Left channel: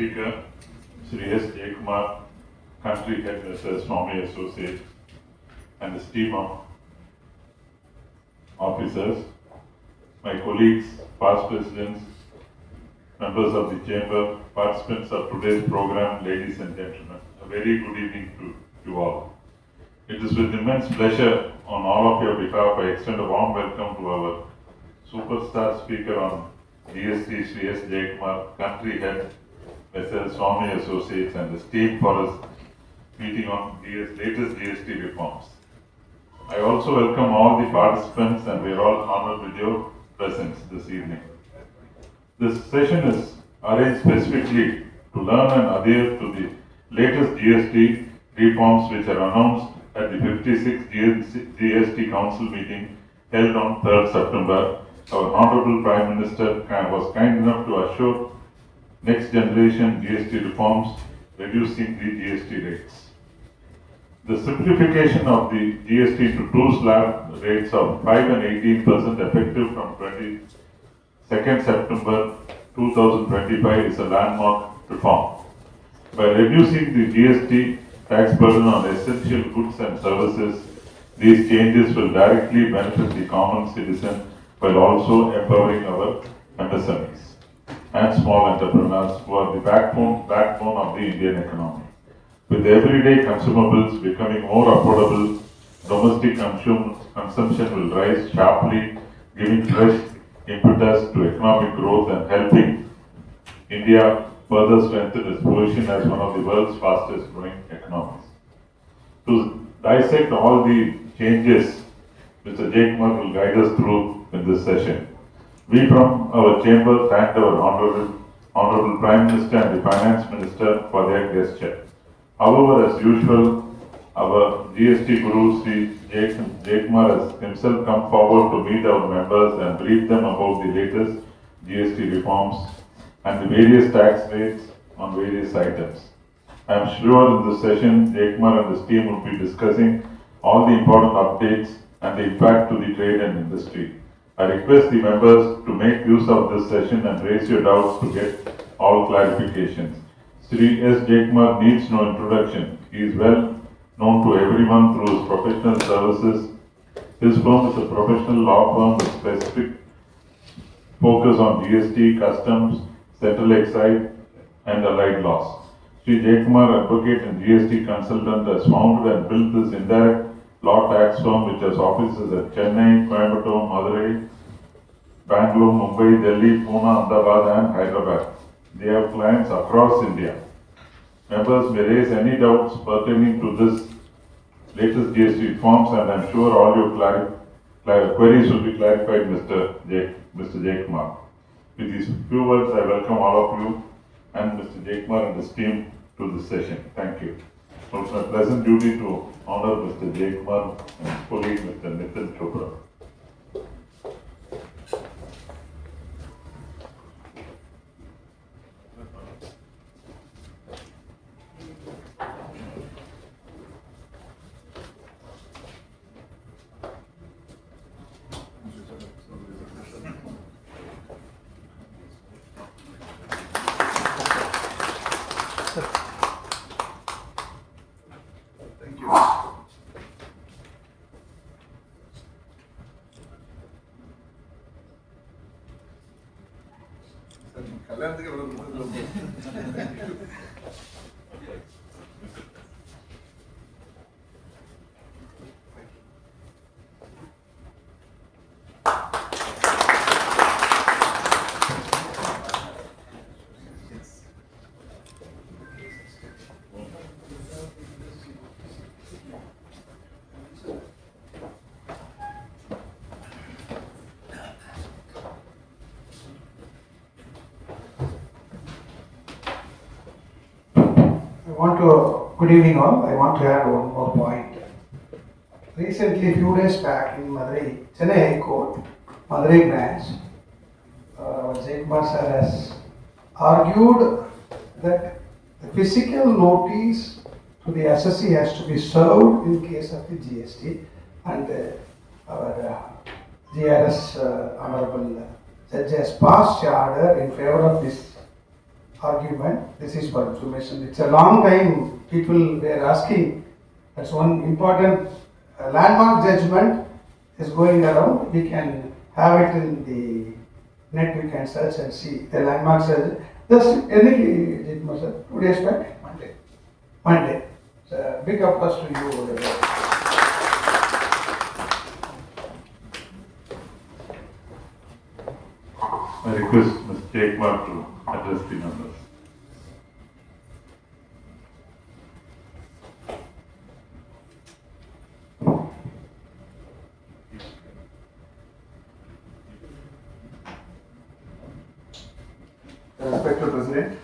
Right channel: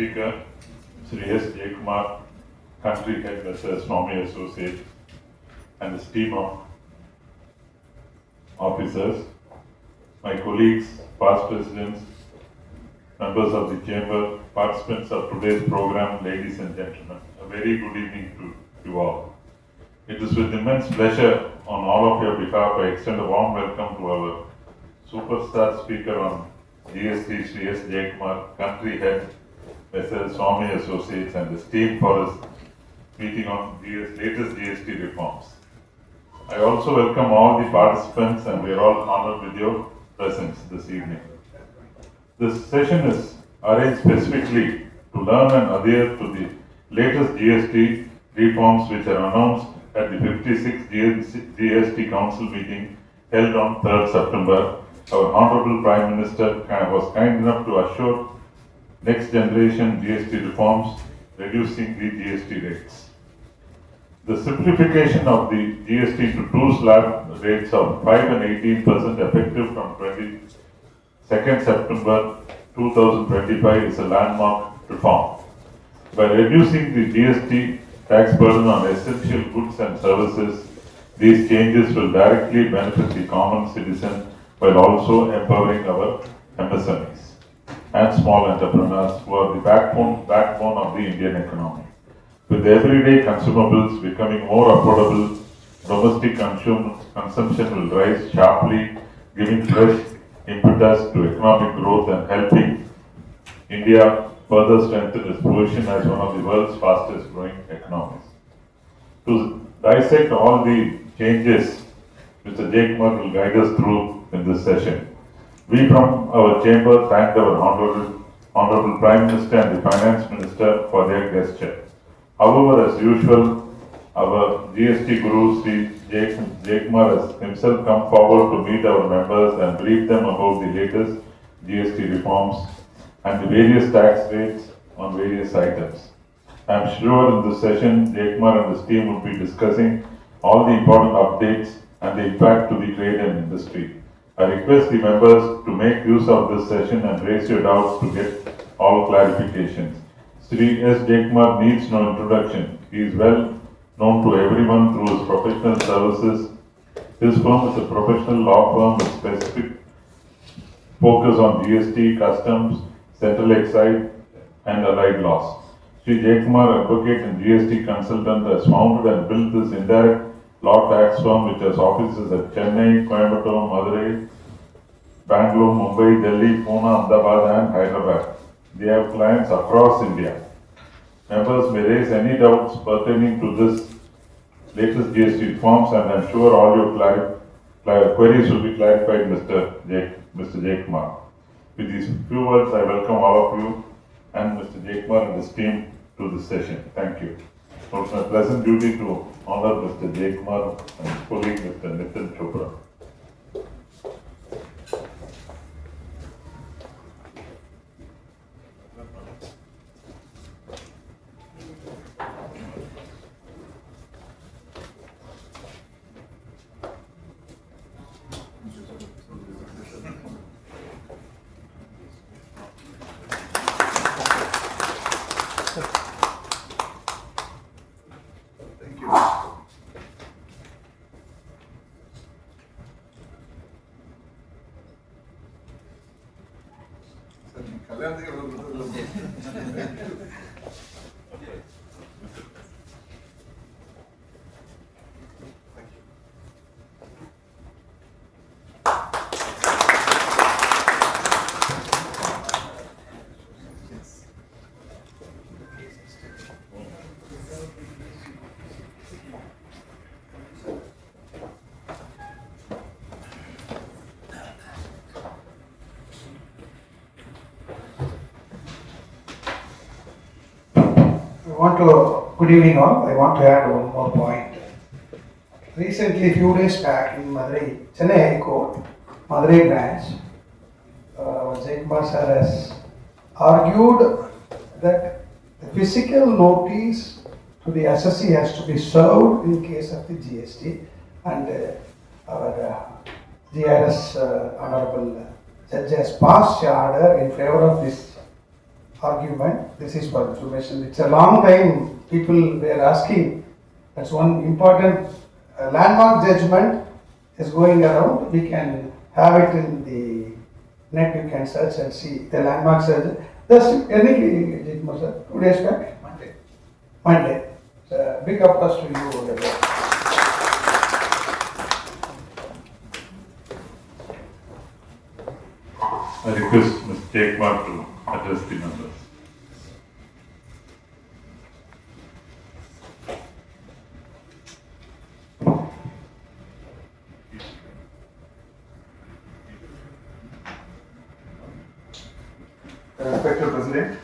Speaker, Shri S Jaikumar, Country Head Mr. Swamy Associate, and his team of officers, my colleagues, past presidents, members of the chamber, participants of today's program, ladies and gentlemen, a very good evening to you all. It is with immense pleasure on all of your behalf I extend a warm welcome to our superstar speaker on GST, Shri S Jaikumar, Country Head Mr. Swamy Associates, and his team for his meeting on latest GST reforms. I also welcome all the participants, and we are all honored with your presence this evening. This session is arranged specifically to learn and adhere to the latest GST reforms which are announced at the 56th GST Council meeting held on 3rd September. Our Honorable Prime Minister was kind enough to assure next generation GST reforms, reducing the GST rates. The simplification of the GST to two slab rates of 5 and 18% effective from 22nd September 2025 is a landmark reform. By reducing the GST tax burden on essential goods and services, these changes will directly benefit the common citizen while also empowering our MSMEs and small entrepreneurs who are the backbone of the Indian economy. With everyday consumables becoming more affordable, domestic consumption will rise sharply, giving fresh impetus to economic growth and helping India further strengthen its position as one of the world's fastest growing economies. To dissect all the changes, Mr. Jaikumar will guide us through in this session. We from our chamber thank our Honorable Prime Minister and the Finance Minister for their gesture. However, as usual, our GST Guru Shri Jaikumar has himself come forward to meet our members and brief them about the latest GST reforms and the various tax rates on various items. I am sure in this session, Jaikumar and his team will be discussing all the important updates and the impact to the trade and industry. I request the members to make use of this session and raise your doubts to get all clarifications. Shri S Jaikumar needs no introduction. He is well known to everyone through his professional services. His firm is a professional law firm with specific focus on GST, customs, central excise, and allied laws. Shri Jaikumar, advocate and GST consultant, has founded and built this indirect law tax firm which has offices at Chennai, Coimbatore, Madurai, Bangalore, Mumbai, Delhi, Pune, Ahmedabad, and Hyderabad. They have clients across India. Members may raise any doubts pertaining to this latest GST reforms, and I am sure all your queries will be clarified, Mr. Jaikumar. With these few words, I welcome all of you and Mr. Jaikumar and his team to this session. Thank you. So it's my pleasant duty to honor Mr. Jaikumar and his colleague, Mr. Nitin Chopra. Good evening all. I want to add one more point. Recently, few days back in Madurai, Chennai High Court, Madurai branch, Jaikumar sir has argued that the physical notice to the assessee has to be served in case of the GST, and our GRS Honorable Judge has passed the order in favor of this argument. This is for information. It's a long time people were asking. That's one important landmark judgment is going around. We can have it in the net. You can search and see the landmark judgment. Just any judgment, sir. 2 days back. Monday. So big applause to you. I request Mr. Jaikumar to address the members. Respected President,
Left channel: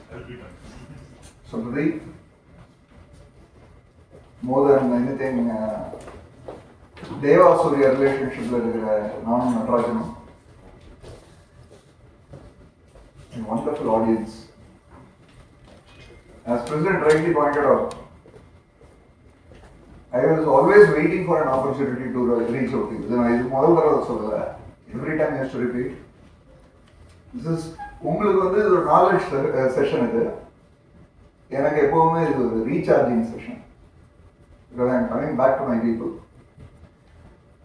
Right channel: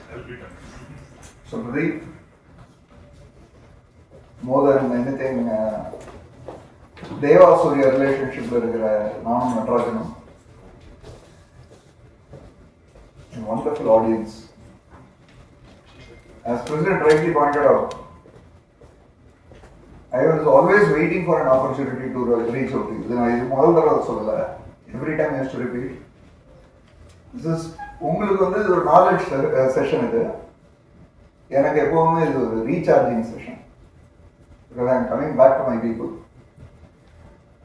so today, more than anything, Deva Surya relationship நானும் நடராஜனும் a wonderful audience. As President rightly pointed out, I was always waiting for an opportunity to reach out to you. Then I முதல் தடவை சொல்லல. Every time I used to repeat. This is உங்களுக்கு வந்து இது ஒரு knowledge session இது. எனக்கு எப்பவுமே இது ஒரு recharging session. Because I am coming back to my people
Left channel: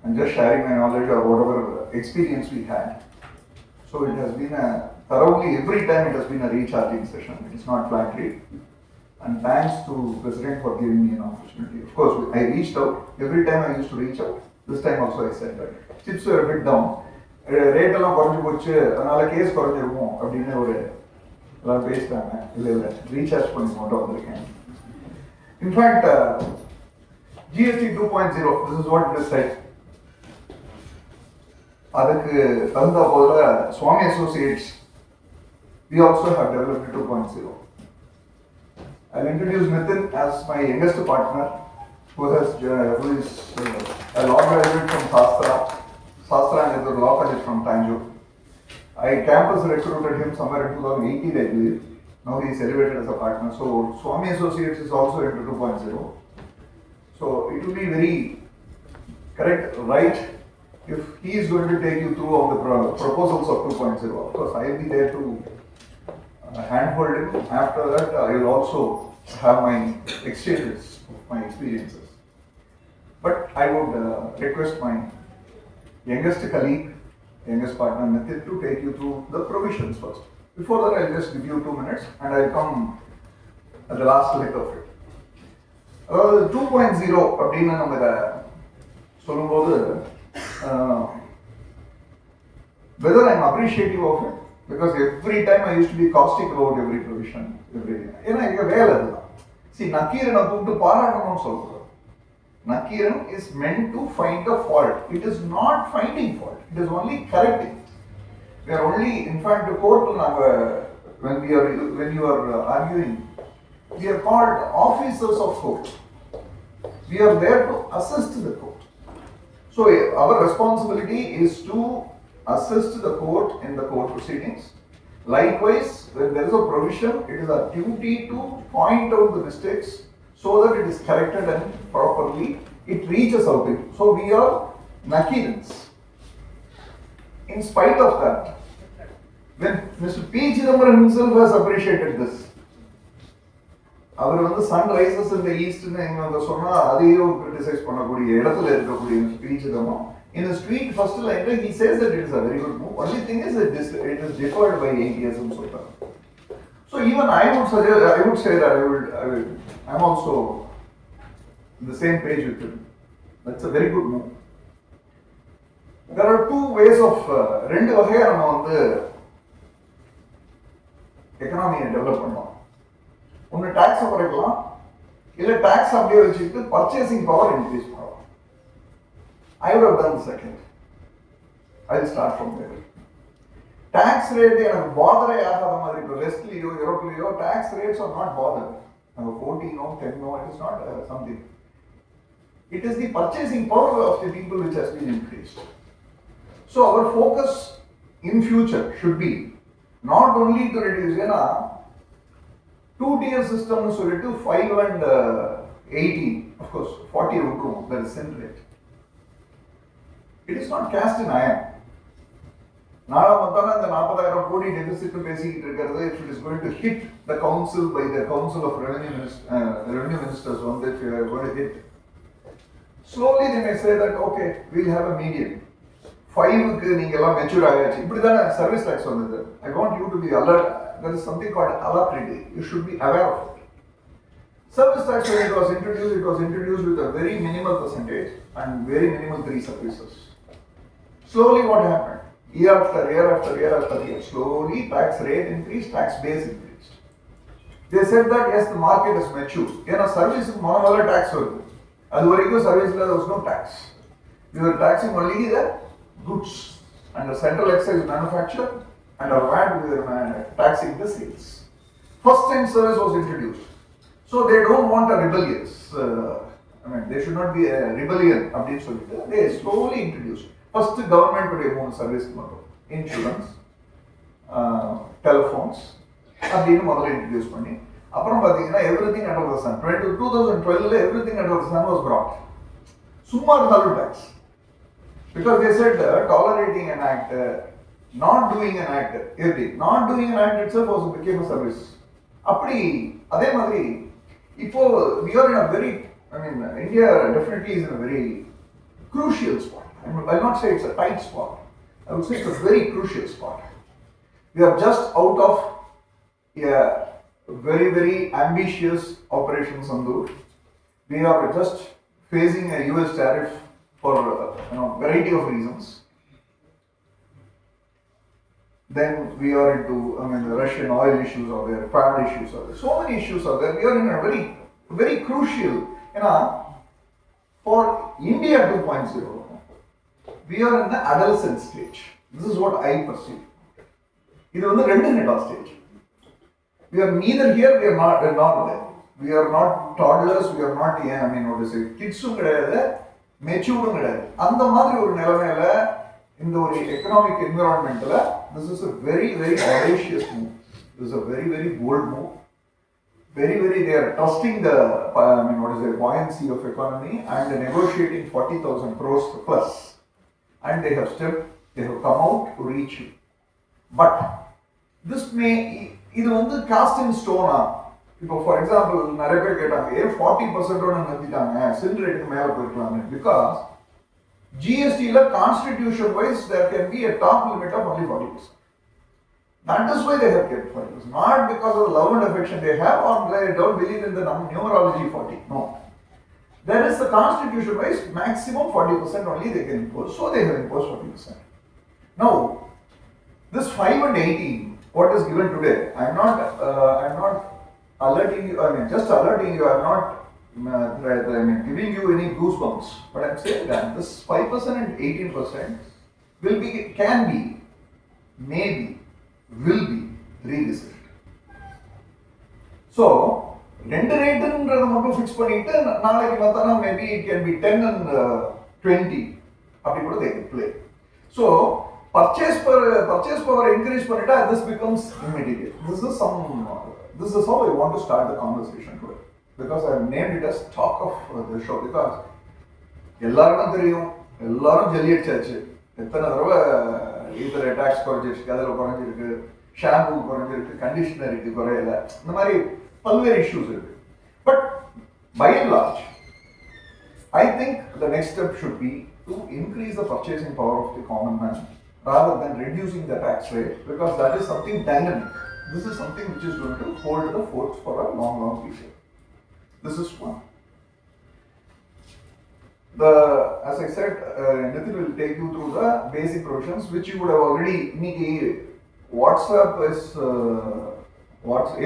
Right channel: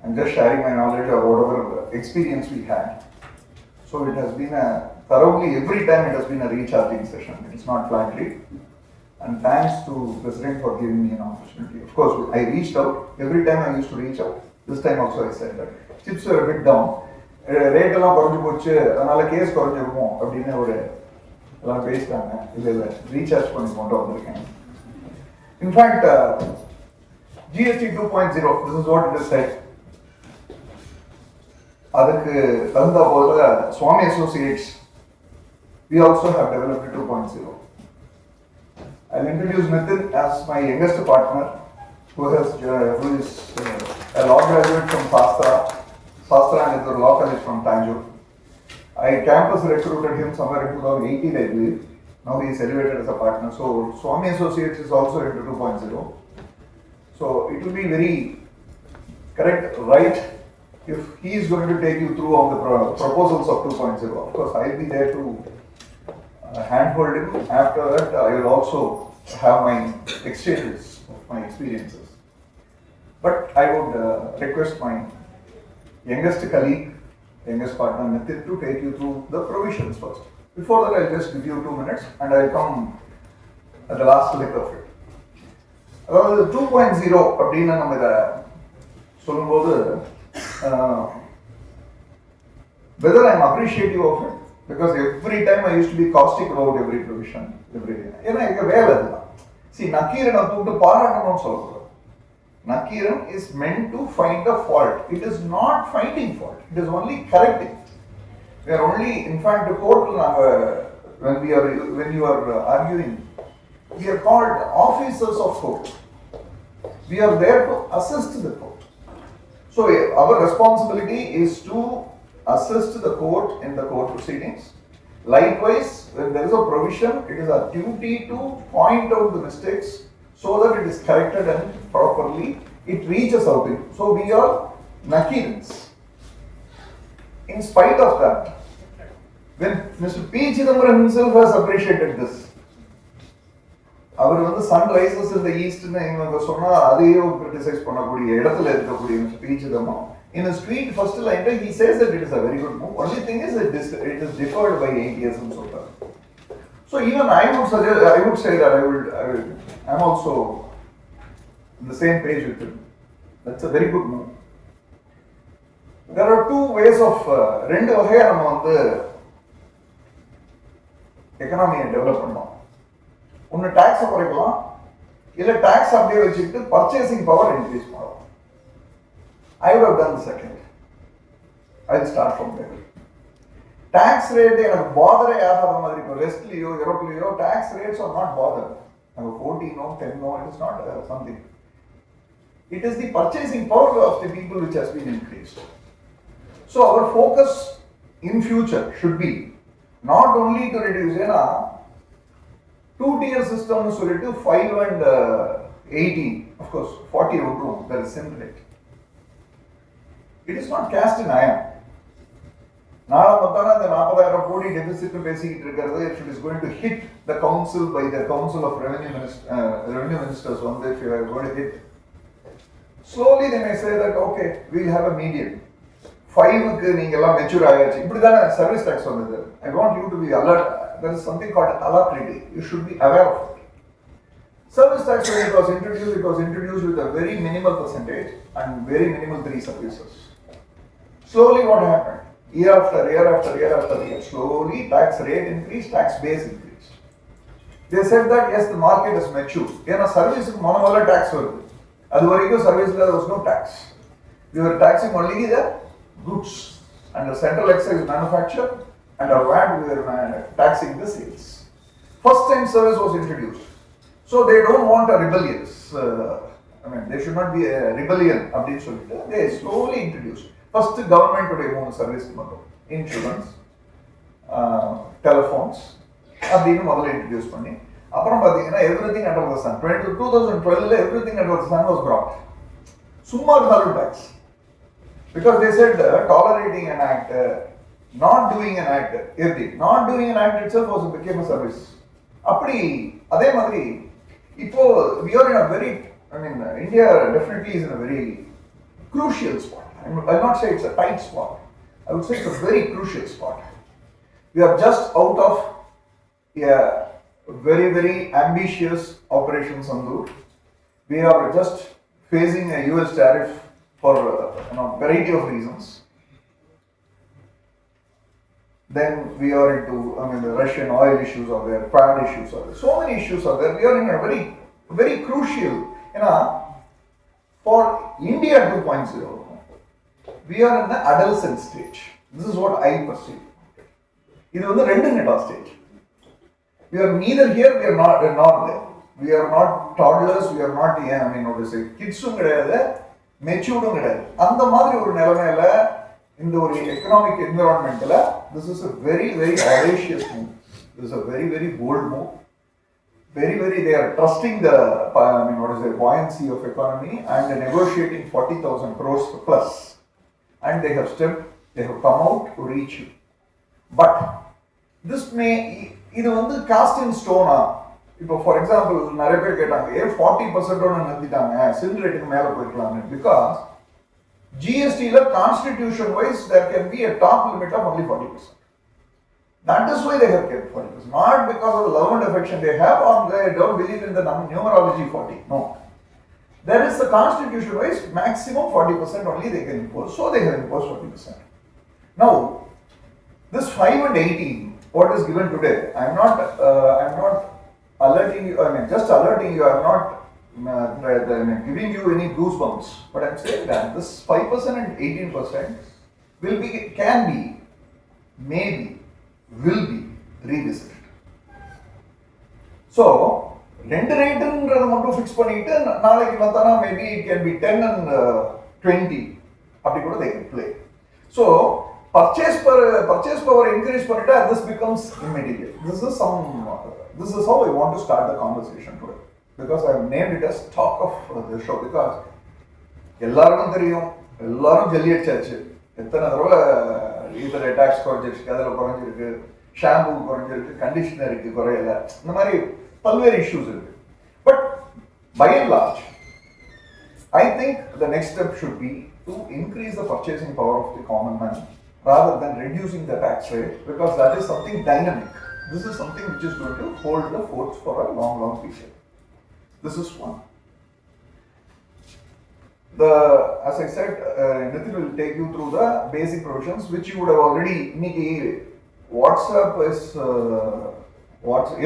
and just sharing my knowledge of whatever experience we had. So it has been a thoroughly, every time it has been a recharging session. It's not flattery. And thanks to President for giving me an opportunity. Of course, I reached out. Every time I used to reach out. This time also I said that chips were a bit down. Rate எல்லாம் குறைஞ்சு போச்சு, அதனால case குறைஞ்சிருக்கும் அப்படின்னு ஒரு எல்லாம் பேசிட்டாங்க. இல்லை recharge பண்ணி கொண்டு வந்திருக்கேன். In fact GST 2.0, this is what it is said. அதுக்கு தகுந்த போதுல Swamy Associates, we also have developed 2.0. I'll introduce Nitin as my youngest partner, who is a law graduate from Shastra and is a law college from Tanjore. I campus recruited him somewhere in 2018, I believe. Now he is elevated as a partner. So Swamy Associates is also into 2.0. So it will be very correct, right, if he is going to take you through all the proposals of 2.0. Of course, I will be there to handhold him. After that, I will also have my exchanges of my experiences. But I would request my youngest colleague, youngest partner Nitin to take you through the provisions first. Before that, I'll just give you 2 minutes and I'll come at the last leg of it. அதாவது 2.0 அப்படின்னு நம்ம இதை சொல்லும்போது whether I'm appreciative of it, because every time I used to be caustic about every provision, everything. ஏன்னா எங்க வேலை அதுதான். See, நக்கீரனை கூப்பிட்டு பாராட்டணும்னு சொல்றோம். Nakiram is meant to find a fault. It is not finding fault. It is only correcting. We are only, in fact, the court, when you are arguing, we are called officers of court. We are there to assist the court. So our responsibility is to assist the court in the court proceedings. Likewise, when there is a provision, it is our duty to point out the mistakes so that it is corrected and properly it reaches out to you. So we are Nakirans. In spite of that, when Mr. P. Chidambaram himself has appreciated this, அவர் வந்து sun rises in the east ன்னு இவங்க சொன்னா அதையே criticise பண்ணக்கூடிய இடத்துல இருக்கக்கூடிய Mr. P. Chidambaram, in his tweet first line he says that it is a very good move. Only thing is that it is deferred by 8 years and so far. So even I would say that I'm also in the same page with him. That's a very good move. There are two ways of ரெண்டு வகையா நம்ம வந்து எக்கனாமியை develop பண்ணலாம். ஒன்னு tax குறைக்கலாம், இல்ல tax அப்படியே வச்சுக்கிட்டு பர்ச்சேசிங் பவர் இன்க்ரீஸ் பண்ணலாம். I would have done the second. I'll start from there. Tax rate எனக்கு பாதரே ஆகாத மாதிரி இப்போ வெஸ்ட்லியோ யூரோப்லியோ tax rates are not bother. நம்ம 14 10 it is not something. It is the purchasing power of the people which has been increased. So our focus in future should be not only to reduce, ஏன்னா 2-tier system னு சொல்லிட்டு 5 and 18, of course 40 விட்டுரும், that is sin rate. It is not cast in iron. நாளை பார்த்தாலும் அந்த 40,000 கோடி deficit பேசிக்கிட்டு இருக்கிறது, if it is going to hit the council by the Council of Revenue Ministers on that you are going to hit. Slowly they may say that okay, we'll have a median. 5க்கு நீங்க எல்லாம் mature ஆயாச்சு இப்படிதான service tax வந்தது. I want you to be alert. There is something called alacrity. You should be aware of it. Service tax when it was introduced with a very minimal percentage and very minimal 3 services. Slowly what happened? Year after year, slowly tax rate increased, tax base increased. They said that yes, the market is mature. In a service, monopoly tax was. As well service there was no tax. We were taxing only the goods and the central excise manufacture and our VAT we were taxing the sales. First time service was introduced. So they don't want a rebellious, there should not be a rebellion. They slowly introduced. First government today own service insurance, telephones, அப்படின்னு முதல்ல introduce பண்ணி அப்புறம் பாத்தீங்கன்னா everything under the sun. 2012 everything under the sun was brought. சும்மா இருந்தாலும் tax. Because they said tolerating an act, not doing an act, everything. Not doing an act itself was became a service. அப்படி அதே மாதிரி இப்போ we are in a very, India definitely is in a very crucial spot. I'll not say it's a tight spot. I would say it's a very crucial spot. We are just out of a very, very ambitious Operation Sandhu. We are just facing a US tariff for variety of reasons. Then we are into, the Russian oil issues are there, power issues are there, so many issues are there. We are in a very, very crucial, for India 2.0, we are in the adolescent stage. This is what I perceive. This is the rendu stage. We are neither here, we are not there. We are not toddlers, we are not, kids matured கிடையாது. அந்த மாதிரி ஒரு நிலைமையில இந்த ஒரு economic environmentல this is a very, very audacious move. This is a very, very bold move. Very, very, they are trusting the buoyancy of economy and negotiating 40,000 crores plus. And they have come out to reach you. But this may, இது cast in stone. இப்போ for example நிறைய பேர் கேட்டாங்க 40% நிறுத்திட்டாங்க சில் ரேட்டுக்கு மேல போயிடலாம்னு. பிகாஸ் ஜிஎஸ்டில constitution wise there can be a top limit of only 40%. That is why they have kept 40%. Not because of the love and affection they have or they don't believe in the numerology 40. No. There is a constitution wise maximum 40% only they can impose. So they have imposed 40%. Now, this 5 and 18, what is given today, I am not alerting you, just alerting you, I am not giving you any goosebumps, but I am saying that this 5% and 18% can be, maybe, will be revisited. So, ரெண்டு ரேட்டுன்றதை மட்டும் fix பண்ணிட்டு நாளைக்கு பார்த்தானா maybe it can be 10 and 20 அப்படி கூட they can play. So, purchase power increase பண்ணிட்டா this becomes immediate. This is how I want to start the conversation today, because I have named it as talk of the show. Because எல்லாரும் தெரியும், எல்லாரும் ஜல்லி அடிச்சாச்சு. எத்தனை தடவை இதர tax குறைஞ்சிருக்கு, அதில் குறைஞ்சிருக்கு, ஷாம்பு குறைஞ்சிருக்கு, கண்டிஷனருக்கு குறையல, இந்த மாதிரி பல்வேறு இஷ்யூஸ் இருக்கு. But by and large, I think the next step should be to increase the purchasing power of the common man rather than reducing the tax rate, because that is something dynamic. This is something which is going to hold the fort for a long, long period. This is one. As I said, Nitin will take you through the basic provisions which you would have already. WhatsApp is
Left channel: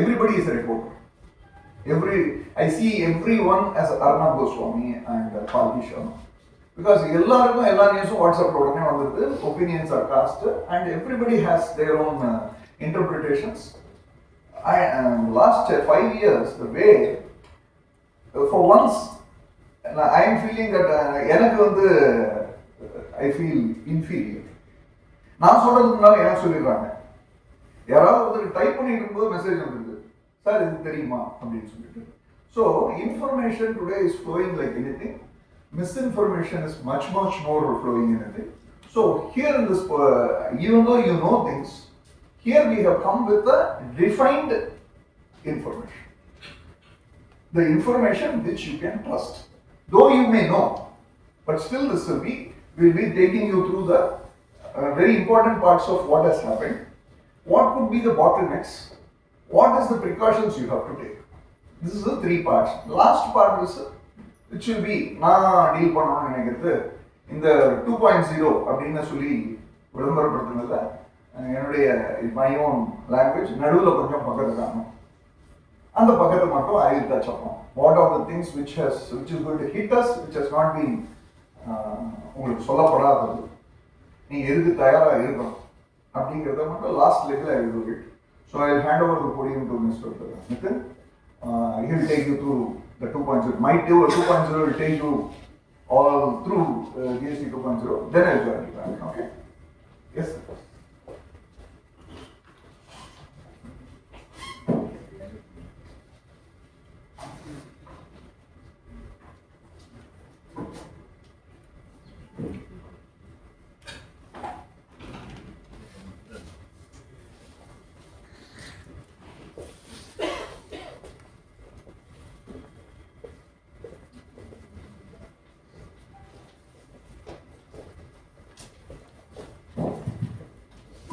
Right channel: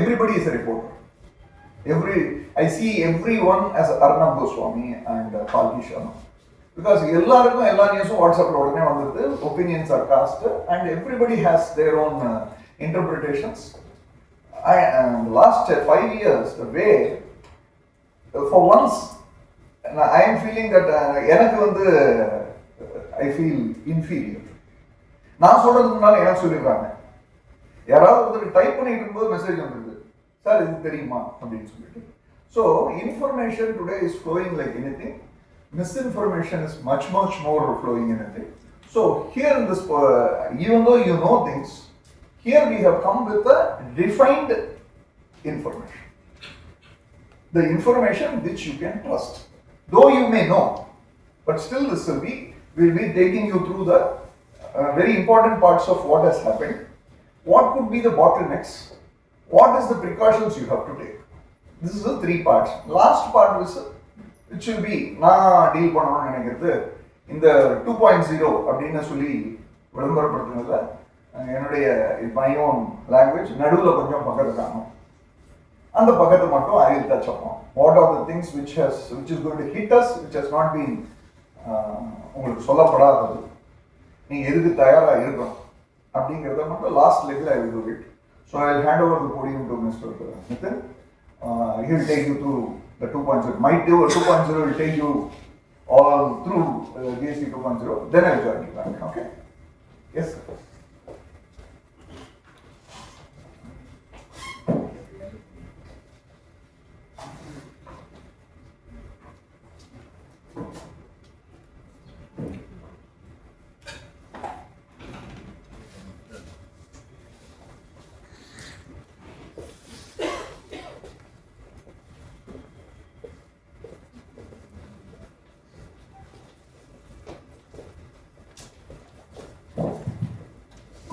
everybody is a reporter. I see everyone as Arnab Goswami and Palki Sharma, because எல்லாருக்கும் எல்லா நியூஸும் வாட்ஸ்அப்ல உடனே வந்துருது. Opinions are cast and everybody has their own interpretations. Last 5 years, the way, for once, I am feeling that I feel inferior. நான் சொல்றதுக்கு முன்னால எனக்கு சொல்லிடுறாங்க. யாராவது டைப் பண்ணிட்டு இருக்கும்போது மெசேஜ் வந்துருது, சார் இது தெரியுமா அப்படின்னு சொல்லிட்டு. So information today is flowing like anything. Misinformation is much more flowing anything. So here in this, even though you know things, here we have come with a refined information. The information which you can trust. Though you may know, but still this will be taking you through the very important parts of what has happened. What could be the bottlenecks? What is the precautions you have to take? This is the three parts. Last part is which will be நான் deal பண்ணணும்னு நினைக்கிறது இந்த 2.0 அப்படின்னு சொல்லி விளம்பரப்படுத்துனதுல என்னுடைய my own language நடுவில் கொஞ்சம் பக்கத்துக்காங்க அந்த பக்கத்தை மட்டும் I will touch upon. What are the things which is going to hit us, which has not been உங்களுக்கு சொல்லப்படாதது, நீங்க எதுக்கு தயாரா இருக்கணும் அப்படிங்கிறத மட்டும் last லெக்ல I will do it. So I will hand over the podium to Mr. Nitin. He will take you through the 2.0. My 2.0 will take you all through GST 2.0. Then I will join you back. Okay? Yes, sir.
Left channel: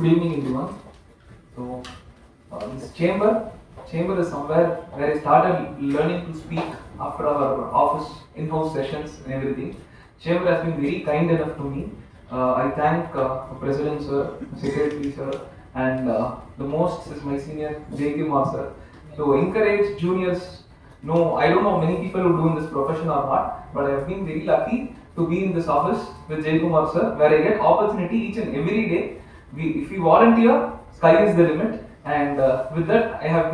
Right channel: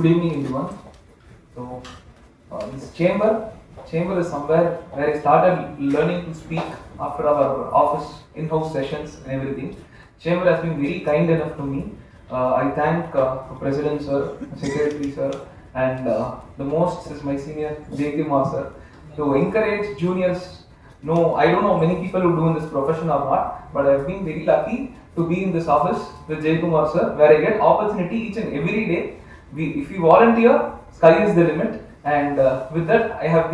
Good evening, everyone. So, this chamber is somewhere where I started learning to speak after our office in-house sessions and everything. Chamber has been very kind enough to me. I thank the President sir, Secretary sir, and the most is my senior Jaikumar sir to encourage juniors. No, I don't know many people who do in this profession or not, but I have been very lucky to be in this office with Jaikumar sir, where I get opportunity each and every day. If we volunteer, sky is the limit, and with that I've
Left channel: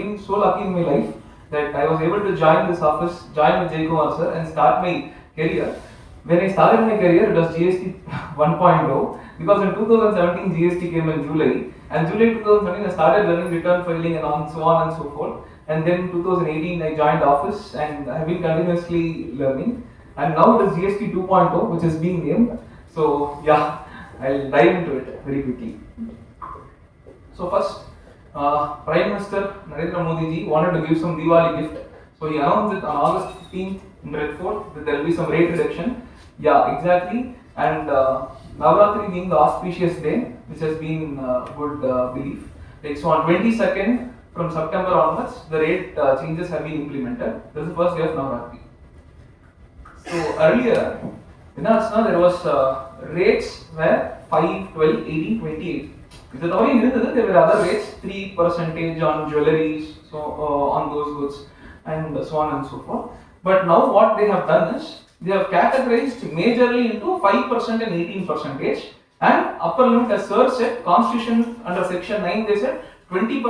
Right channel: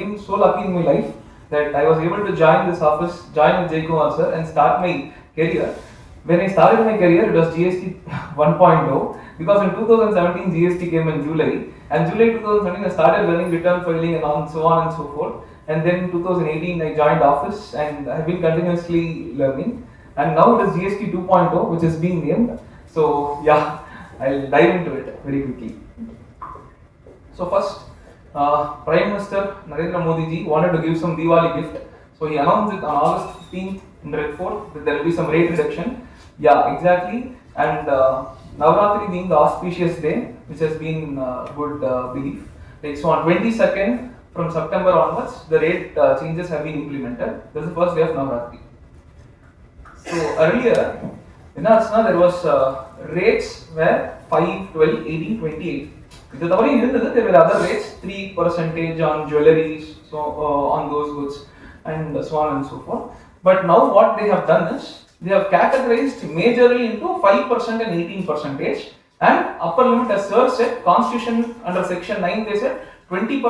been so lucky in my life that I was able to join this office, join with Jaikumar sir, and start my career. When I started my career, it was GST 1.0 because in 2017 GST came in July, and July 2017 I started learning return filing and so on and so forth. And then 2018 I joined office and I have been continuously learning. And now it is GST 2.0 which is being named. So yeah. I'll dive into it very quickly. So first, Prime Minister Narendra Modi ji wanted to give some Diwali gift. So he announced it on August 15th in Red Fort that there will be some rate reduction. Yeah, exactly. And Navratri being the auspicious day, which has been good belief. Like, so on 22nd from September onwards, the rate changes have been implemented. This is the first day of Navratri. So earlier, there was rates were 5, 12, 18, 28. There were other rates, 3% on jewellery, so on those goods, and so on and so forth. But now what they have done is they have categorized majorly into 5% and 18%, and upper limit as sir said, Constitution under section 9 they said 20%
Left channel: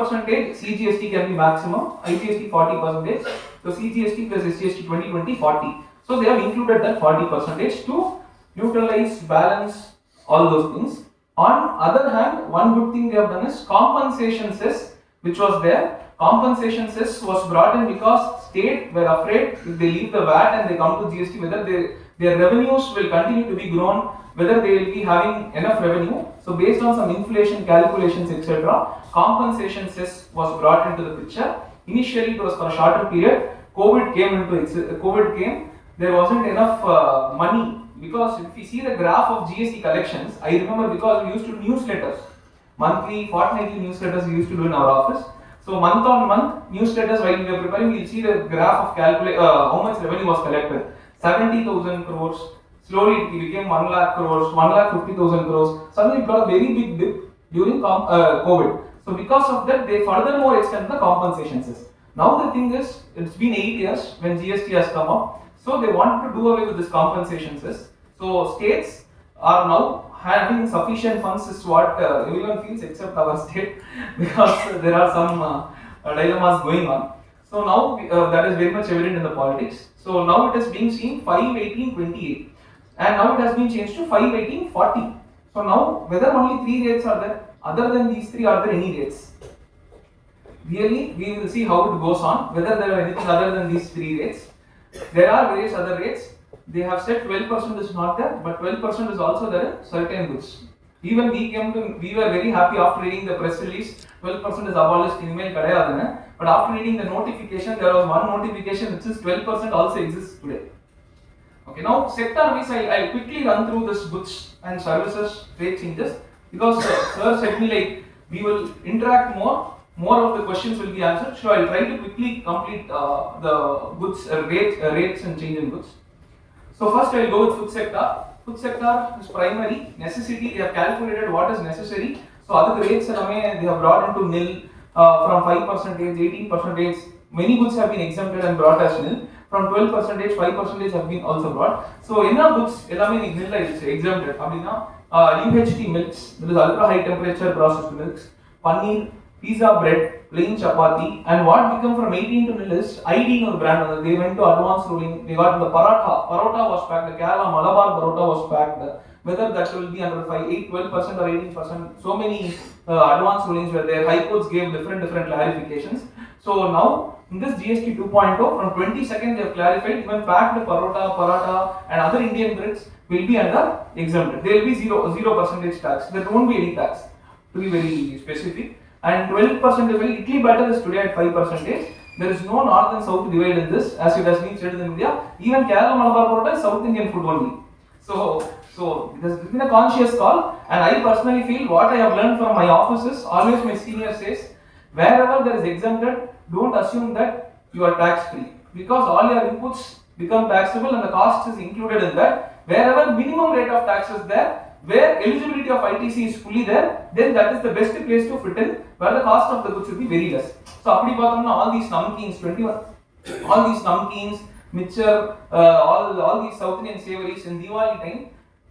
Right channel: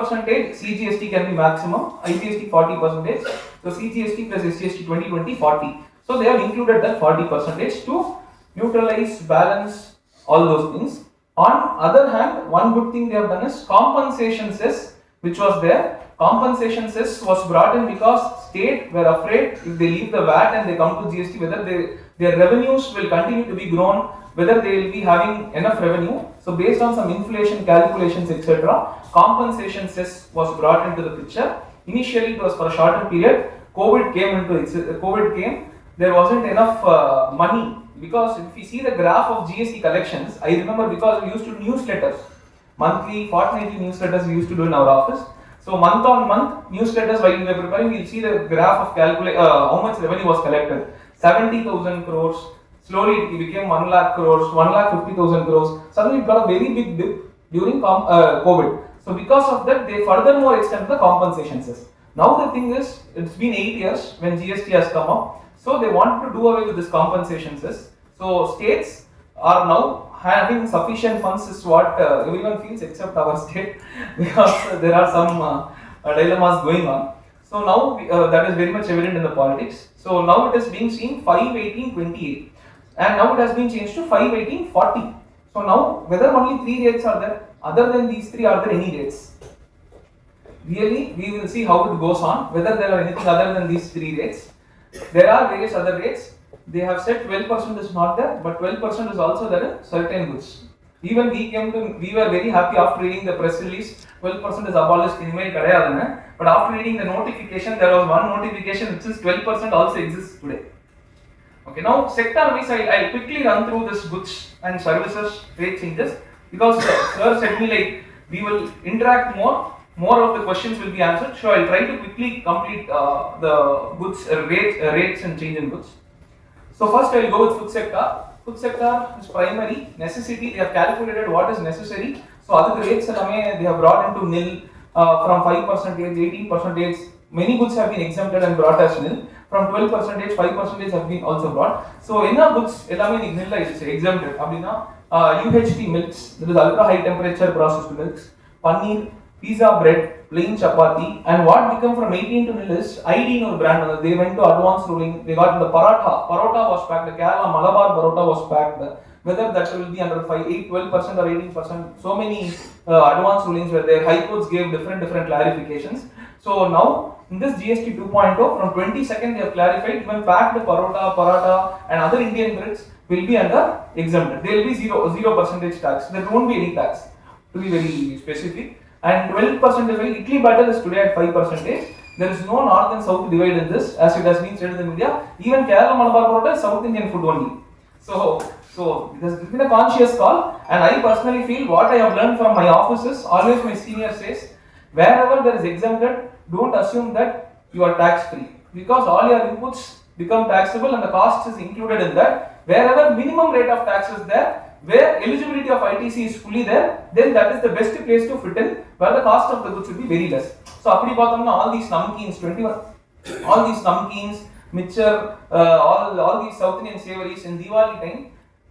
CGST can be maximum, IGST 40%, so CGST plus SGST 20, 40. So they have included that 40% to neutralize, balance all those things. On other hand, one good thing they have done is compensation cess, which was there. Compensation cess was brought in because state were afraid if they leave the VAT and they come to GST, whether their revenues will continue to be grown, whether they will be having enough revenue. So based on some inflation calculations, etc., compensation cess was brought into the picture. Initially it was for a shorter period. COVID came. There wasn't enough money, because if you see the graph of GST collections, I remember because we used to do newsletters, monthly, fortnightly newsletters we used to do in our office. So month on month newsletters while we were preparing, we'll see the graph of how much revenue was collected. 70,000 crores, slowly it became 1 lakh crores, 1,50,000 crores. Suddenly it got a very big dip during COVID. So because of that, they furthermore extended the compensation cess. Now the thing is, it's been 8 years when GST has come up. So they wanted to do away with this compensation cess. So states are now having sufficient funds, is what everyone feels except our state, because there are some dilemmas going on. So now that is very much evident in the politics. So now it is being seen 5, 18, 28, and now it has been changed to 5, 18, 40. So now whether only 3 rates are there, other than these 3, are there any rates? Really, we will see how it goes on, whether there are anything other than these 3 rates. There are various other rates. They have said 12% is not there, but 12% is also there in certain goods. Even we were very happy after reading the press release 12% is abolished in email kadayadunu. But after reading the notification, there was one notification which is 12% also exists today. Okay, now sector wise, I'll quickly run through this goods and services rate changes, because sir said me like we will interact more of the questions will be answered. So I'll try to quickly complete the goods rates and change in goods. So first I'll go with food sector. Food sector is primary necessity. They have calculated what is necessary. So other rates they have brought into nil from 5%, 18%. Many goods have been exempted and brought as nil. From 12%, 5% have been also brought. So என்ன goods எல்லாமே nil ஆயிடுச்சு exempted அப்படினா UHT milks, that is ultra high temperature processed milks, paneer, pizza bread, plain chapati, and what become from 18 to nil is ID no brand. They went to advanced ruling. They got the parota was packed, the Kerala Malabar parota was packed. Whether that will be under 12% or 18%, so many advanced rulings were there. High courts gave different clarifications. So now in this GST 2.0, from 22nd they have clarified even packed parota and other Indian breads will be under exempted. There will be 0% tax. There won't be any tax, to be very specific. And 12% is Italy batter is today at 5%. There is no north and south divide in this, as it has been said in India. Even Kerala Malabar parota is South Indian food only. So it has been a conscious call, and I personally feel what I have learned from my offices, always my senior says, wherever there is exempted, don't assume that you are tax free, because all your inputs become taxable and the cost is included in that. Wherever minimum rate of tax is there, where eligibility of ITC is fully there, then that is the best place to fit in, where the cost of the goods will be very less. So appadi paathomna all these namkeens 21, all these namkeens, mixture, all these South Indian savories in Diwali time,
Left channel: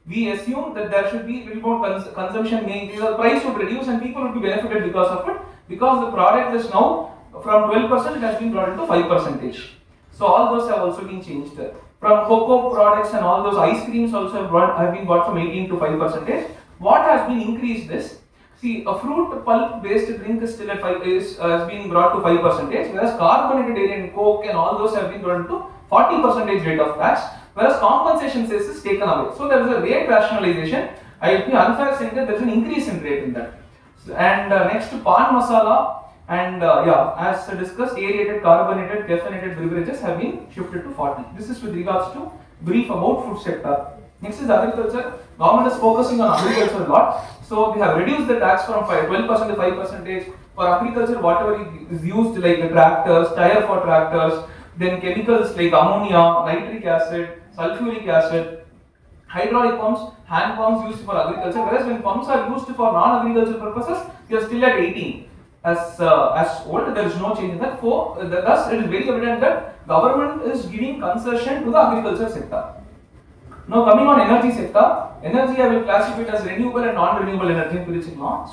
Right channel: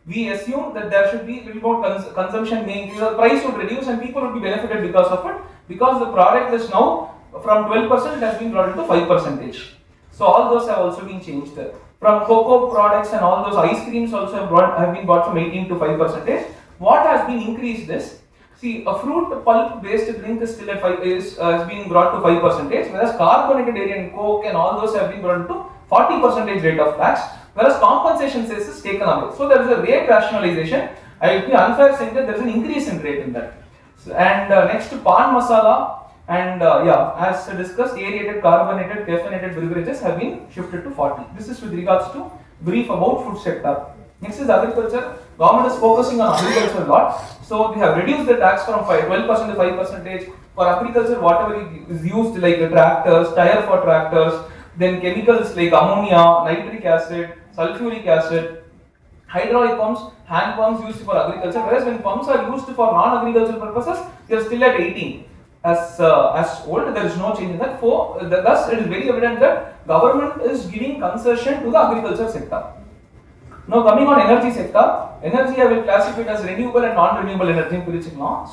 we assume that there should be little more consumption being, the price would reduce and people would be benefited because of it, because the product is now from 12% it has been brought into 5%. So all those have also been changed. From cocoa products and all those ice creams also have been brought from 18 to 5%. What has been increased is, see, a fruit pulp based drink is still at 5 has been brought to 5%, whereas carbonated dairy and coke and all those have been brought to 40% rate of tax, whereas compensation cess is taken away. So there is a rate rationalization. I will be unfair saying that there is an increase in rate in that. So, and next, pan masala and as discussed, aerated, carbonated, caffeinated beverages have been shifted to 40. This is with regards to brief about food sector. Next is agriculture. Government is focusing on agriculture a lot. So they have reduced the tax from 12% to 5%. For agriculture, whatever is used like the tractors, tire for tractors, then chemicals like ammonia, nitric acid, sulfuric acid, hydraulic pumps, hand pumps used for agriculture, whereas when pumps are used for non-agricultural purposes, they are still at 18 as old. There is no change in that. Thus, it is very evident that government is giving concession to the agriculture sector. Now coming on energy sector, energy I will classify it as renewable and non-renewable energy.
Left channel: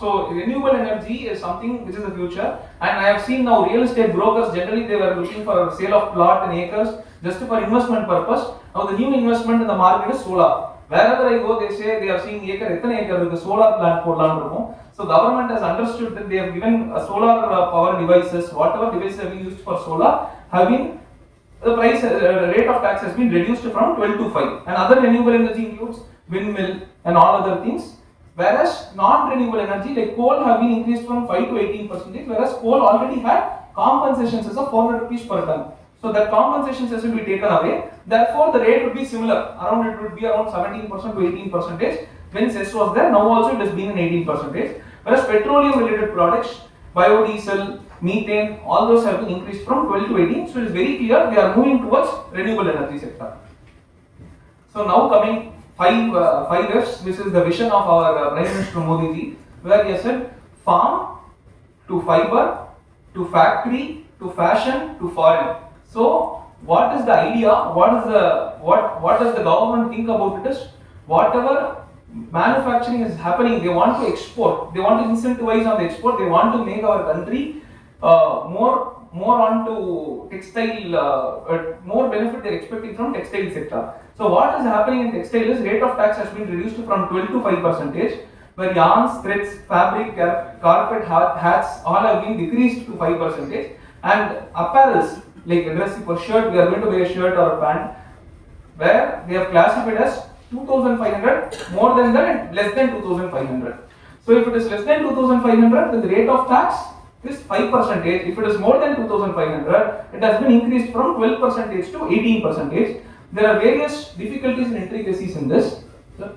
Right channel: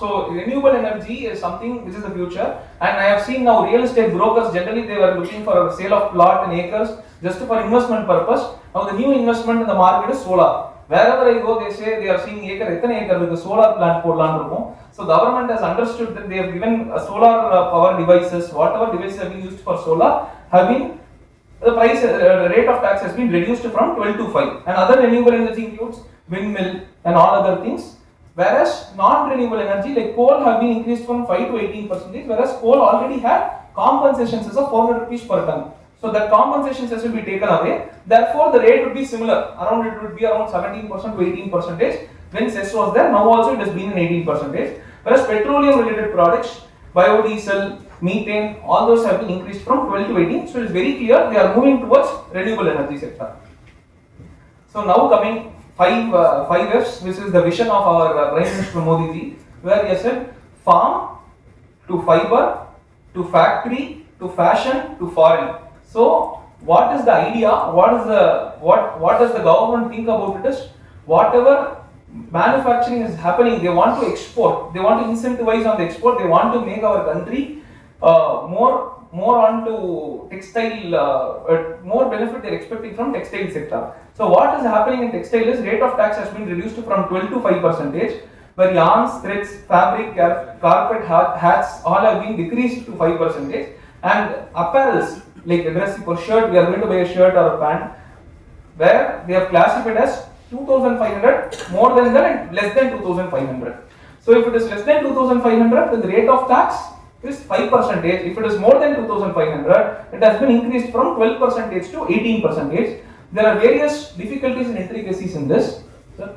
So renewable energy is something which is the future, and I have seen now real estate brokers generally they were looking for a sale of plot and acres just for investment purpose. Now the new investment in the market is solar. Wherever I go, they say they are seeing acre with the solar plant podlan irukum. So government has understood that they have given solar power devices, whatever devices have been used for solar have been, the price rate of tax has been reduced from 12 to 5. And other renewable energy includes windmill and all other things. Whereas non-renewable energy like coal have been increased from 5 to 18%, whereas coal already had compensation cess of 400 rupees per ton. So that compensation cess will be taken away. Therefore, the rate would be similar. It would be around 17% to 18%. When cess was there, now also it has been in 18%. Whereas petroleum related products, biodiesel, methane, all those have been increased from 12 to 18. So it is very clear they are moving towards renewable energy sector. So now coming 5 F's, which is the vision of our Prime Minister Modi ji, where he has said farm to fiber to factory to fashion to foreign. So what is the idea? What does the government think about it is, whatever manufacturing is happening, they want to export, they want to incentivize on the export, they want to make our country more onto textile, more benefit they're expecting from textile sector. So what is happening in textile is rate of tax has been reduced from 12 to 5%, where yarns, threads, fabric, carpet, hats all have been decreased to 5%, and apparels like a dress for shirt, we are going to buy a shirt or a pant, where they have classified as 2,500, more than that and less than 2,500. So if it is less than 2,500, the rate of tax is 5%. If it is more than 2,500, it has been increased from 12% to 18%. There are various difficulties and intricacies in this. Sir,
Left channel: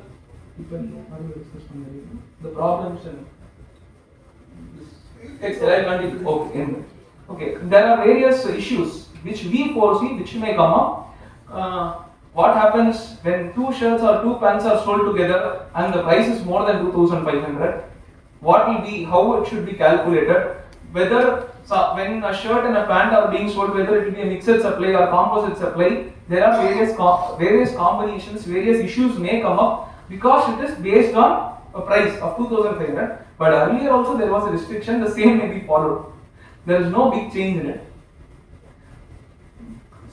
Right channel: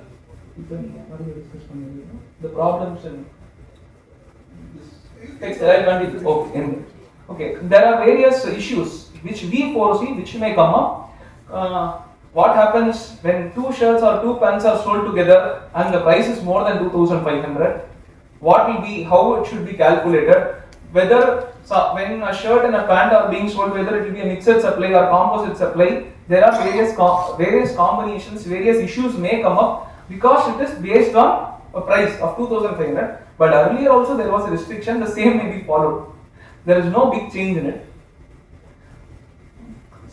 the problems and text. Okay, there are various issues which we foresee which may come up. What happens when two shirts or two pants are sold together and the price is more than 2,500? What will be, how it should be calculated? Whether when a shirt and a pant are being sold, whether it will be a mixed supply or composite supply, there are various combinations, various issues may come up because it is based on a price of 2,500. But earlier also there was a restriction, the same may be followed. There is no big change in it.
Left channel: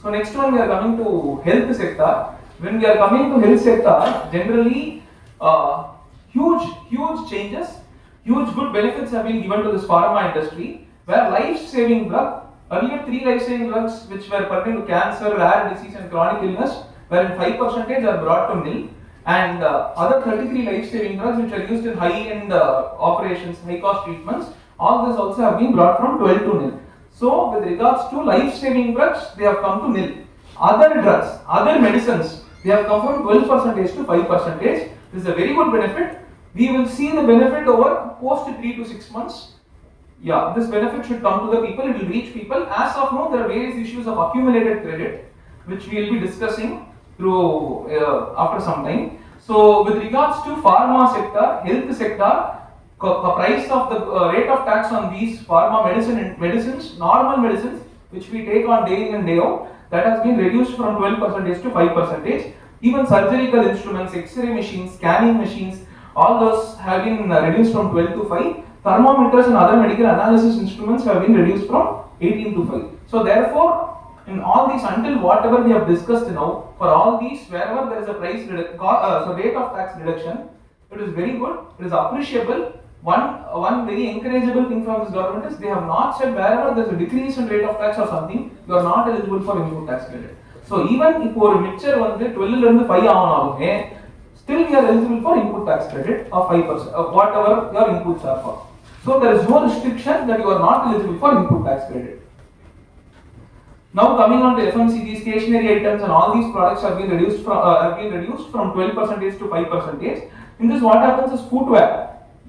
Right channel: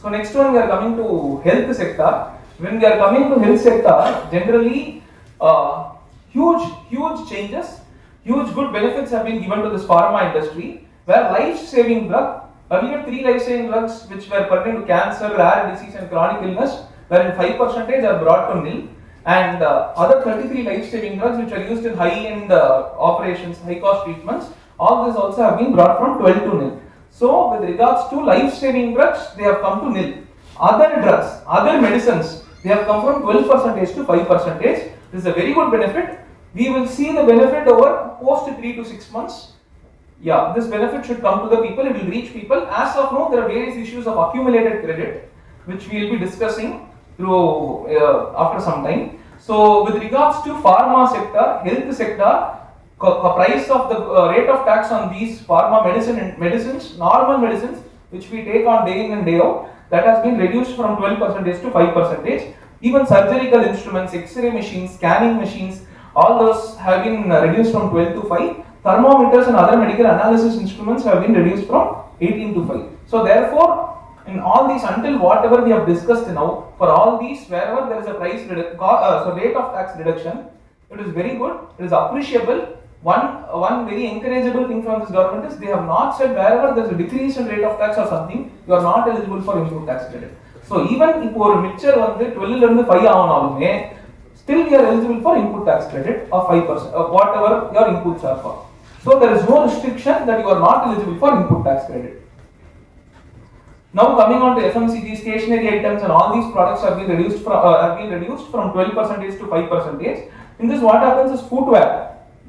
So next one we are coming to health sector. When we are coming to health sector, generally huge changes, huge good benefits have been given to this pharma industry, where life-saving drug, earlier 3 life-saving drugs which were pertaining to cancer, rare disease and chronic illness, wherein 5% are brought to nil, and other 33 life-saving drugs which are used in high-end operations, high-cost treatments, all this also have been brought from 12 to nil. So with regards to life-saving drugs, they have come to nil. Other drugs, other medicines, they have come from 12% to 5%. This is a very good benefit. We will see the benefit over post 3 to 6 months. Yeah, this benefit should come to the people, it will reach people. As of now, there are various issues of accumulated credit, which we will be discussing through after some time. So with regards to pharma sector, health sector, price of the rate of tax on these pharma medicines, normal medicines, which we take on day in and day out, that has been reduced from 12% to 5%. Even surgical instruments, X-ray machines, scanning machines, all those have been reduced from 12 to 5. Thermometers and other medical analysis instruments have been reduced from 18 to 5. So therefore, in all these, until whatever we have discussed now, for all these, wherever there is a rate of tax reduction, it is very good, it is appreciable. One very encourageable thing from this government is they have not said wherever there is a decrease in rate of tax or something, you are not eligible for input tax credit. So even if ஒரு mixture வந்து 12 ல இருந்து 5 ஆனாலுமே, still we are eligible for input tax credit of 5% of whatever your inputs are for. So there is no restriction that you are not eligible for input tax credit. Now coming on to FMCG, stationery items and all these products have been reduced from 12% to 5%. In this, what happens is footwear.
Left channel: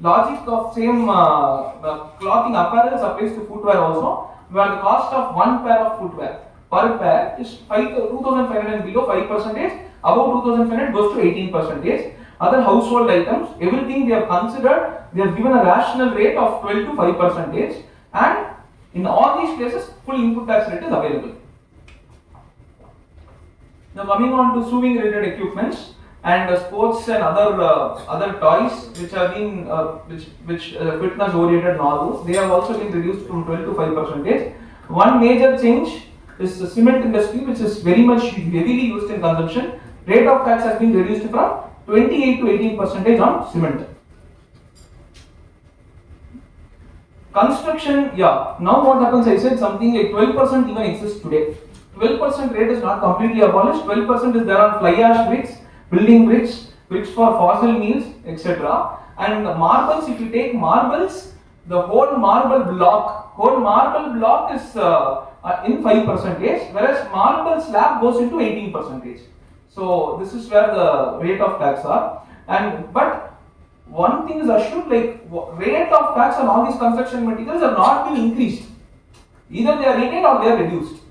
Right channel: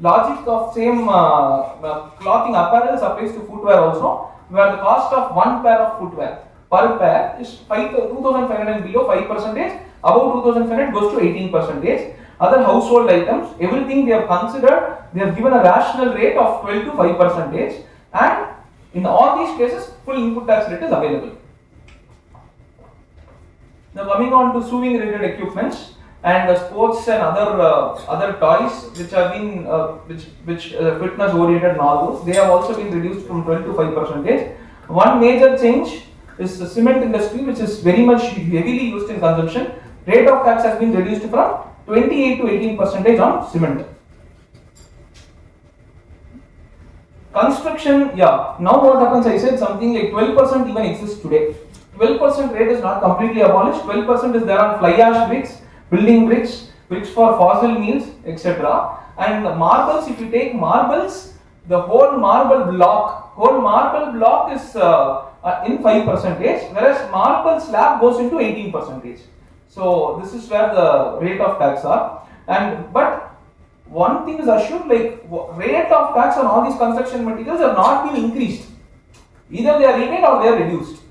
Logic of same clothing apparel applies to footwear also, where the cost of one pair of footwear per pair is 2,500 and below 5%, above 2,500 goes to 18%. Other household items, everything they have considered, they have given a rational rate of 12 to 5%, and in all these cases, full input tax rate is available. Now coming on to sewing related equipments and sports and other toys which have been fitness oriented and all those, they have also been reduced from 12 to 5%. One major change is the cement industry, which is very much heavily used in consumption. Rate of tax has been reduced from 28 to 18% on cement. Construction, yeah. Now what happens? I said something like 12% even exists today. 12% rate is not completely abolished. 12% is there on fly ash bricks, building bricks, bricks for fossil meals, etc. And marbles, if you take marbles, the whole marble block is in 5%, whereas marble slab goes into 18%. So this is where the rate of tax are. But one thing is assured, like rate of tax on all these construction materials have not been increased. Either they are retained or they are reduced.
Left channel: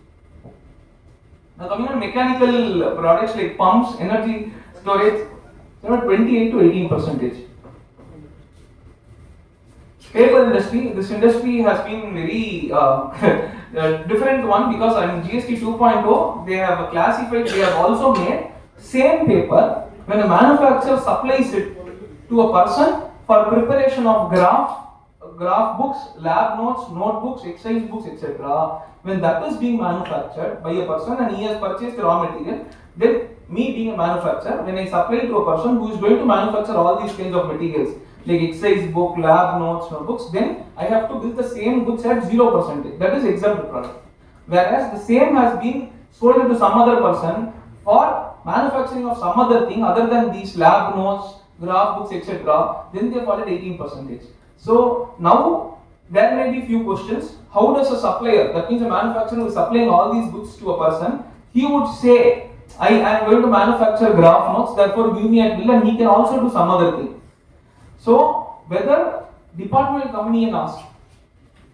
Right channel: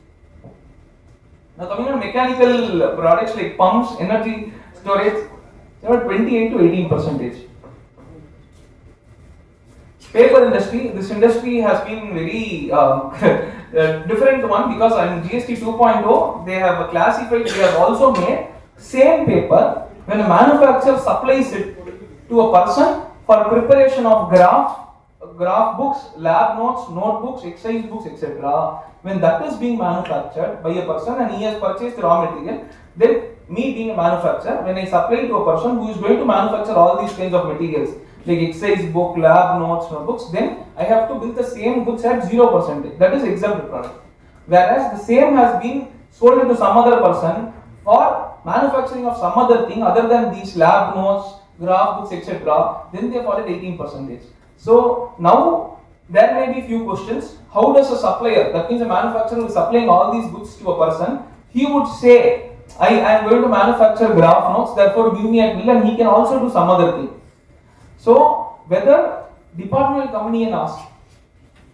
Now coming on mechanical products like pumps, energy storage, they are 28 to 18%. Paper industry, this industry has been very different one, because in GST 2.0 they have classified, they have also made same paper when a manufacturer supplies it to a person for preparation of graph books, lab notes, notebooks, exercise books, etc. When that is being manufactured by a person and he has purchased raw material, then me being a manufacturer, when I supply to a person who is going to manufacture all these kinds of materials like exercise book, lab notes, notebooks, then I have to build the same goods at 0%. That is exempt product. Whereas the same has been sold to some other person for manufacturing of some other thing other than these lab notes, graph books, etc., then they fall at 18%. So now there may be few questions. How does a supplier, that means a manufacturer who is supplying all these goods to a person, he would say, I am going to manufacture graph notes, therefore give me a bill, and he can also do some other thing. So whether department will come in and ask,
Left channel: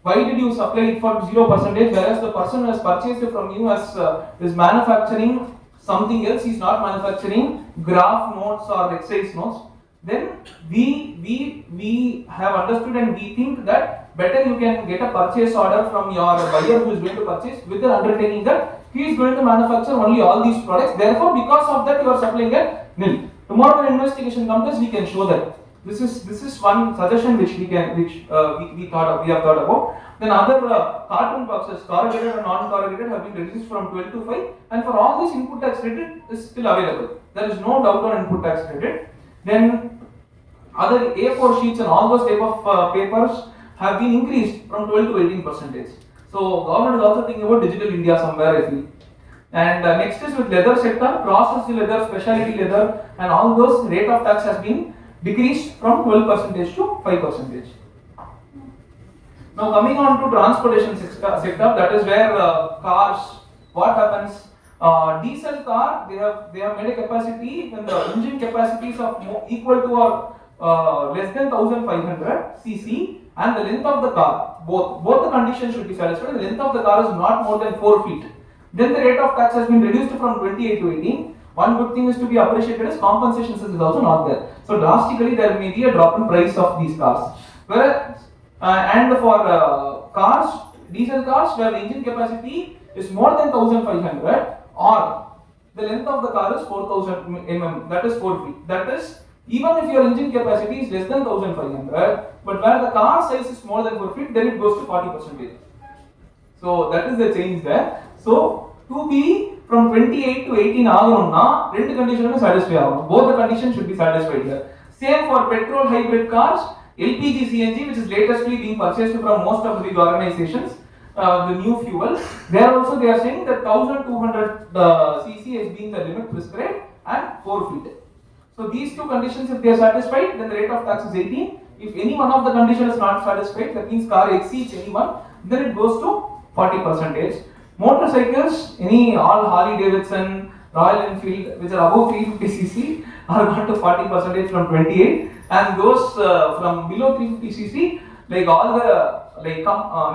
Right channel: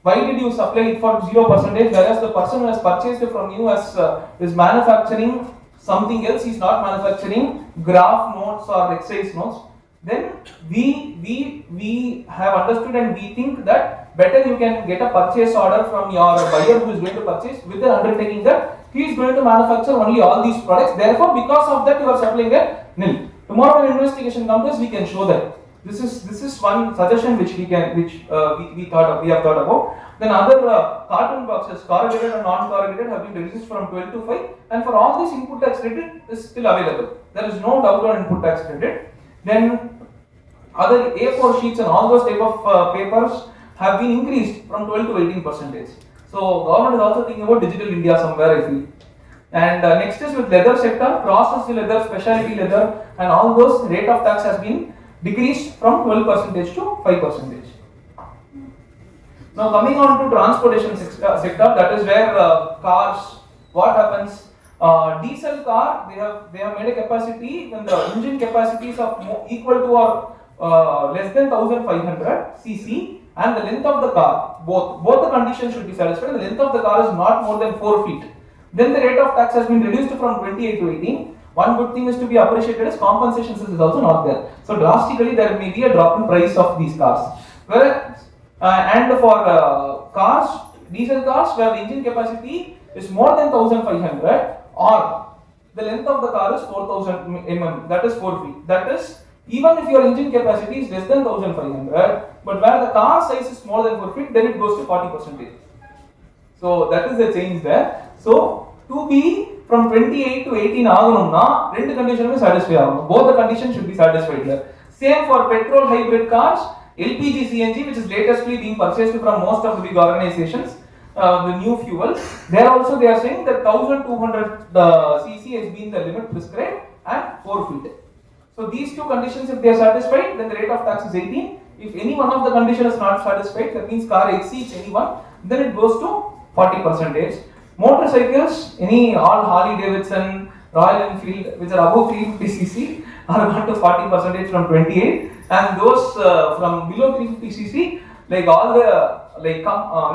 why did you supply it for 0%, whereas the person who has purchased it from you is manufacturing something else, he is not manufacturing graph notes or exercise notes, then we have understood and we think that better you can get a purchase order from your buyer who is going to purchase with the undertaking that he is going to manufacture only all these products, therefore because of that you are supplying a nil. Tomorrow when investigation comes, we can show that. This is one suggestion which we have thought about. Then other carton boxes, corrugated and non-corrugated, have been reduced from 12 to 5, and for all this input tax credit is still available. There is no doubt on input tax credit. Then other A4 sheets and all those type of papers have been increased from 12 to 18%. So government is also thinking about digital India somewhere, I feel. And next is with leather sector, processed leather, specialty leather, and all those rate of tax has been decreased from 12% to 5%. Now coming on to transportation sector, that is where cars, what happens? Diesel car, they have made a capacity when the engine capacities of equal to or less than 1500 cc, and the length of the car, both the conditions should be satisfied. The length of the car is not more than 4 feet. Then the rate of tax has been reduced from 28 to 18. One good thing is to be appreciated is compensation is also not there. So drastically there may be a drop in price of these cars. Whereas and for cars, diesel cars where the engine capacity is more than 1500 or the length of the car is 4000 mm, that is 4 feet. That is, even if your engine capacity is less than 1500, but where the car size is more than 4 feet, then it goes to 40%. So that is the change there. So to be from 28 to 18 ஆகணும்னா ரெண்டு கண்டிஷனுமே satisfy ஆகணும். Both the conditions should be satisfied here. Same for petrol hybrid cars, LPG CNG, which is latestly being purchased from most of the big organizations, the new fuel. There also they are saying that 1200 cc has been the limit prescribed and 4 feet. So these two conditions, if they are satisfied, then the rate of tax is 18. If any one of the conditions is not satisfied, that means car exceeds any one, then it goes to 40%. Motorcycles, any all Harley Davidson, Royal Enfield, which are above 350cc, are gone to 40% from 28, and those from below 350cc, like all the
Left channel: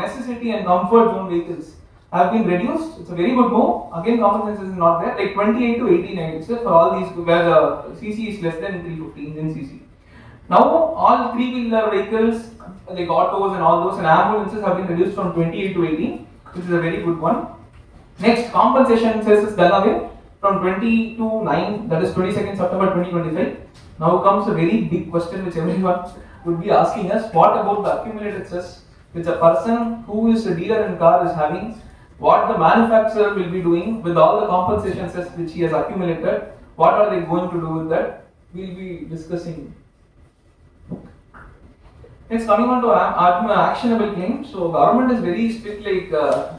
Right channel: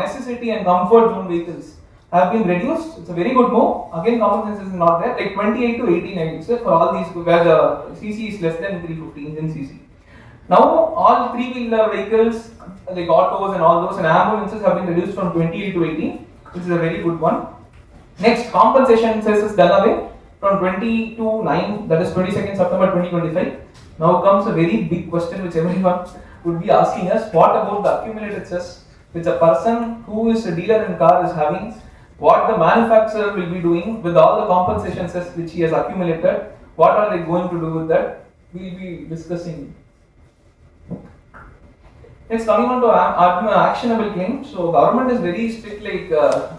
necessity and comfort zone vehicles have been reduced. It's a very good move. Again, common sense is not there. Like 28 to 18, I would say, for all these where the cc is less than 350 engine cc. Now, all three-wheeler vehicles, like autos and all those, and ambulances have been reduced from 28 to 18, which is a very good one. Next, compensation cess is done away from 20 to 9, that is 22nd September 2025. Now comes a very big question which everyone would be asking us: what about the accumulated cess which a person who is a dealer in car is having? What the manufacturer will be doing with all the compensation cess which he has accumulated? What are they going to do with that? We will be discussing. Next, coming on to actionable claims. So government is very strict, like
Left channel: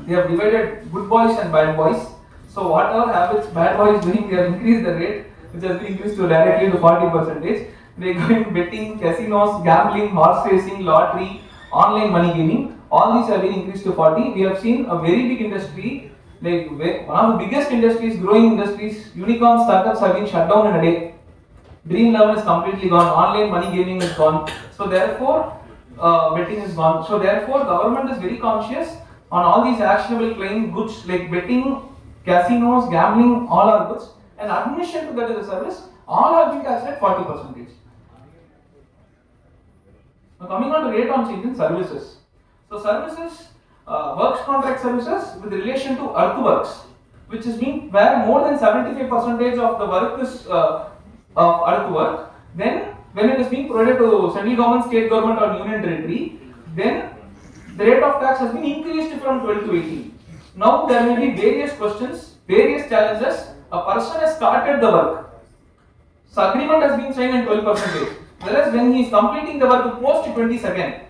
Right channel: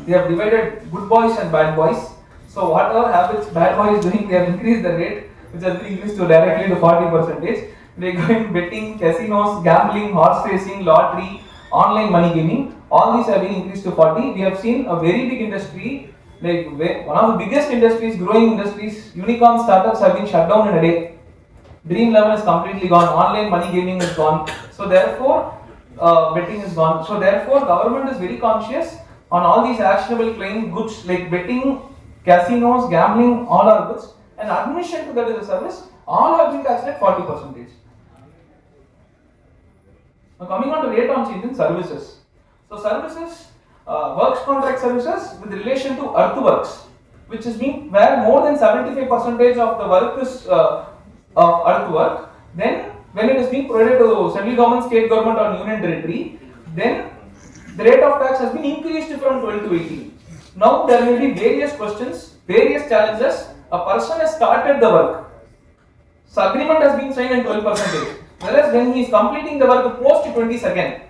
they have divided good boys and bad boys. So whatever habits bad boys doing, they have increased the rate, which has been increased to directly to 40%. They go in betting, casinos, gambling, horse racing, lottery, online money gaming. All these have been increased to 40. We have seen a very big industry, like one of the biggest industries, growing industries, unicorn startups have been shut down in a day. Dream level is completely gone. Online money gaming is gone. So therefore, betting is gone. So therefore, government is very conscious on all these actionable claim goods like betting, casinos, gambling, all are goods, and admission to that is a service. All have been taxed at 40%. Now coming on to rate on change in services. So services, works contract services with relation to earthworks, which is being where more than 75% of the work is of earthwork. Then when it is being provided to central government, state government or union territory, then the rate of tax has been increased from 12 to 18. Now there may be various questions, various challenges. A person has started the work. So agreement has been signed at 12%. Whereas when he is completing the work post 22nd,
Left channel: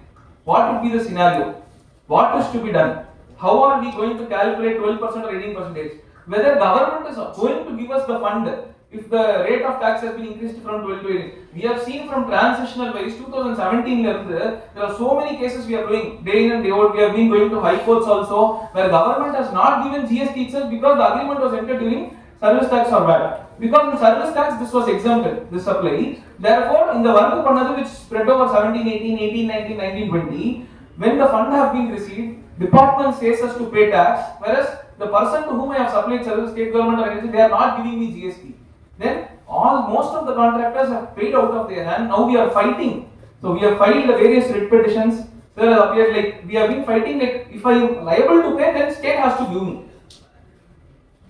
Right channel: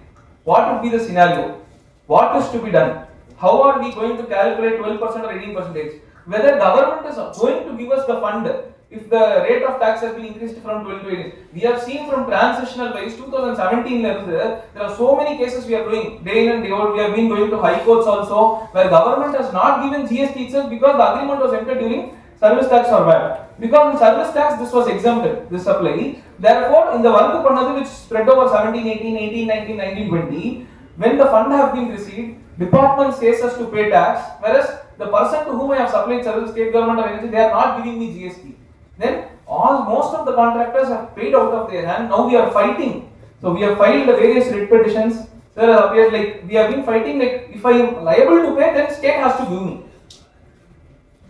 what would be the scenario? What is to be done? How are we going to calculate 12% or 18%? Whether government is going to give us the fund if the rate of tax has been increased from 12 to 18. We have seen from transitional wise 2017 there are so many cases we are doing day in and day out. We have been going to high courts also where government has not given GST itself because the agreement was entered during service tax or VAT. Because in service tax this was exempted, this supply. Therefore, in the work panadu which spread over 17, 18, 18, 19, 19, 20, when the fund have been received, department says us to pay tax, whereas the person to whom I have supplied service, state government or anything, they are not giving me GST. Then most of the contractors have paid out of their hand. Now we are fighting. So we have filed various writ petitions. There appeared like we have been fighting like if I am liable to pay, then state has to give me.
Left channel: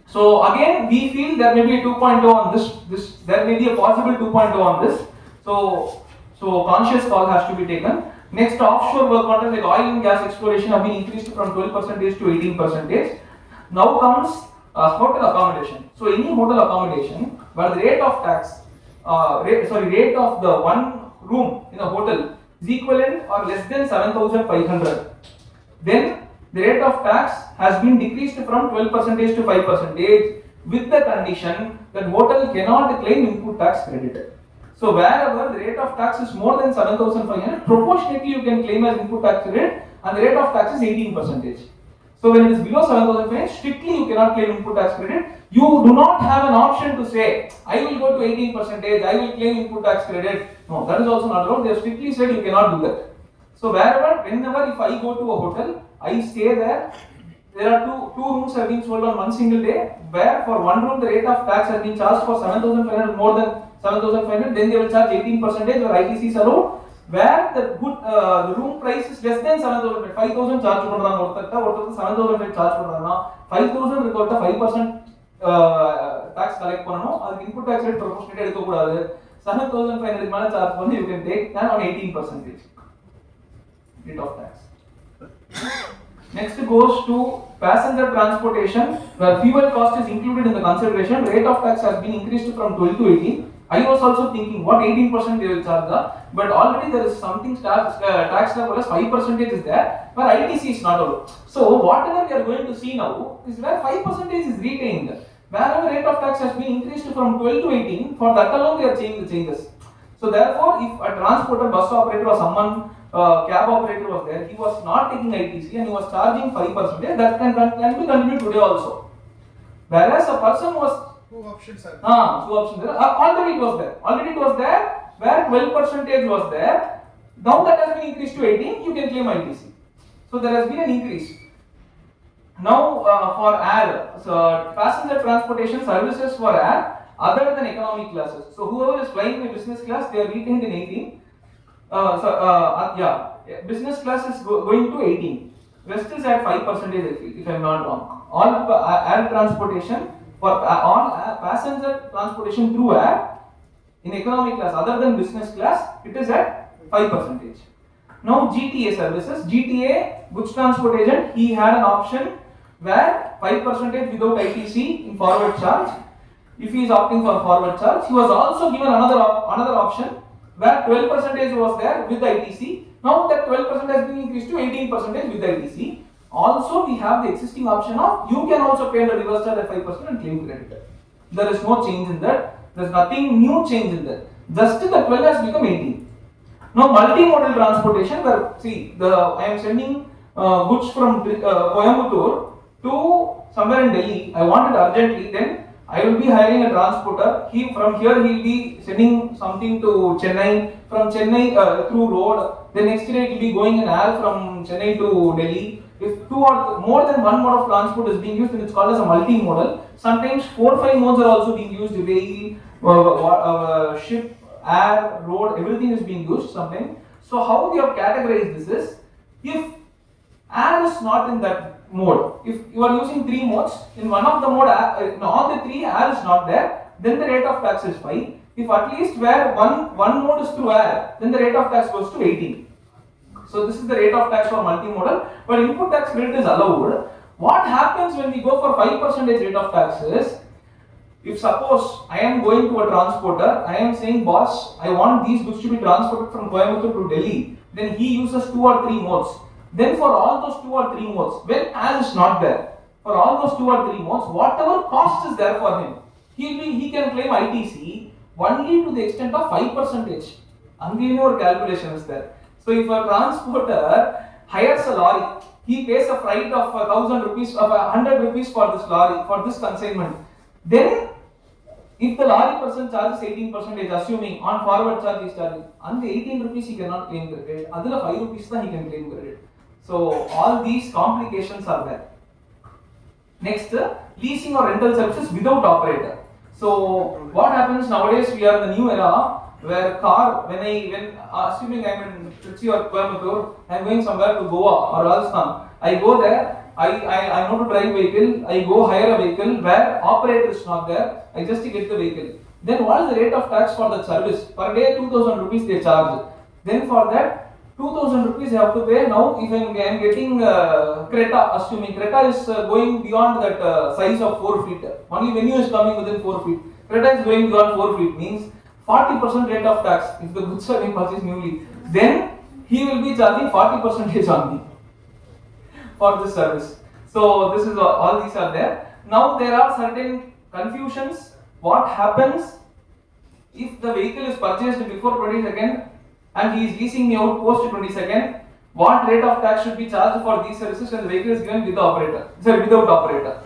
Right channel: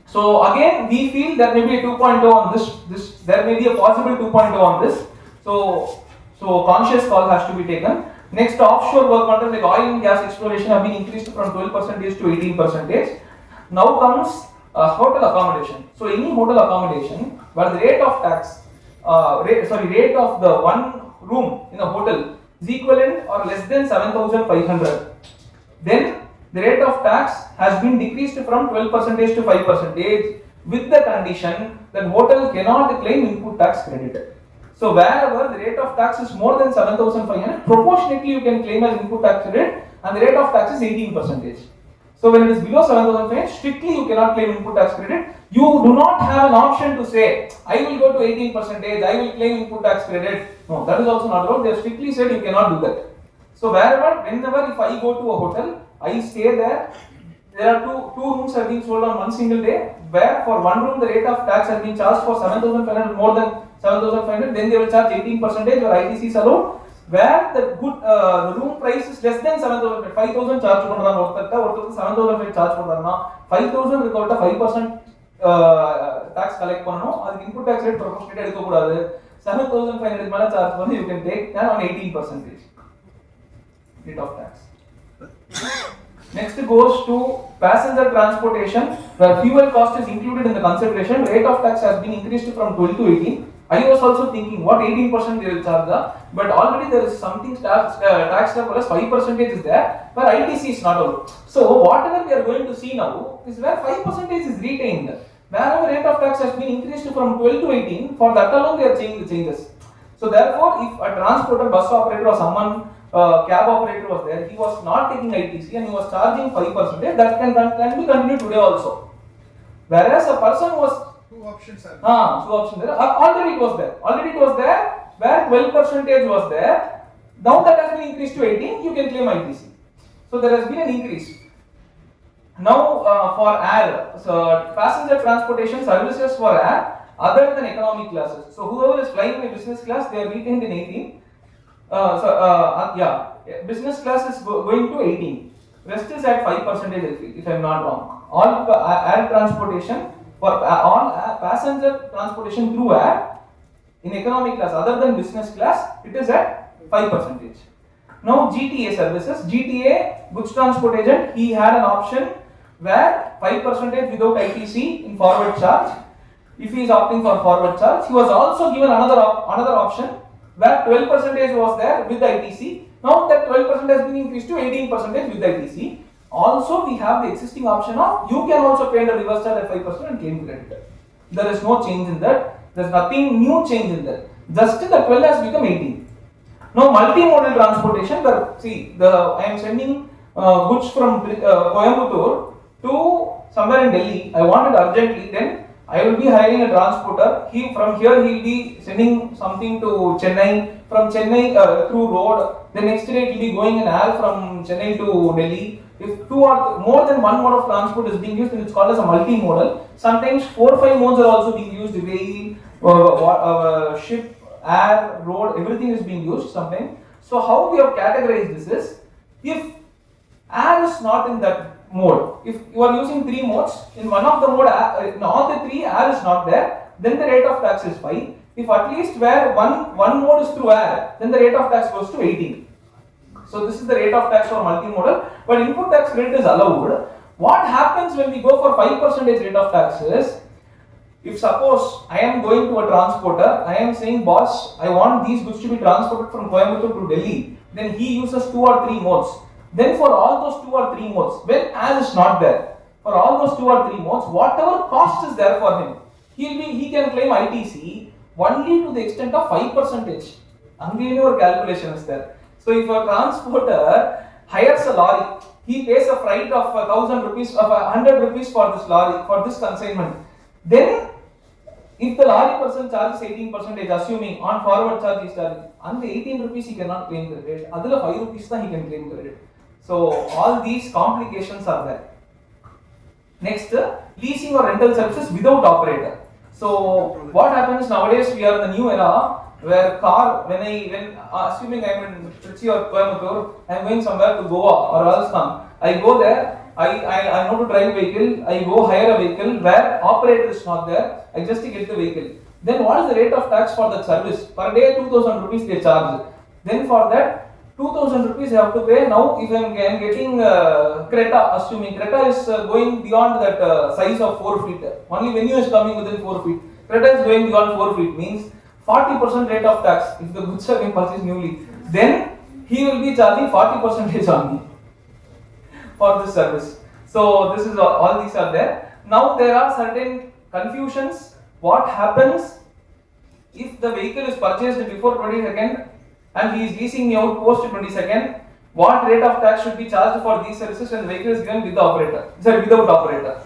So again, we feel there may be a 2.0 on this. There may be a possible 2.0 on this. So conscious call has to be taken. Next, offshore work contracts like oil and gas exploration have been increased from 12% to 18%. Now comes hotel accommodation. So any hotel accommodation where the rate of tax, rate of the one room in a hotel is equivalent or less than 7,500, then the rate of tax has been decreased from 12% to 5% with the condition that hotel cannot claim input tax credit. So wherever the rate of tax is more than 7,500, proportionately you can claim as input tax credit and the rate of tax is 18%. So when it is below 7,500, strictly you cannot claim input tax credit. You do not have an option to say, I will go to 18%, I will claim input tax credit. No, that is also not allowed. They have strictly said you cannot do that. So whenever if I go to a hotel, I stay there. There are two rooms have been sold on one single day, where for one room the rate of tax has been charged for 7,500, more than 7,500, then they will charge 18% or ITC is allowed. Where the room price is less than 7,000, 5,000 charge or 7,000 charge 5,000 record 5% tax collect panano, input tax rate proportionate 7,500 charge you can take that on 18% rate of tax. Next goes to passenger transportation, where fuel cost is included in the consideration. Rate of tax has been increased from 12 to 18. I was also thinking what 18% they will charge, but already there is something tax level as 5% is there, where ITC is not allowed. So whatever we are going to see now is where 5% is retained. Wherever rate of tax has been increased from 12 to 18, for that alone they are changing the changes. So therefore, if a transporter, bus operator or someone, cab operator was there, he was not taking ITC and he was charging 5%, that can be continued today also. Whereas a person was two options are two options there. Already it was there, where 12% was there. Now that has been increased to 18, you can claim ITC. So there has been an increase. Now for air, so passenger transportation services for air other than economic classes. So whoever is flying in business class, they are retained in 18. Business class is going to 18. Rest is at 5% if I am not wrong. All air transportation for all passenger transportation through air in economic class other than business class, it is at 5%. Now GTA services, GTA goods transport agent, he had an option where 5% without ITC in forward charge. If he is opting for forward charge, he was also given another option where 12% was there with ITC. Now that 12% has been increased to 18% with ITC. Also, we have the existing option of you can also pay the reverse charge at 5% and claim credit. There is no change in that. There is nothing new change in that. Just the 12 has become 18. Now, multimodal transportation, where I am sending goods from Coimbatore to somewhere in Delhi. I want it urgently. Then I will be hiring a transporter. From here he will be sending something to Chennai. From Chennai through road. The next day it will be going in air from Chennai to Delhi. If two or more than one mode of transport is being used, then it's called as a multimodal. Sometimes 4 or 5 modes are also being used. Rail, ship, air, road, everything is being used sometimes. So how we have categorized this is, if air is not in that mode, if you are using 3 modes, in one of the mode, in all the 3 air is not there, then the rate of tax is 5. If at least where one mode is through air, then the rate of tax goes to 18. So this is the rate of tax for multimodal, but input tax rate is allowed. What happens when we go for 5% rate of tax is, if suppose I am going to a transporter, I am saying, boss, I want these goods to be transported from Coimbatore to Delhi, then he uses 2 or 3 modes. Then for all those 2 or 3 modes, when air is not there, for all those 2 or 3 modes, whatever cost is there for him, he can claim ITC only to the extent of 5%. Again, your calculation is there. So if a transporter hires a lorry, he pays a freight of 1,000 rupees, of 100 rupees for this lorry, for this consignment. Then, if the lorry person charges 18%, assuming on forward charge is charging, on the 18 rupees he cannot claim credit, other 5 rupees he can claim credit. So all these complications are there. Next, leasing or rental services without operator. So what happens nowadays? We are in the new era where assuming I'm in Trichy or Coimbatore, I'm going somewhere to Goa or Rajasthan. I go there. I know to drive vehicle. I go hire a vehicle where operator is not there. I just get the vehicle. Then what is the rate of tax for that service? Per day 2,000 rupees they charge. Then for that 2,000 rupees you have to pay. Now if I'm getting Creta, assuming Creta is going beyond that size of 4 feet. Only venue is coming within 4 feet. Creta is going beyond 4 feet means 40% rate of tax if the goods are being purchased newly. Then he will be charging 40% on me for this service. So this is all these are there. Now there are certain confusions. What happens if the vehicle is purchased before 22nd and he is leasing me out post 22nd? What rate of tax should be charged for these services when the vehicle is given with the operator? Sorry, without operator.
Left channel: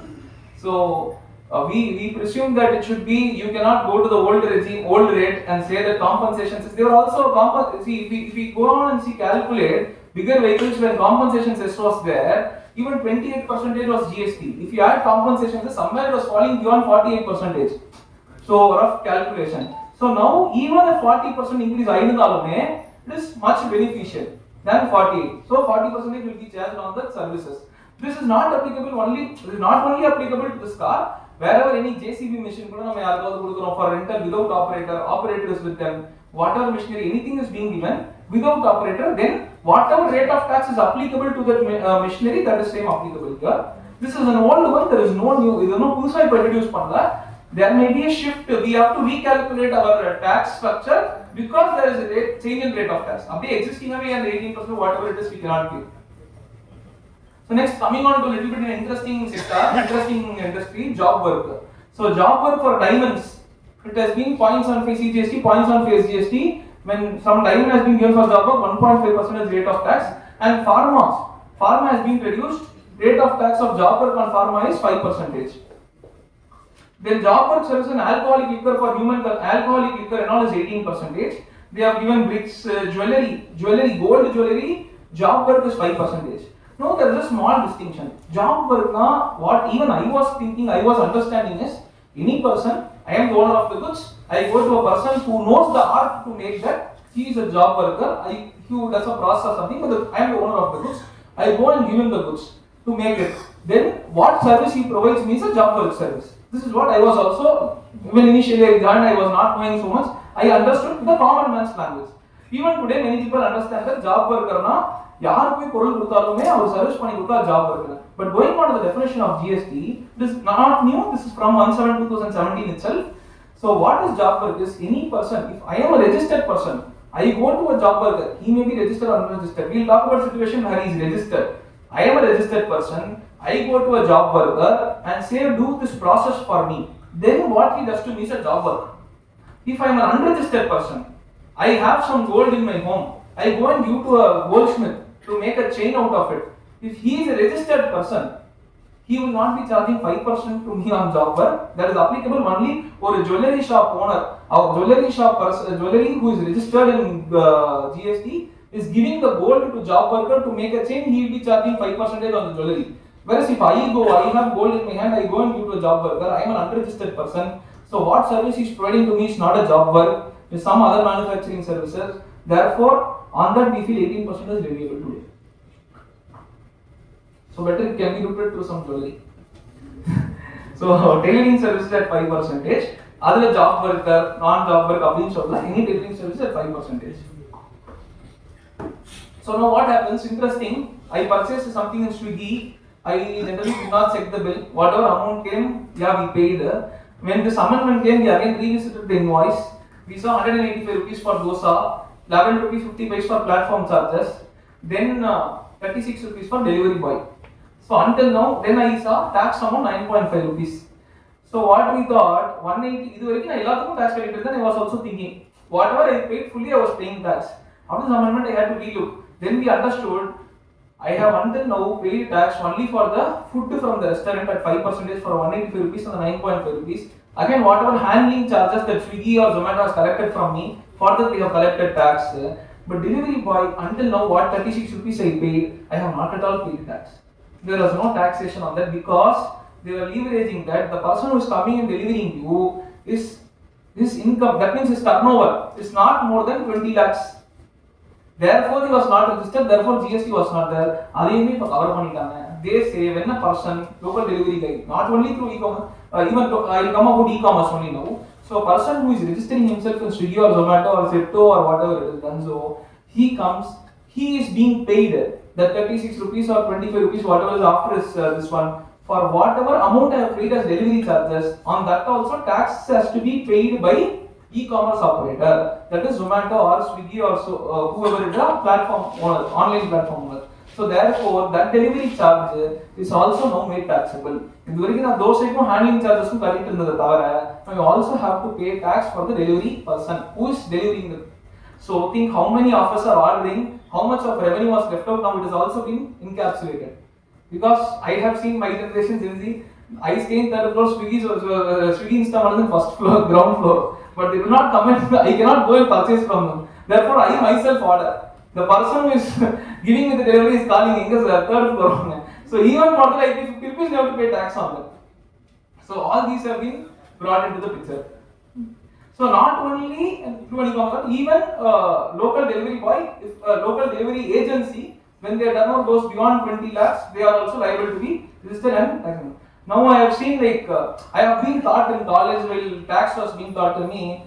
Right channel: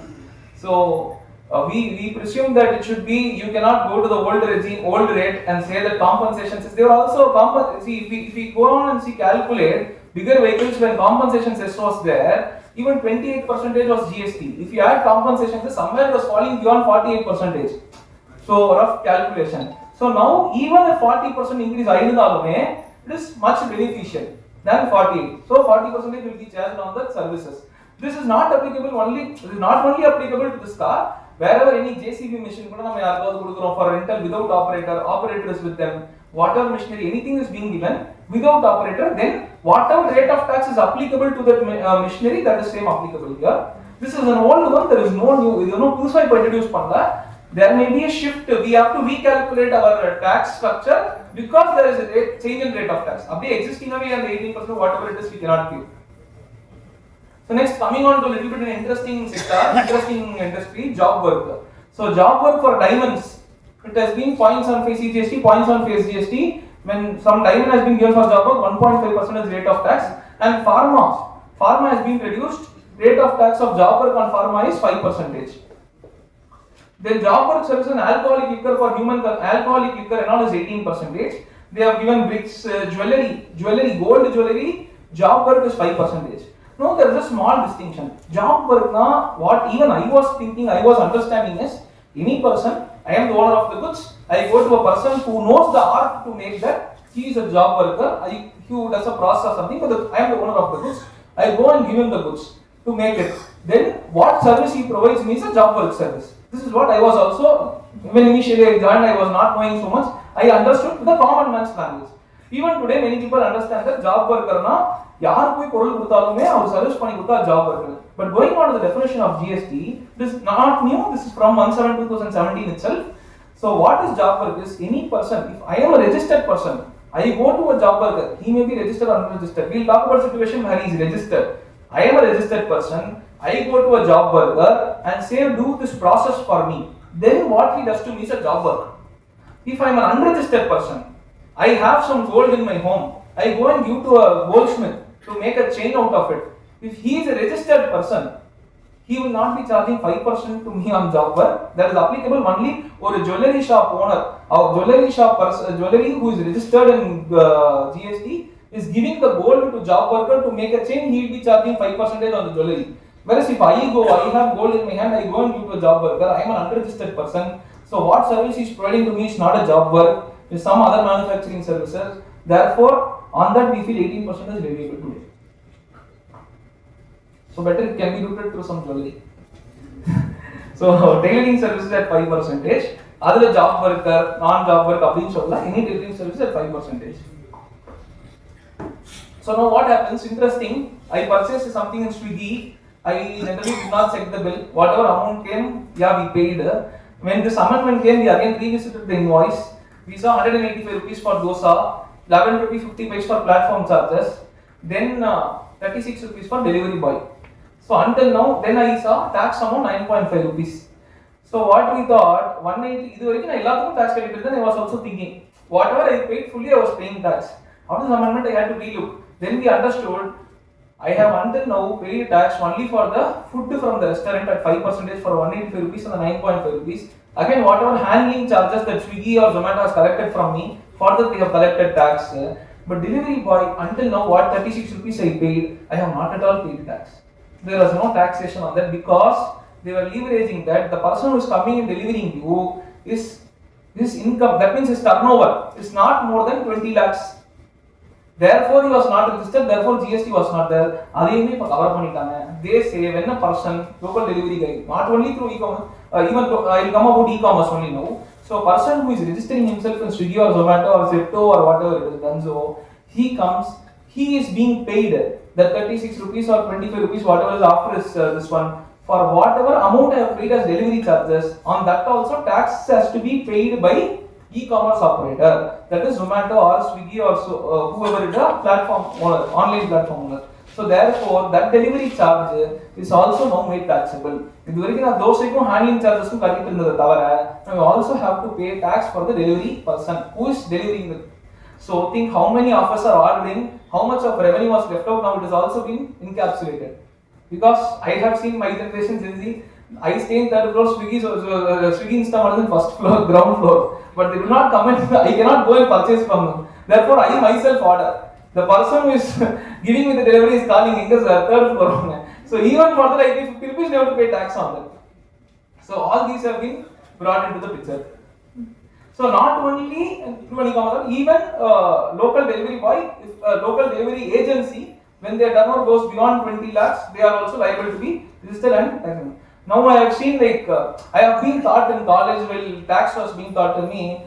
So we presume that it should be, you cannot go to the old regime, old rate and say that compensations. There are also see if we go on and calculate bigger vehicles when compensation cess was there, even 28% was GST. If you add compensation, somewhere it was falling beyond 48%. So rough calculation. So now even a 40% increase it is much beneficial than 48. So 40% will be charged on the services. This is not applicable only. It is not only applicable to this car. Wherever any JCB machine for rental without operator, operator is with them. Whatever machinery, anything is being given without operator, then whatever rate of tax is applicable to that machinery, that is same applicable here. This is an old one. There is no new. There is no push introduced panna. There may be a shift. We have to recalculate our tax structure because there is a change in rate of tax. Abhi existing and 18%, whatever it is, we cannot give. So next, coming on to a little bit interesting sector, interesting industry, job work. So job work for diamonds, it has been points on face GST, points on face GST. When some diamond has been given for job work, 1.5% rate of tax. And pharma has been reduced. Rate of tax of job work on pharma is 5%. Then job work service and alcoholic liquor for human alcoholic liquor and all is 18%. They have given bricks, jewelry, gold jewelry. Job work is 5%. No, there is a small distinction. Job work na, what even I was thinking, I was understanding is any person. I am the owner of the goods. I go to a person who knows the art to make that. He is a job worker. He does a process or something. But I am the owner of the goods. I go and give him the goods to make it. Then what service he provides me is a job work service. This is what I was also, when initially I joined, I was not knowing so much. I understood the common man's language. Even today, many people understand that job worker na, yaar koi porul kuduthalume avaru service panni kudutha job worker. But going on to the definition of GST, this is not new. This is from 1/7/2017 itself. So what is job work is any person. If I am a registered person, I go to a job worker. He may be registered or unregistered. We will talk about situation where he is registered. I am a registered person. I go to a job worker and say, do this process for me. Then what he does to me is a job work. If I am an unregistered person, I have some gold in my home. I go and give to a goldsmith to make a chain out of it. If he is a registered person, he will not be charging 5% to me on job work. That is applicable only for a jewelry shop owner. Our jewelry shop person, jewelry who is registered in GST is giving the gold to job worker to make a chain. He will be charging 5% on the jewelry. Whereas if I have gold in my hand, I go and give to a job worker. I am an unregistered person. So what service he is providing to me is not a job work. It's some other manufacturing services. Therefore, on that we feel 18% is leviable today. So better it can be routed through some jewelry. So tailoring services at 5%. Other job worker, non-job worker, any tailoring services at 5%. So now what happens? Interesting. I purchased something in Swiggy. I generally did not check the bill. Whatever amount came, yeah, we paid. When this amendment came, we again revisited the invoice. We saw 185 rupees for dosa, 11 rupees 50 paise for platform charges, then 36 rupees for delivery boy. So until now, then I saw tax amount 9.5 rupees. So what we thought, 180, இது வரைக்கும் நான் எல்லாத்துக்கும் tax கட்டிட்டு இருந்தேன். I was also thinking, whatever I paid fully, I was paying tax. After the amendment, I had to relook. Then we understood, I have until now paid tax only for the food from the restaurant at 5% for 185 rupees and the 9.5 rupees. Again, whatever handling charges that Swiggy or Zomato has collected from me, for that they have collected tax. But delivery boy, until now, what 36 rupees I paid, I have not at all paid tax. There was no taxation on that because they were leveraging that the person who is coming and delivering you is this income, that means his turnover is not more than 20 lakhs. Therefore, he was not registered, therefore GST was not there. Adeyume ipo cover pannitaanga. They say when a person, local delivery guy, not only through e-commerce, even I will come about e-commerce only now. So a person who is registering himself in Swiggy or Zomato or Zepto or whatever it is done, so he comes, he is being paid the 36 rupees or 25 rupees, whatever is after this one, for whatever amount I have paid as delivery charges. On that also tax has to be paid by e-commerce operator, that is Zomato or Swiggy or whoever is the platform owner, online platform owner. So therefore that delivery charge is also now made taxable. இது வரைக்கும் நான் தோசைக்கும் handling chargesக்கும் கட்டிட்டு இருந்தது தவிர we also have to pay tax for the delivery person who is delivering the. So think how many of us are ordering, how much of revenue was left out, now it is also been encapsulated. Because I have seen my generation Gen Z, I stay in third floor, Swiggy Instamart is in first floor, ground floor, but they do not come and I cannot go and purchase from them. Therefore, I myself order. The person who is giving me the delivery is calling English third floor. So even for that, I pay 50 rupees, they have to pay tax on that. So all these have been brought into the picture. So not only even local delivery boy, if local delivery agency, when their turnover goes beyond 20 lakhs, they are also liable to be registered and taxed. Now I have seen I have been taught in college while tax was being taught to me.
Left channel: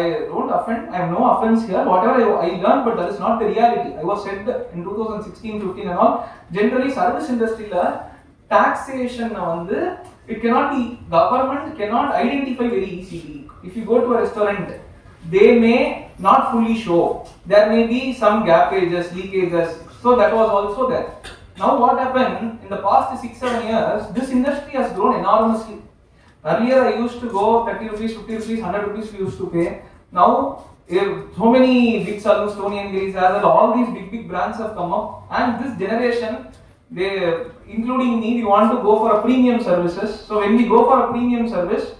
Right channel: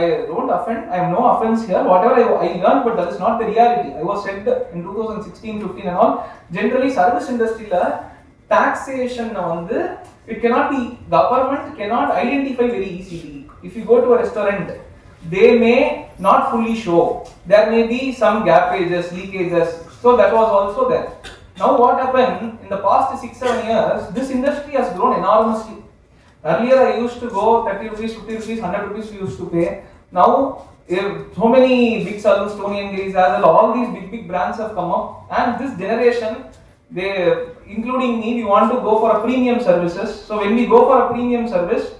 I don't offend, I have no offense here. Whatever I learned, but that is not the reality. I was said in 2016, 15 and all. Generally, service industry taxation it cannot be, government cannot identify very easily. If you go to a restaurant, they may not fully show. There may be some gapages, leakages. So that was also there. Now what happened in the past 6-7 years, this industry has grown enormously. Earlier I used to go 30 rupees, 50 rupees, 100 rupees we used to pay. Now so many big salons, Tony and Gary's, all these big brands have come up, and this generation, they, including me, we want to go for a premium services. So when we go for a premium service,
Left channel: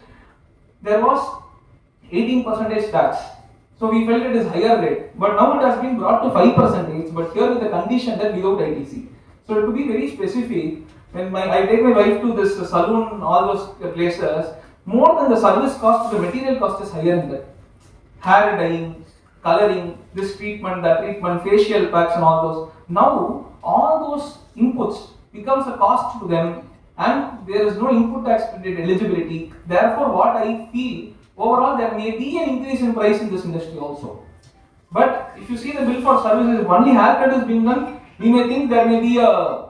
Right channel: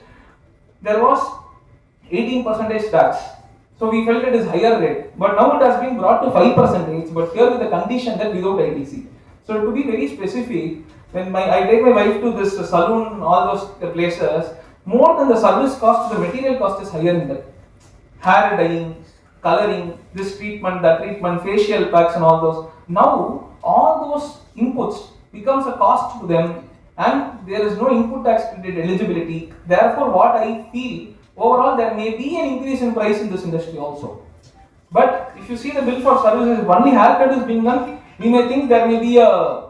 there was 18% tax. So we felt it is higher rate, but now it has been brought to 5%, but here with the condition that without ITC. So to be very specific, when I take my wife to this salon, all those places, more than the service cost, the material cost is higher in that. Hair dyeing, coloring, this treatment, that treatment, facial packs and all those. Now all those inputs becomes a cost to them, and there is no input tax credit eligibility. Therefore, what I feel, overall there may be an increase in price in this industry also. But if you see the bill for services, only haircut is being done, we may think there may be a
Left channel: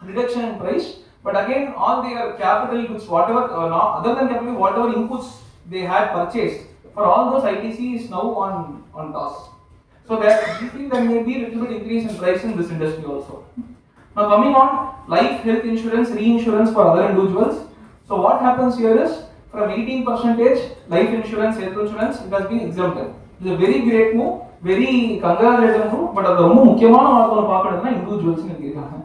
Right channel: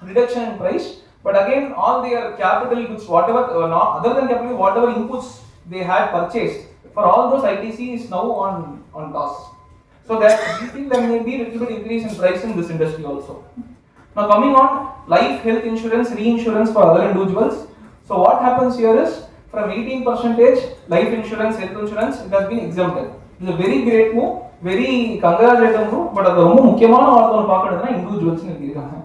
reduction in price. But again, all their capital goods, whatever, other than capital, whatever inputs they had purchased, for all those ITC is now on toss. So that we feel there may be a little bit increase in price in this industry also. Now coming on life, health insurance, reinsurance for other individuals. So what happens here is, from 18% life insurance, health insurance, it has been exempted. It is a very great move, very congratulating move, but அது ரொம்ப முக்கியமான வார்த்தை பார்க்கணும்னா individuals னு இருக்காங்க.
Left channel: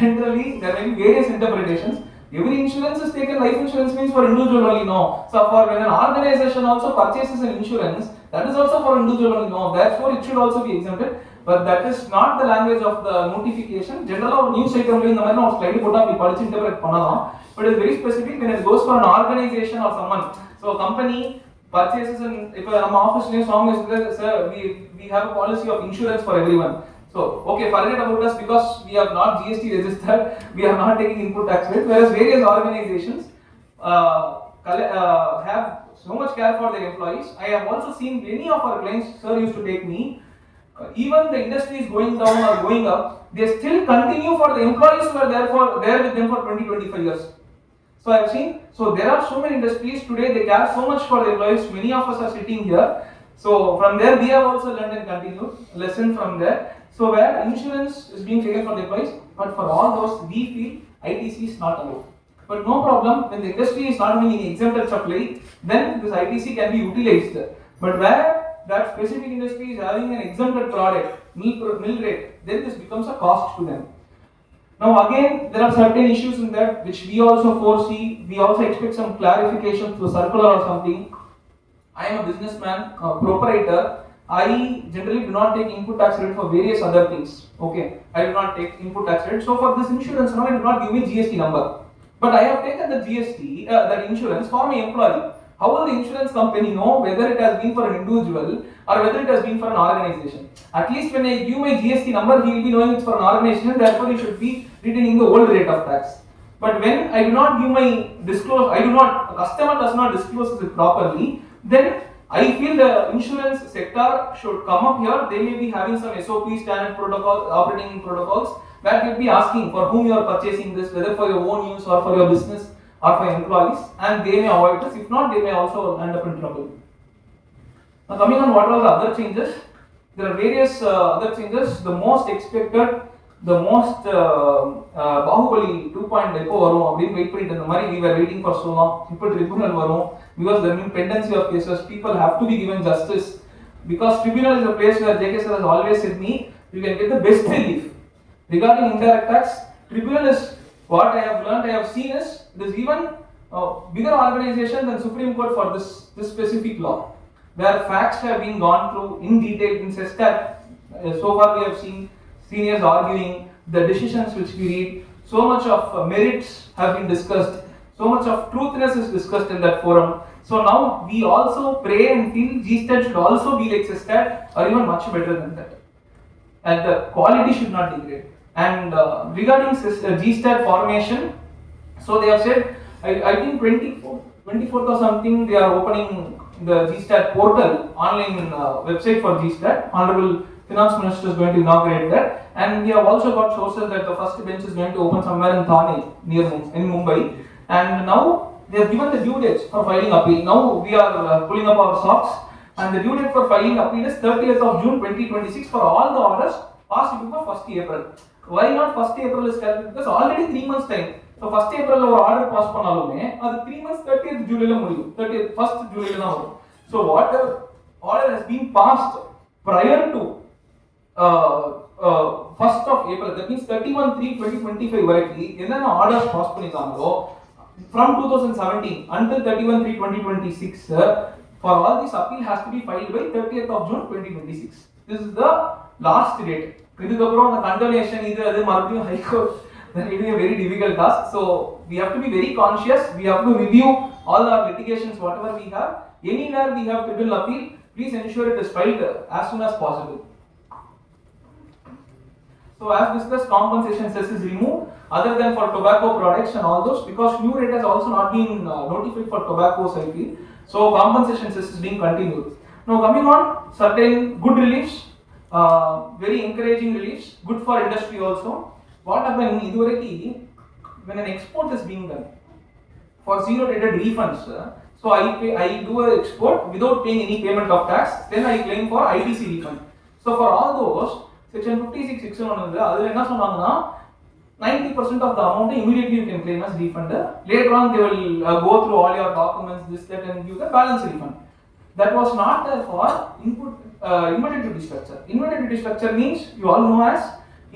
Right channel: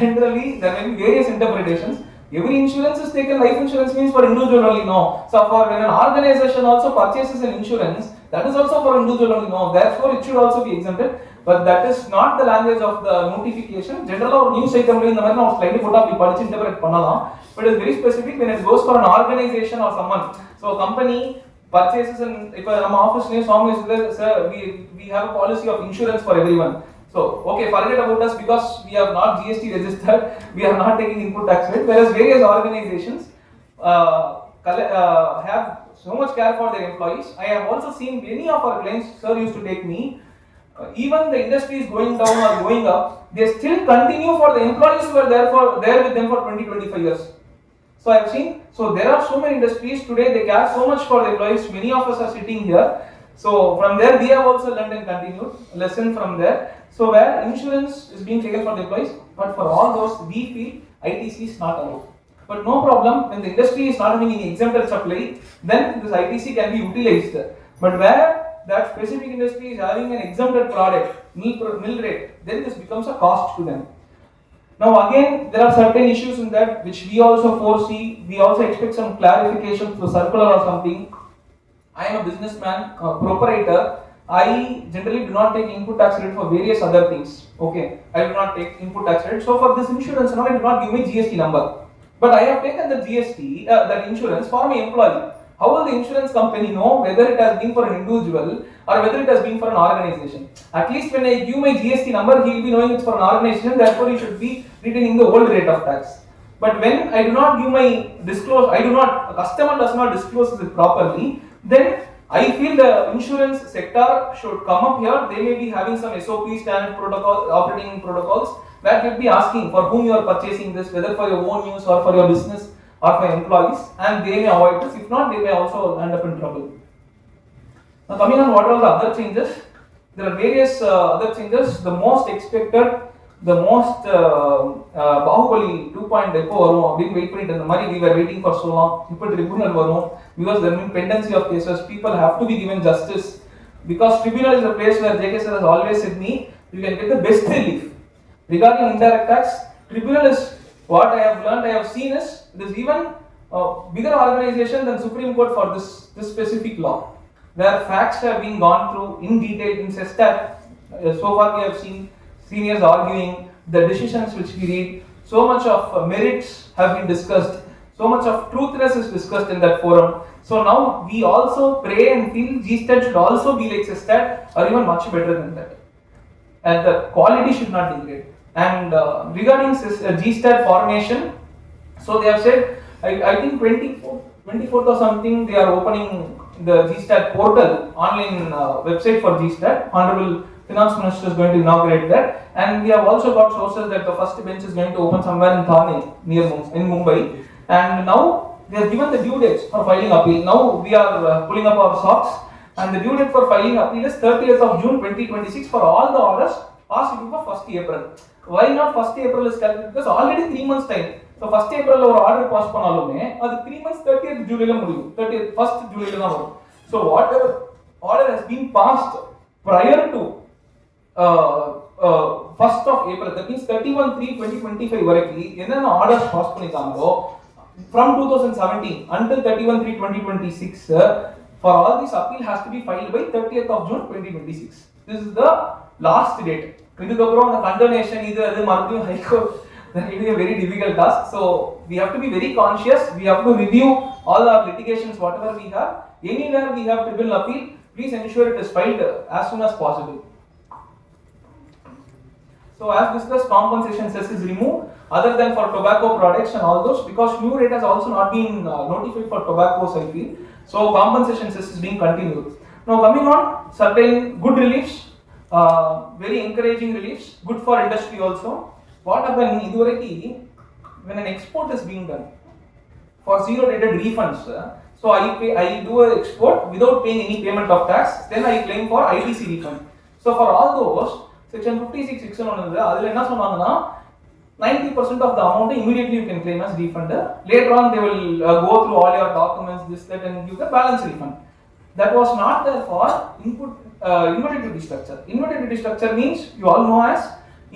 Generally, there may be various interpretations. Every insurance is taken, life insurance means for individual only, no. So for when an organization also purchases an insurance, that is also for individual only, no. Therefore, it should also be exempted. But that is not the language of the notification. Generally, news item in the matter of slightly put up, we interpret pannalam. But it is very specific when it goes for an organization or someone. So a company purchases an, if our office name Swamy is there, sir, we have a policy of insurance for everyone. So, okay, forget about us because we have not GST registered, we are not taking input tax rate, whereas various organizations have so much care for their employees. I have also seen many of our clients, sir used to take me, even the industry is going down or going up, they still continue for the employees who are there with them for 20-25 years. So I have seen, so there are so many industries today, they care so much for the employees, many of us are sitting here. So from there we have also learned and continued lesson from there. So where insurance is being taken for the employees, but for all those we feel ITC is not allowed. But no problem, when the industry is not having any exempted supply, then this ITC can be utilized. But where that specific industry is having an exempted product, mill rate, then this becomes a cost to them. Now again, there are certain issues in that which we also foresee. We also expect some clarification through circular or something. I am a businessman, a proprietor. I generally do not take input tax credit for various other things. Okay, I do not take input tax credit. So for this insurance, now I do not give me GST number. But I have taken the GST, that insurance for my employee. How will the insurance company know whether it has been for an individual or whether it has been for an organization? At least when I give my GST number, he will be knowing it's for an organization, therefore he should be retaining the old rate of tax. But when I do not give my a customer does not disclose it properly, then I feel the insurance sector should come up here. They may be having some SOP, standard protocol, operating protocols, where they will be asking for whom you are purchasing this, whether for your own use or for your business or for employees, and they may avoid this. If not, they may also end up in trouble. Now coming on what are the other changes, there are various other changes. The most expected, the most Bahubali 2.0 வரும் அப்படின்னு wait பண்ணிட்டு இருந்த மாதிரி we were waiting for so long. இப்போ tribunal வரும் because there is pendency of cases. People have to be given justice because tribunal is a place where JK sir has always said me you can get the best relief. Regarding indirect tax, tribunal is what I have learned, I have seen is it is even a bigger organization than Supreme Court for this specific law, where facts have been gone through in detail in SESTAT. So far we have seen seniors arguing the decisions which we read. So much of merits have been discussed. So much of truthness is discussed in that forum. So now we also pray and feel GSTAT should also be like SESTAT or even much better than that. And the quality should not degrade. And regarding GSTAT formation, so they have said, I think 24th or something, they are opening the GSTAT portal, online website for GSTAT. Honorable Finance Minister is going to inaugurate that. And we have also got sources that the first bench is going to open somewhere in Thane, in Mumbai. And now they have given the due dates for filing appeal. Now we are pulling up our socks. And the due date for filing appeal is 30th of June 2026 for all the orders passed before 1st April. Why not 1st April is calculated? Because already 3 months time. So 1st April ஒரு order pass பண்ணாலுமே அது 3 months 30th July ல முடியும். 30th 1st July ல தான் வரும். So whatever order has been passed prior to 1st of April, that means 31/3/2025 வரைக்கும் என்னென்ன orders pass பண்ணிருக்காங்களோ from 2017 until 31/3/2026 for all this appeal has to be filed by 30th of June 2026. This is the last date. இதுக்கப்புறம் அந்த கண்டோனேஷன் இது அது மறுபடியும் high court, that will be a very difficult task. So we have to be very conscious. We have to review all our litigations, whatever we have. Anywhere we have tribunal appeal, please ensure it is filed as soon as possible. So as discussed, compensation cess is removed other than for tobacco products and all those, because new rate has also not been notified for tobacco I feel. So compensation cess is being continued. Now coming on, certain good reliefs, very encouraging reliefs, good for industry also. What happened iduvareki when an export is being done for zero rated refunds, so I do an export without paying any payment of tax, then I claim for ITC refund. So for all those section 56 section ஒன்னு அதுல என்ன சொன்னாங்கன்னா 90% of the amount immediately you can claim as refund. Later on they will go through all your documents, this that, and give the balance refund. That was not there for inverted duty structure. Inverted duty structure means you all know as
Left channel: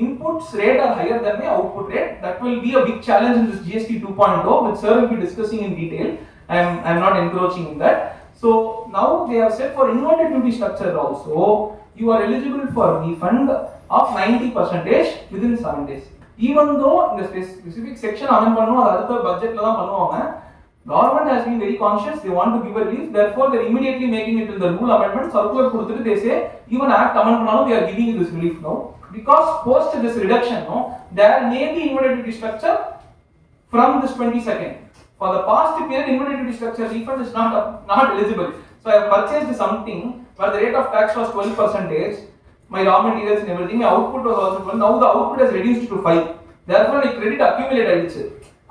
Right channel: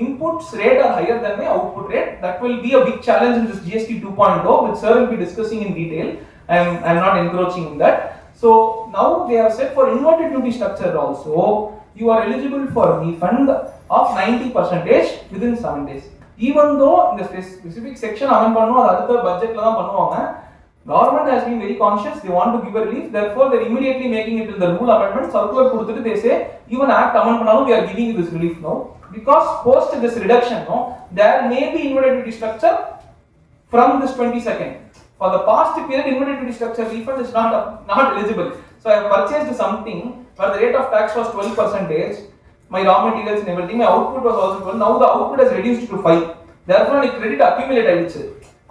inputs rate are higher than the output rate. That will be a big challenge in this GST 2.0, which sir will be discussing in detail. I'm not encroaching in that. So now they have said for inverted duty structure also, you are eligible for a refund of 90% within 7 days. Even though in the specific section amend பண்ணுவோம், அது அடுத்த பட்ஜெட்ல தான் பண்ணுவாங்க. Government has been very conscious. They want to give a relief. Therefore, they are immediately making it in the rule amendment. Circular கொடுத்துட்டு they say even act amend பண்ணாலும் we are giving you this relief now. Because post this reduction, no, there may be inverted duty structure from this 22nd. For the past period, inverted duty structure refund is not eligible. So I have purchased something where the rate of tax was 12%, my raw materials and everything, my output was also 12. Now the output has reduced to 5. Therefore, the credit accumulate ஆயிடுச்சு.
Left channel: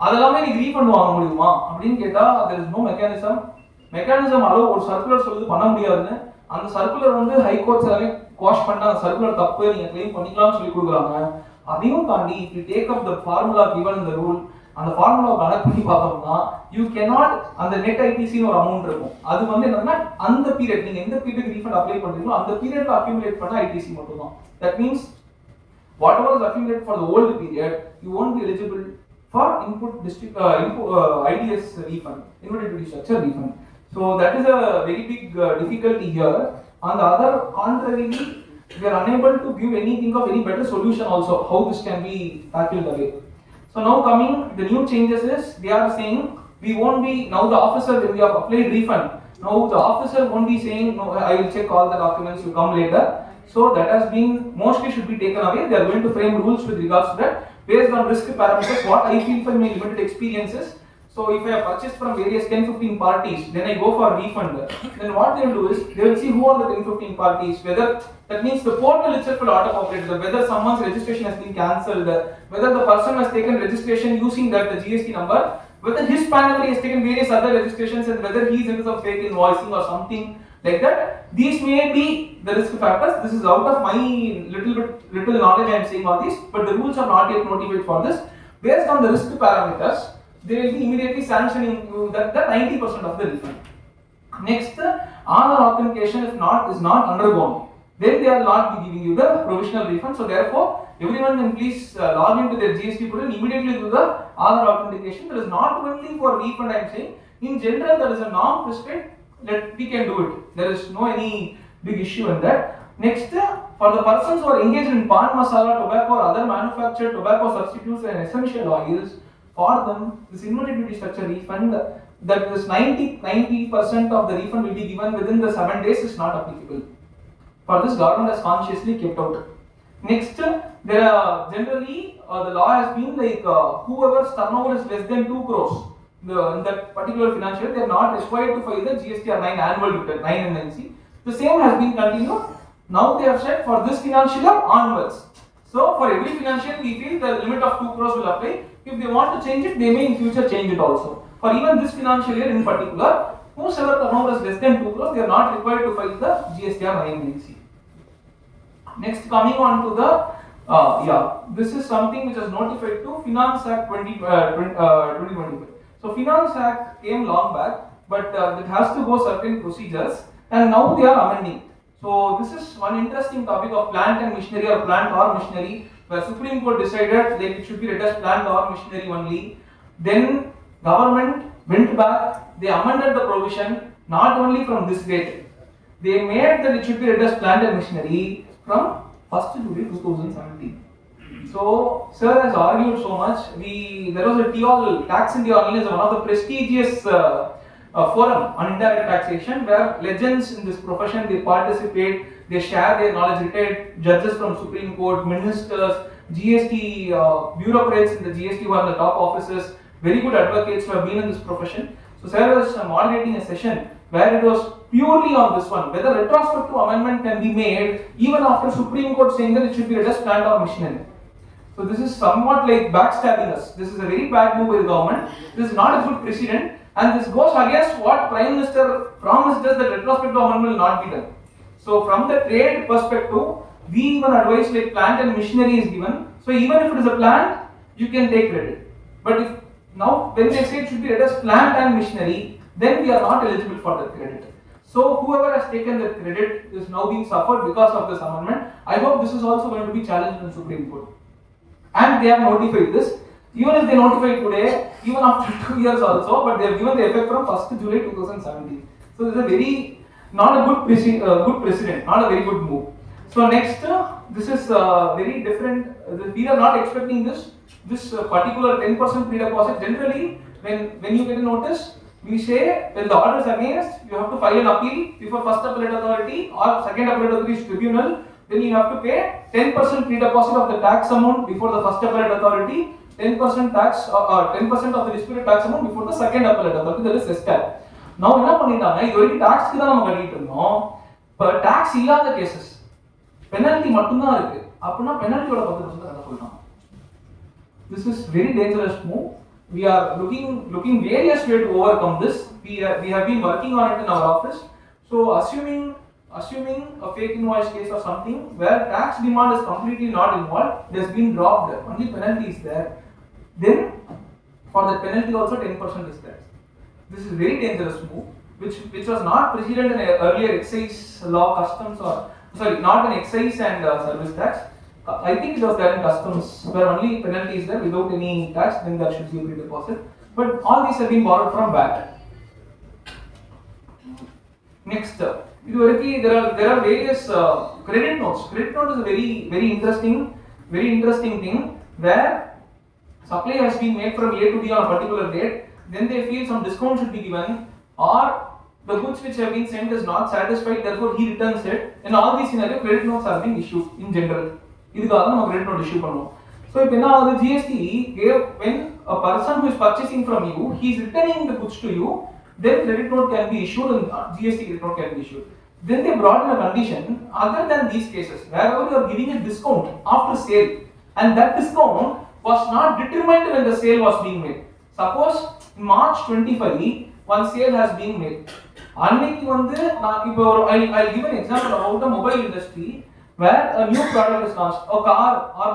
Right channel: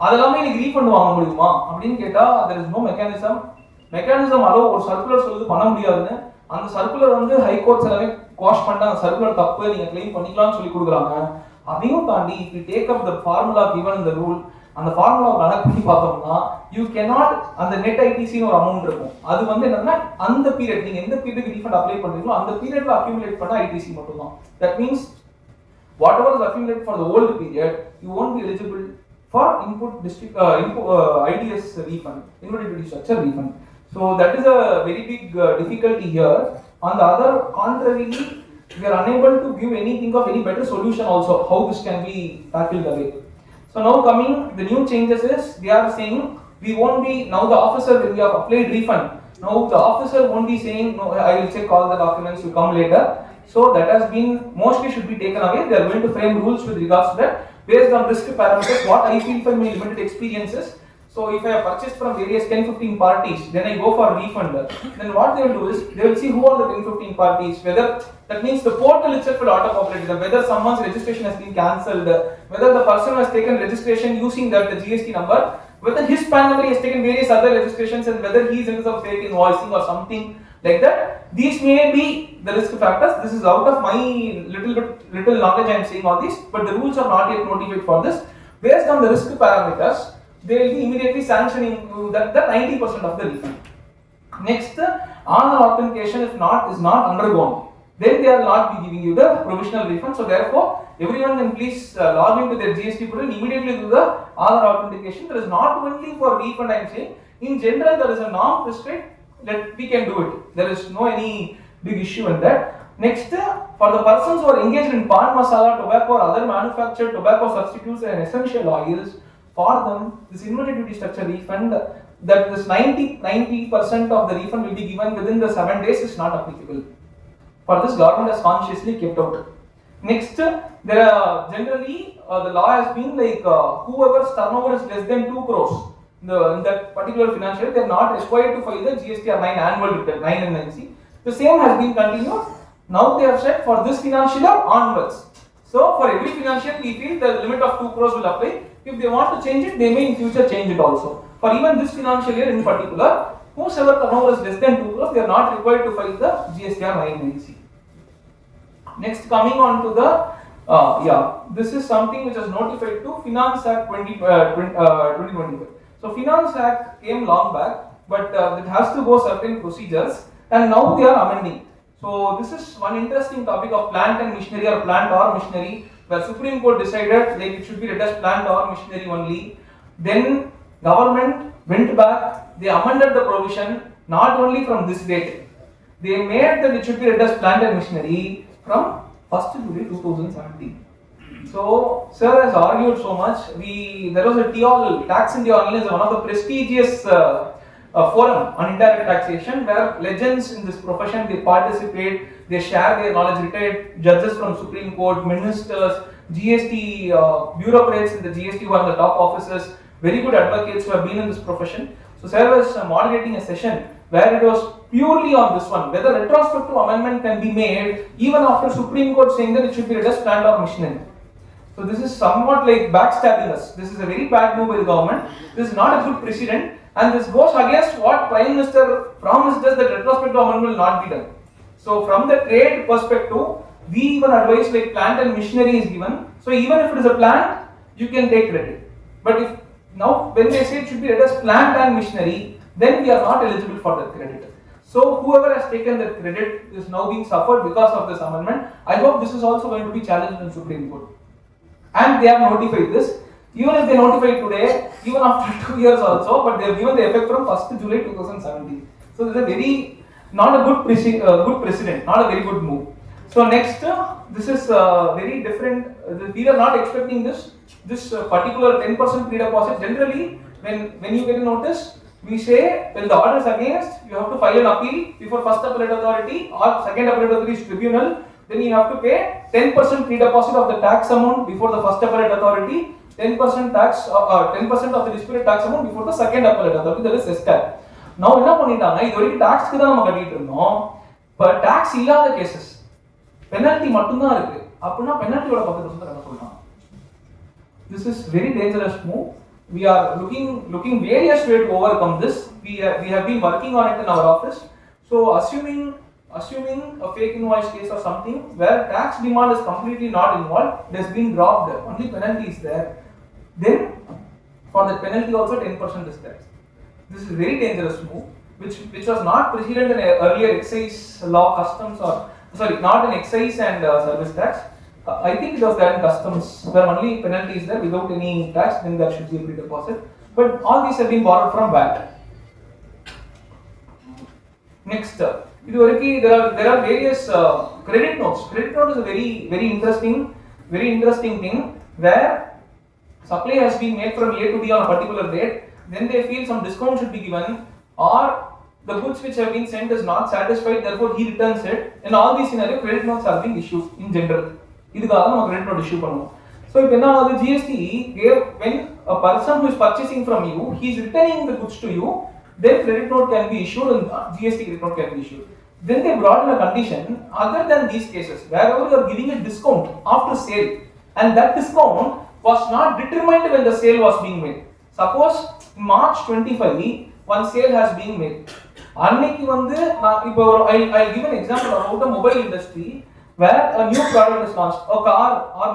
அதெல்லாமே நீ refund வாங்க முடியுமா அப்படின்னு கேட்டா there is no mechanism அளவு ஒரு circular சொல்லுது பண்ண முடியாதுன்னு. அந்த சர்க்குலர் வந்து ஹைகோர்ட்ஸ் எல்லாமே குவாஷ் பண்ணிட்டு அந்த சர்க்குலர் தப்பு நீங்க கிளைம் பண்ணிக்கலாம்னு சொல்லி கொடுக்குறாங்க. அதையும் தாண்டி if you take up the formula given in the rule அந்த ஃபார்முலா கனெக்ட் பண்ணி பார்த்தோம்னா யூ கேனாட் அந்த நெட் ஐடிசின்னு ஒரு அமௌண்ட் இருக்கும். அது வந்து என்னன்னா அந்த பீரியட் நீங்க எந்த பீரியட் ரீஃபண்ட் அப்ளை பண்றீங்களோ அந்த பீரியட்ல அக்யூமுலேட் பண்ண ஐடிசி மட்டும் தான். That means whatever is accumulated for the old period, you won't be eligible for IDS refund, inverted duty structure refund. So that is a very big difficulty here. On the other contrary, we are unable to give anything of any better solution also how this can be tackled away. So now coming the new changes is they are saying we won't be now the officer when we have applied refund. Now the officer won't be saying no, I will check all the documents, you come later. So that has been mostly should be taken away. They are going to frame rules with regards to that based on risk parameters. What I feel from my limited experiences. So if I have purchased from various 10-15 parties, then I go for refund. Then what they will do is they will see who are the 10-15 parties. Whether that means the portal itself will auto-populate. Whether someone's registration has been cancelled, whether the person has taken registration using that the GST number, whether his PAN number has taken various other registrations, and whether he is into some fake invoicing or something like that. These may be the risk factors. This is out of my little knowledge I am saying all this, but the rules are not yet notified for this. Based on the risk parameters, they will be immediately sanctioning you that 90% of the refund. Next, Aadhaar authentication is not undergone, then they will not be giving you the provisional refund. So therefore, everyone can please log into their GST portal immediately do the Aadhaar authentication. There is not only for refund I am saying. In general, there is a norm prescribed that we can do it. There is no any big issue in that. Next, for the persons who are engaged in pan masala, tobacco or other manufactured tobacco substitutes and essential oils, for them this inverted duty structure refund, that this 90% of the refund will be given within the 7 days is not applicable. For this, government has consciously kept out. Next, there are generally the law has been like whoever's turnover is less than 2 crores in that particular financial year, they are not required to file the GSTR 9 annual return 9 and 9C. The same has been continued. Now they have said for this financial year onwards. So for every financial year, we feel the limit of 2 crores will apply. If they want to change it, they may in future change it also. For even this financial year in particular, whosoever turnover is less than 2 crores, they are not required to file the GSTR 9 and 9C. Next, coming on to the this is something which is notified to Finance Act 2025. So Finance Act came long back, but it has to go certain procedures, and now they are amending. So this is one interesting topic of plant and machinery or plant or machinery, where Supreme Court decided that it should be read as plant or machinery only. Then government went back, they amended the provision not only from this date. They made that it should be read as plant and machinery from 1st July 2017. So, sir has argued so much. There was a TOL, Tax India Online is one of the prestigious forum on indirect taxation where legends in this profession, they participate, they share their knowledge, retired judges from Supreme Court, ministers, GST bureaucrats in the GST who are the top officers, very good advocates who have been in this profession. So, sir was moderating a session where it was purely on this one, whether retrospective amendment can be made even after Supreme Court saying that it should be read as plant or machinery. So this is somewhat like backstabbing us. This is a very bad move by the government. This is not a good precedent, and this goes against what Prime Minister promised us that retrospective amendment will not be done. So from the trade perspective, we even advise like plant and machinery is given. So even if it is a plant, you can take credit. But if now when they say it should be read as plant and machinery, then we are not eligible for that credit. So whoever has taken that credit is now being suffered because of this amendment. I hope this is also going to be challenged in Supreme Court. And they have notified this. Even if they notify today, even after 2 years also, but they have given the effect from 1st July 2017. So this is a very not a good precedent, not a very good move. So next, this is very different. We are not expecting this particular 10% pre-deposit. Generally, when you get a notice, we say when the order is against, you have to file an appeal before first appellate authority or second appellate authority tribunal. Then you have to pay 10% pre-deposit of the tax amount before the first appellate authority, 10% tax or 10% of the disputed tax amount before the second appellate authority, that is SCAT. Now என்ன பண்ணிட்டாங்க, இது வரைக்கும் டாக்ஸ்க்கு தான் நம்ம கட்டிட்டு இருந்தோம். இப்போ tax இல்லாத கேசஸ் பெனல்டி மட்டும் தான் இருக்கு. அப்படினா பெனல்டியோட 10% கட்ட சொல்றாங்க. This is very dangerous move. We are looking various ways to overcome this. We have been working on it in our office. So assuming a fake invoice case or something where tax demand is completely not involved, it has been dropped, only penalty is there, then For the penalty also 10% is there. This is very dangerous move, which was not preceded in earlier excise law, customs, or sorry, not in excise and service tax. I think it was there in customs, where only penalty is there without any tax, then there should be a pre-deposit. But all these have been borrowed from VAT. Next, there are various credit notes. Credit note is a very interesting thing where supply has been made from A to B on a particular date. Then they feel some discount should be given, or the goods which have been sent is not satisfied, therefore he returns it. In all these scenarios, credit notes are being issued in general. இதுக்காக நம்ம credit note issue பண்ணோம். So இப்போ என்ன ஆகுது, GST gave, when a person who is purchasing from you, he is returning the goods to you, then credit note can be issued and GST credit note can be issued. Then they brought in a condition, other than these cases, wherever you are giving a discount after sale, and that discount was not determined when the sale was being made. Suppose March 25 one sale has been made. அன்னைக்கு வந்து I'll give an example about the mobile industry where a new product is launched. A car or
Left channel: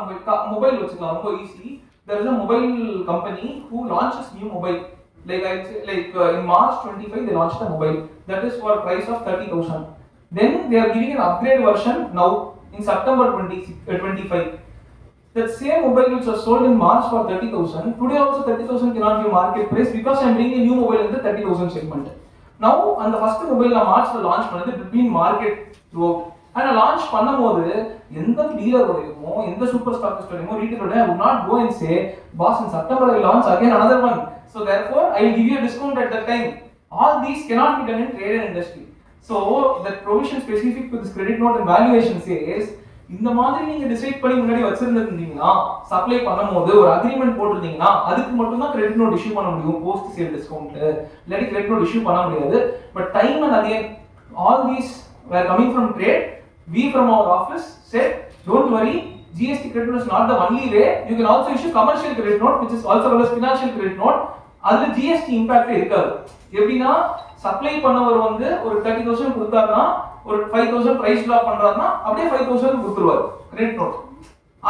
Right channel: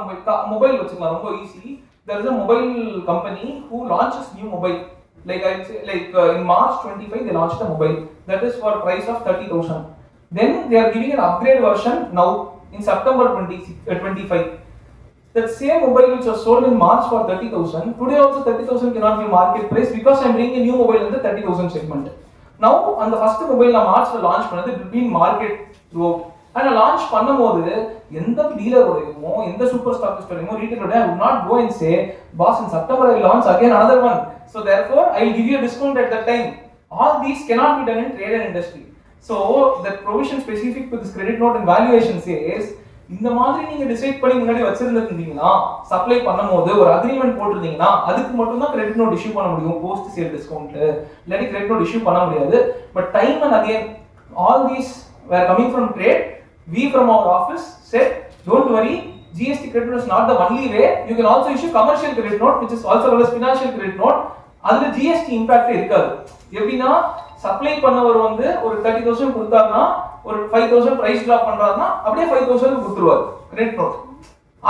mobile வச்சுக்கலாம், ரொம்ப easy. There is a mobile company who launches new mobile. Like I say, in March 25 they launched a mobile that is for a price of 30,000. Then they are giving an upgrade version now in September 25. That same mobile which was sold in March for 30,000, today also 30,000 cannot be market price because I am bringing a new mobile in the 30,000 segment. Now, on the first mobile na March la launch பண்ணது, it will be in market throughout. And launch பண்ணும்போது எந்த dealer ஓடையுமோ எந்த super stockist ஓடையுமோ retailer ஓட I would not go and say, boss, in September I will launch again another one, so therefore I will give you a discount at that time. All these cannot be done in trade and industry. So that provision specific to this credit note and valuation says, இந்த மாதிரி நீங்க decide பண்ணி முன்னாடி வச்சிருந்தீங்கன்னா, supply பண்ணும்போது ஒரு agreement போட்டுருந்தீங்கன்னா, அதுக்கு மட்டும் தான் கிரெடிட் நோட் இஷ்யூ பண்ண முடியும், போஸ்ட் சேல் டிஸ்கவுண்ட் இல்லாட்டி கிரெடிட் நோட் இஷ்யூ பண்ண முடியாது. But time and again all these were coming from trade. We from our office said, don't worry, GST credit note is not the only way. You can also issue commercial credit note, which is also called as financial credit note. அதுல GST impact இருக்காது. எப்படின்னா, supply பண்ணவர் வந்து ஒரு 30,000 கொடுத்தாருன்னா, ஒரு 5,000 price drop பண்றாருன்னா அப்படியே 5,000 கொடுத்துருவாரு கிரெடிட் நோட்.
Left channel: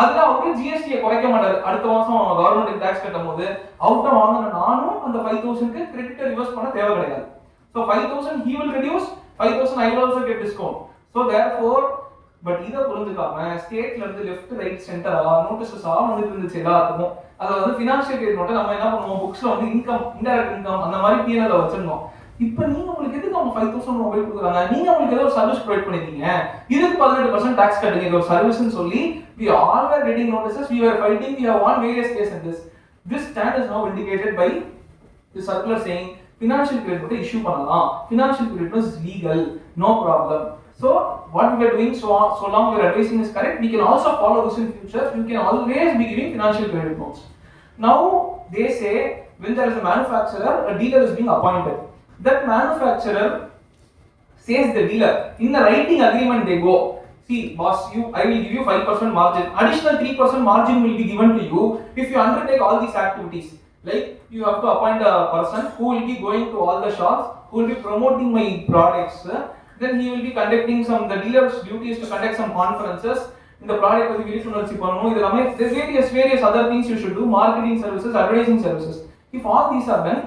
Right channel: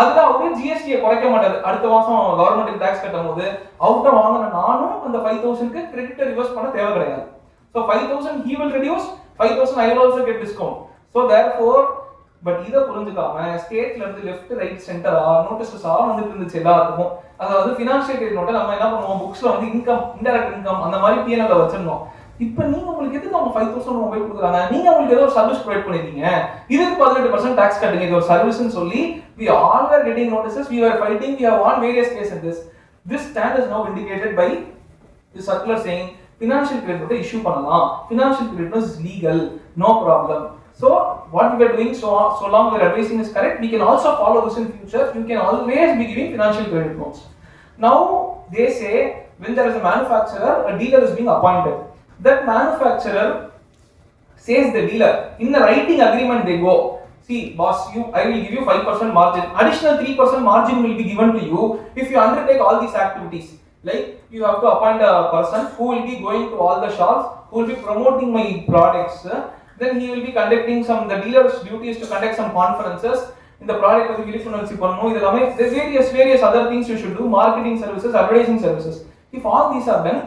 அதுல அவரு ஜிஎஸ்டியை குறைக்க மாட்டாரு. அடுத்த மாசம் கவர்மெண்ட்டுக்கு டாக்ஸ் கட்டும் போது அவுட்ட வாங்கின நானும் அந்த 5,000க்கு கிரெடிட்டை ரிவர்ஸ் பண்ண தேவை கிடையாது. So 5,000 he will reduce, 5,000 I will also get discount. So therefore, but இதை புரிஞ்சுக்காம ஸ்டேட்ல இருந்து லெஃப்ட் ரைட் சென்டரா நோட்டீஸஸா வந்துட்டு இருந்துச்சு எல்லாத்துக்கும். அதாவது ஃபினான்ஷியல் கிரெடிட் நோட்டை நம்ம என்ன பண்ணுவோம், புக்ஸ்ல வந்து இன்கம், இன்டைரக்ட் இன்கம் அந்த மாதிரி பிஎன்எல்ல வச்சிருந்தோம். இப்போ நீங்க உங்களுக்கு எதுக்கு அவங்க 5,000 மொபைல் கொடுக்குறாங்க, நீங்க உங்களுக்கு ஏதோ ஒரு சர்வீஸ் ப்ரொவைட் பண்ணிருக்கீங்க, இதுக்கு 18% டாக்ஸ் கட்டுங்க, இது ஒரு சர்வீஸ்னு சொல்லி we all were getting notices, we were fighting, we have won various cases in this stand is now indicated by the circular saying financial credit note issue பண்ணலாம், financial credit note is legal, no problem. So what we are doing, so long we are advising is correct, we can also follow this in future. You can always be giving financial credit notes. Now they say when there is a manufacturer, a dealer is being appointed. That manufacturer says the dealer in the writing agreement they go, see boss, I will give you 5% margin, additional 3% margin will be given to you if you undertake all these activities. Like you have to appoint a person who will be going to all the shops, who will be promoting my products, then he will be conducting the dealer's duty is to conduct some conferences in the product of the விழிப்புணர்ச்சி பண்ணனும். இதெல்லாம் various other things you should do, marketing services, advertising services. If all these are done,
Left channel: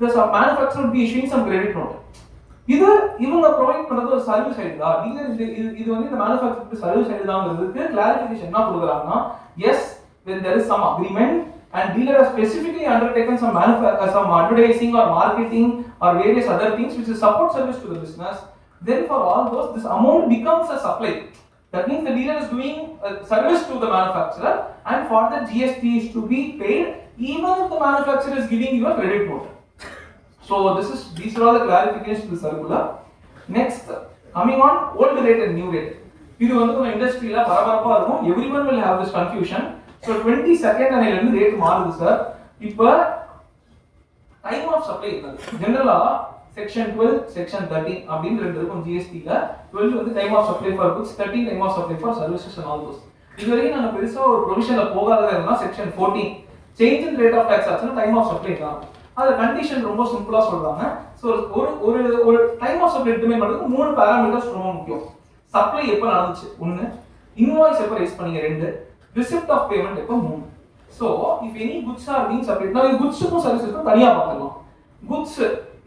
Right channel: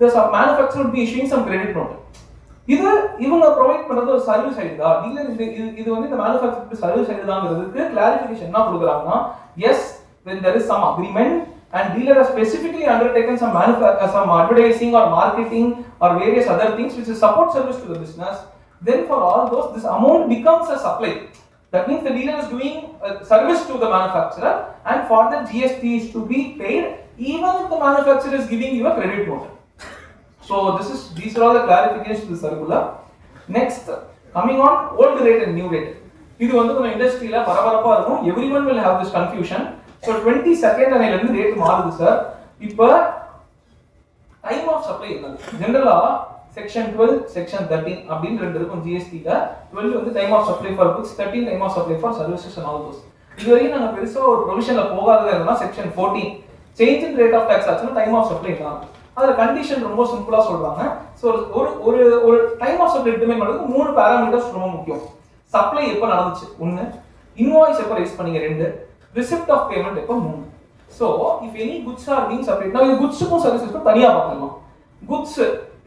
the manufacturer would be issuing some credit note. இது இவங்க provide பண்றது ஒரு service idea, dealer இது வந்து இந்த மேனுஃபேக்சருக்கு சர்வீஸ் ஐடியாங்கிறதுக்கு கிளாரிஃபிகேஷன் என்ன கொடுக்குறாங்கன்னா, yes, when there is some agreement and dealer has specifically undertaken some advertising or marketing or various other things which is support service to the business, then for all those this amount becomes a supply. That means the dealer is doing a service to the manufacturer and for the GST is to be paid even if the manufacturer is giving you a credit note. So these are all the clarifications to the circular. Next, coming on old rate and new rate. இது வந்து ஒரு இண்டஸ்ட்ரியில பரபரப்பா இருக்கும். Everyone will have this confusion. So 22nd அன்னையில இருந்து rate மாறுது sir. இப்போ டைம் ஆஃப் சப்ளை இருக்கு. ஜெனரலா செக்ஷன் 12, செக்ஷன் 13 அப்படின்னு ரெண்டு இருக்கும் ஜிஎஸ்டில. 12 வந்து time of supply for goods, 13 time of supply for services and all those. இதுவரைக்கும் நாங்க பெருசா ஒரு ப்ரொவிஷன்ல போகாததுன்னா section 14 change in rate of tax ஆச்சுன்னா டைம் ஆஃப் சப்ளை தான். அதுல கண்டிஷன் ரொம்ப சிம்பிளா சொல்றாங்க. சோ ஒரு டைம் ஆஃப் சப்ளை டிட்டர்மைன் பண்றதுக்கு மூணு பாராமீட்டர்ஸ் ரொம்ப முக்கியம். சப்ளை எப்ப நடந்துச்சு 1, இன்வாய்ஸ் எப்ப ரைஸ் பண்ணீங்க 2, ரிசிப்ட் ஆஃப் பேமெண்ட் எப்ப 3. So if any goods are being supplied, now இந்த goodsக்கும் சர்வீஸ்க்கும் தனியா பார்க்கலாம். Goods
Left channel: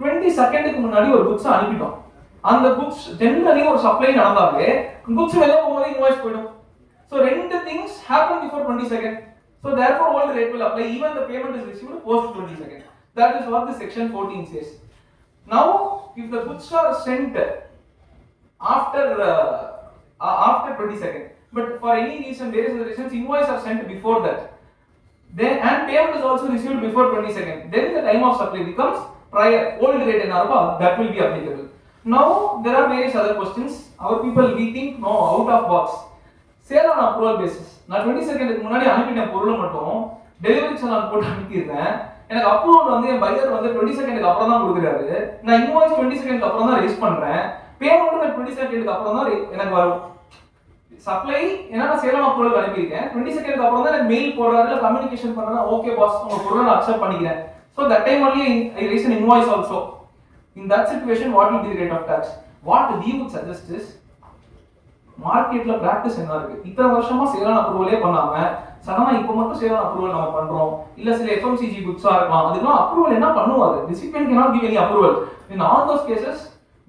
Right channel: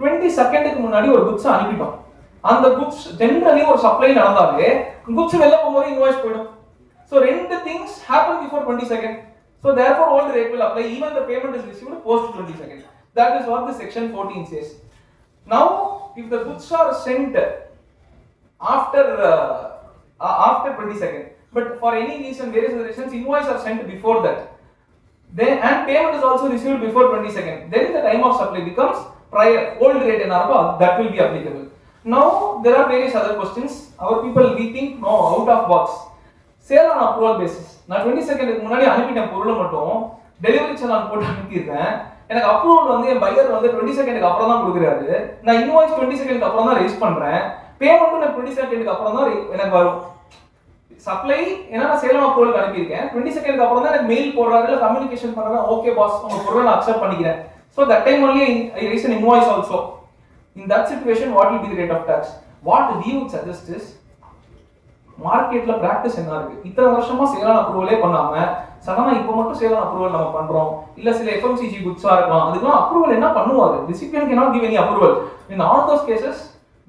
20 செகண்டுக்கு முன்னாடி ஒரு goods அனுப்பிட்டோம். அந்த goods ஜெனரலி ஒரு சப்ளை நடந்தாலே goods வெளில போகும்போது இன்வாய்ஸ் போய்டும். So ரெண்டு things happen before 20 seconds. So therefore all the rate will apply even the payment is received post 20 seconds. That is what the section 14 says. Now if the goods are sent after 20 seconds, but for any reason various other reasons invoice are sent before that, then and payment is also received before 20 seconds, then the time of supply becomes prior old rate in our that will be applicable. Now there are various other questions. Our people we think no out of box. Sale on approval basis. நான் 20 செகண்டுக்கு முன்னாடி அனுப்பிட்ட பொருளை மட்டும் delivery channel போட்டு அனுப்பிடுறேன். எனக்கு approval வந்து என் pier வந்து 20 செகண்டுக்கு அப்புறம் தான் கொடுக்குறாரு. நான் இன்வாய்ஸ் 20 செகண்டுக்கு அப்புறம் தான் ரைஸ் பண்றேன். பேமெண்ட் எனக்கு 20 செகண்டுக்கு அப்புறம் தான் எனக்கு வரும். சப்ளை ஏன்னா நான் சேலம் அப்ரூவல் அனுப்பியிருக்கேன். 20 செகண்டுக்கு அப்புறம் தான் எனக்கு மெயில் போடுறாரு இல்ல கம்யூனிகேஷன் பண்றாரு. ஓகே பாஸ் உங்க பொருளை நான் அக்செப்ட் பண்ணிக்கிறேன். So that time only I raise an invoice also. In that situation what will be the rate of tax? What we would suggest is மார்க்கெட்ல பிராக்டிஸ் என்ன இருக்கு, இத்தனை வருஷமா சேல் அப்ரூவலே பண்ணாம சடனா இப்போ மட்டும் சேல் அப்ரூவல் நம்ம பண்றோம். இல்ல சில FMCG குட்ஸா இருக்கலாம், அதுக்கெல்லாம் அப்ரூவல் என்ன பண்ணுவாரு, recipient cannot give any approval. In all those cases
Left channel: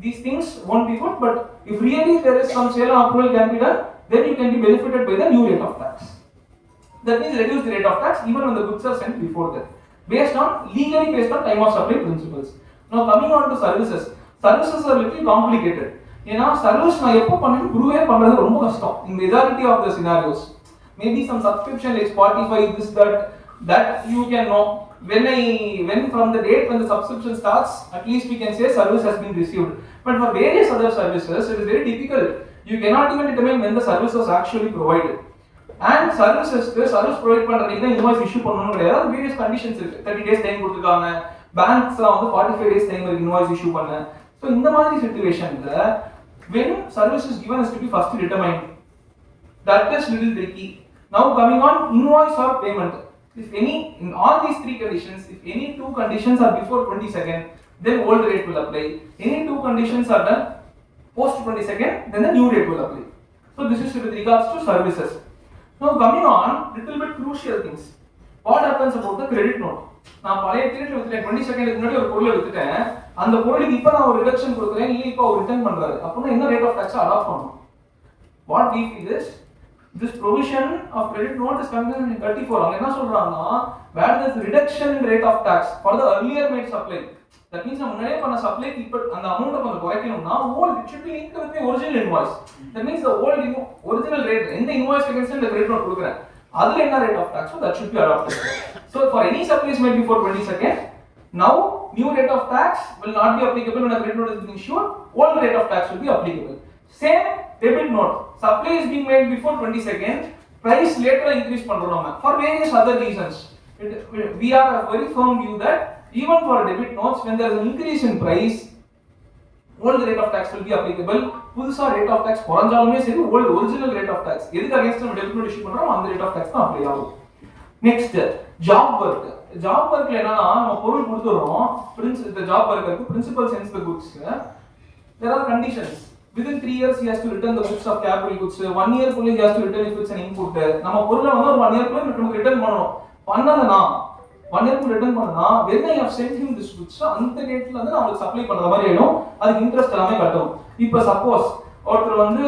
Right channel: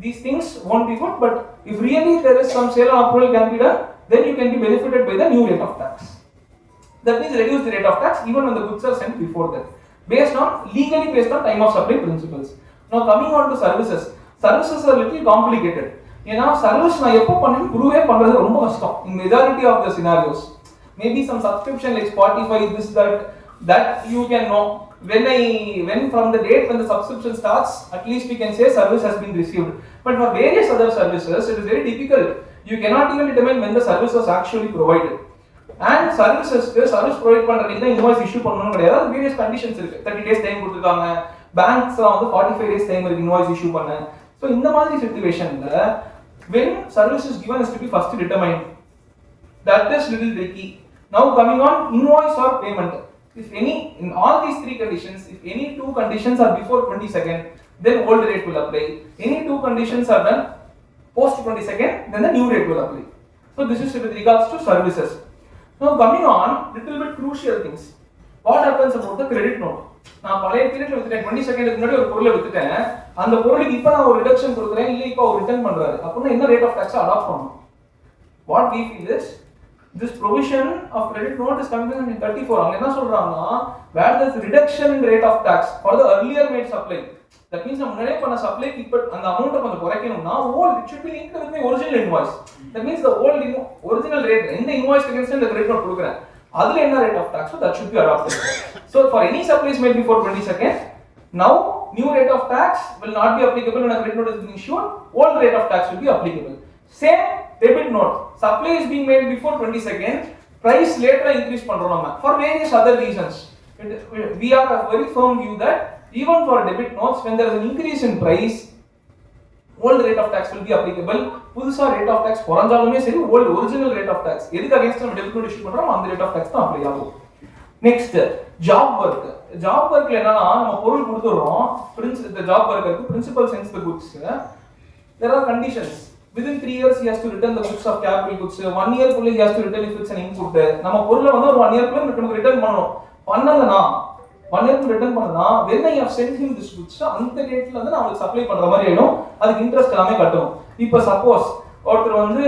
these things won't be good, but if really there is some sale approval can be done, then you can be benefited by the new rate of tax. That means reduce the rate of tax even when the goods are sent before that, based on legally based on time of supply principles. Now coming on to services. Services are little complicated. ஏன்னா service நான் எப்போ பண்ணேன்னு ப்ரூவே பண்றது ரொம்ப கஷ்டம் in majority of the scenarios. Maybe some subscription like Spotify, this that you can know when from the date when the subscription starts, at least we can say service has been received. But for various other services it is very difficult. You cannot even determine when the service was actually provided. And services service provide பண்றதுக்கு தான் invoice issue பண்ணனும் கிடையாது. various conditions இருக்கு. 30 days time கொடுத்திருக்காங்க. banks வந்து 45 days time இருக்கு invoice issue பண்ண. So இந்த மாதிரி situationல when service is given is to be first determined. That is little tricky. Now coming on invoice or payment. If any in all these three conditions, if any two conditions are before 20 seconds, then old rate will apply. Any two conditions are done post 20 seconds, then the new rate will apply. So this is with regards to services. Now coming on little bit crucial things. What happens about the credit note? நான் பழைய பீரியட்ல வித்துட்டேன் 20 செகண்டுக்கு முன்னாடி ஒரு பொருளை வித்துட்டேன். அந்த பொருளுக்கு இப்போ நான் ஒரு ரிடக்ஷன் கொடுக்குறேன், இல்ல இப்போ ஒரு ரிட்டர்ன் பண்றாரு. அப்பனா என்ன ரேட் ஆஃப் டாக்ஸ் அடாப்ட் பண்ணனும்? What we feel is this provision of credit note is contained in 34. அவங்க என்ன சொல்றாங்கன்னா where there is reduction in rate of tax for the earlier made supply. That means நம்ம முன்னாடியே பண்ண சப்ளைக்கு இப்போ அந்த அமௌண்ட்டை கொஞ்சம் குறைக்கணும்னா old it should be linked with the original invoice. That means the old original rate இந்த invoice against the credit note கொடுக்குறேன். அதுல என்ன rate of tax, so that should be adopted. So for any supplies made before 20 seconds, now new rate of tax will not be applicable when a credit note is being issued. Old rate of tax will be applicable. Same debit note, supply is being made before 20 seconds, price later increase பண்றோம் நம்ம for various other reasons. We are a very firm view that even for debit notes when there is an increase in price, old rate of tax will be applicable. புதுசா rate of tax குறைஞ்சாலுமே சரி old original rate of tax எதுக்கு against நம்ம debit note issue பண்றோம் அந்த rate of tax தான் apply ஆகும். Next job work. Job workல என்னன்னா நம்ம பொருள் கொடுத்துறோம், the job worker principal sends the goods. There are conditions. Within 3 years he has to return the goods of capital goods. 1 year குள்ள he has to return if it's an input. நம்ம பொருளை வந்து ஒரு 1 year குள்ள நமக்கு return பண்ணனும். பண்ணலனா 1 year குள்ள ரிட்டர்ன் பண்ணனா when I have sent him this goods அந்த டேட்ல வந்து நான் உங்களுக்கு சப்ளை பண்ற மாதிரி ஆயிடும். அதுக்கு இன்ட்ரஸ்ட் எல்லாமே கட்டணும். இப்போ சப்போஸ் ஒருத்தர் வந்து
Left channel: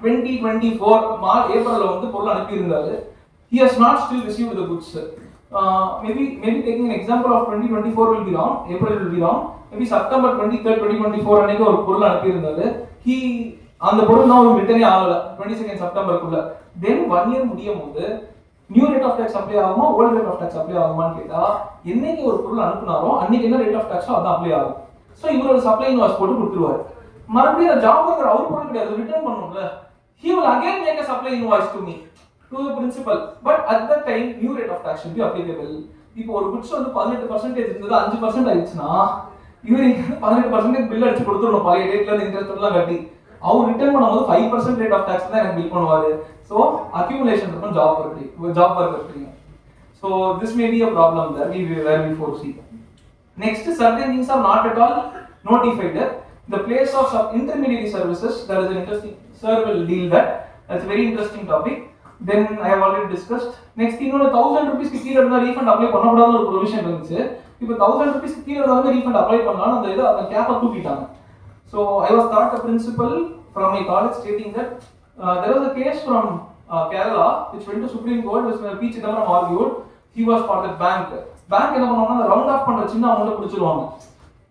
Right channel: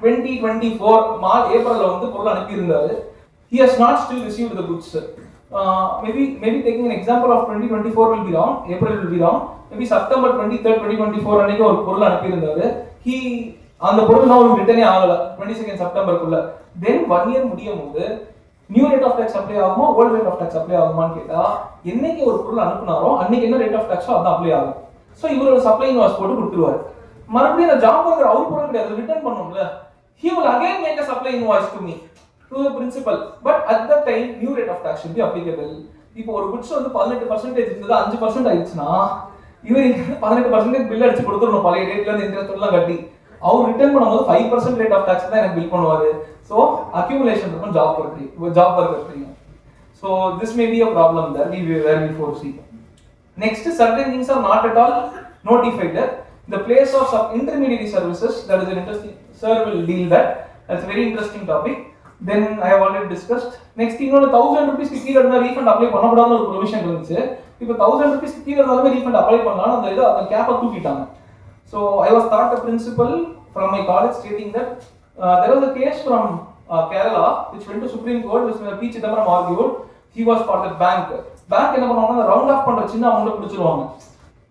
2024 ஏப்ரல்ல வந்து பொருள் அனுப்பி இருந்தாரு. He has not still received the goods. Maybe taking an example of 2024 will be wrong, April will be wrong. Maybe September 23rd 2024 அன்னைக்கு ஒரு பொருள் அனுப்பி இருந்தாரு. He அந்த பொருள் நான் ரிட்டர்னே ஆகல 22nd செப்டம்பருக்குள்ள. Then 1 year முடியும்போது new rate of tax apply ஆகுமா old rate of tax apply ஆகுமான்னு கேட்டா என்னைக்கு ஒரு பொருள் அனுப்புனாரோ அன்னைக்கு என்ன ரேட் ஆஃப் டாக்ஸோ அதான் அப்ளை ஆகும். ஸோ இவர் ஒரு சப்ளை இன்வாய்ஸ் போட்டு கொடுத்துருவாரு. மறுபடியும் அந்த ஜாப் ஒர்க்கர் அவர் பொருள் கிடையாது return பண்ணும்ல. He will again make a supply invoice to me, to the principal, but at that time new rate of tax should be applicable. இப்போ ஒரு goods வந்து 18% இருந்தது 5% ஆயிடுச்சுனா இவர் 18% பில் அடிச்சு கொடுத்துறணும் பழைய டேட்ல இருந்து இன்ட்ரெஸ்ட் எல்லாம் கட்டி. அவர் ரிட்டர்ன் பண்ணும்போது 5% ரேட் ஆஃப் டாக்ஸ் தான் எனக்கு பில் பண்ணுவாரு. So accumulation இருக்கும் job worker. So this may be a problem that we foresee. Next, certain things are not at all notified there. The place of intermediary services, that is an interesting, sir will deal that. That's a very interesting topic. Then I have already discussed. Next thing, 1000 rupees கீழ இருந்தா refund apply பண்ணக்கூடாதுன்னு ஒரு provision இருந்துச்சு. இப்போ 1000 rupees கீழ இருந்தாலுமே refund apply பண்ணலாம். அந்த கேப்பை தூக்கிட்டாங்க. So I was taught a principle from my college stating that there was a case from Kerala which went to Supreme Court, which P. Chidambaram argued. He was for the bank. Bank என்ன பண்ணுவாங்கன்னா round of பண்ற சின்ன amount பிடிச்சிருவாங்க.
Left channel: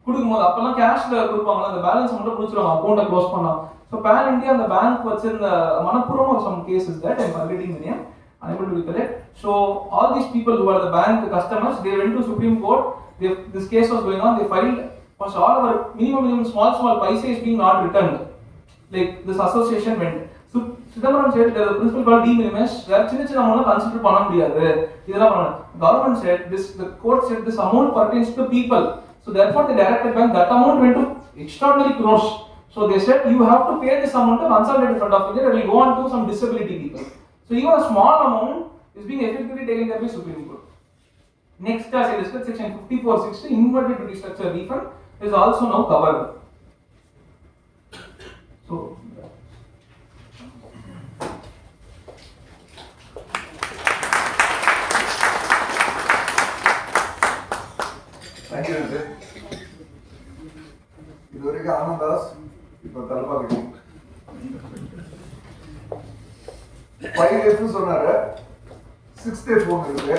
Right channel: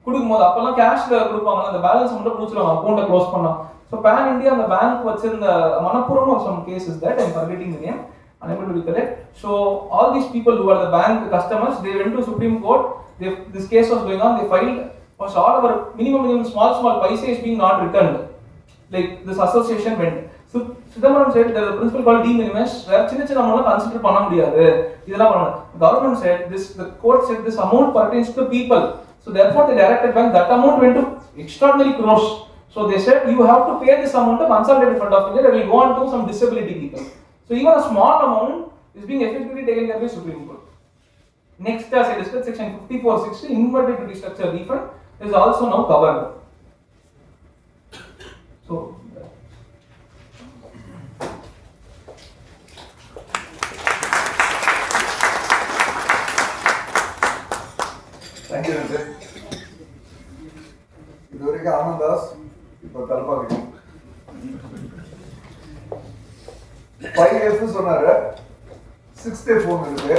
கொடுக்கும்போது அப்பெல்லாம் கேஷ்ல கொடுப்பாங்க, அந்த balance amount பிடிச்சிருவாங்க அக்கௌண்ட்டை close பண்ணா. So pan India அந்த பேங்க் வச்சிருந்த Manappuram of some cases that I am forgetting the name, unable to recollect. So all these people who are the bank customers, they went to Supreme Court. This case was going on. They filed. So all our minimum small paisa is being not returned. Like this association went. So Chidambaram said there is a principle called de minimis where chinna amount consider பண்ண முடியாது. இதெல்லாம் பண்ணணும். Government said this. The court said this amount pertains to people. So therefore the directed bank that amount went to extraordinary crores. So they said you have to pay this amount to consolidated fund of India that will go on to some disability people. So even a small amount is being effectively taken care by Supreme Court. Next, as I discussed, section 5460 inverted duty structure refund is also now covered. So Thank you, Nitin. இதுவரைக்கும் ஆனந்தாஸ் இப்போ Thalapathy 5F சொன்னாரு. 6th phone இருக்கு.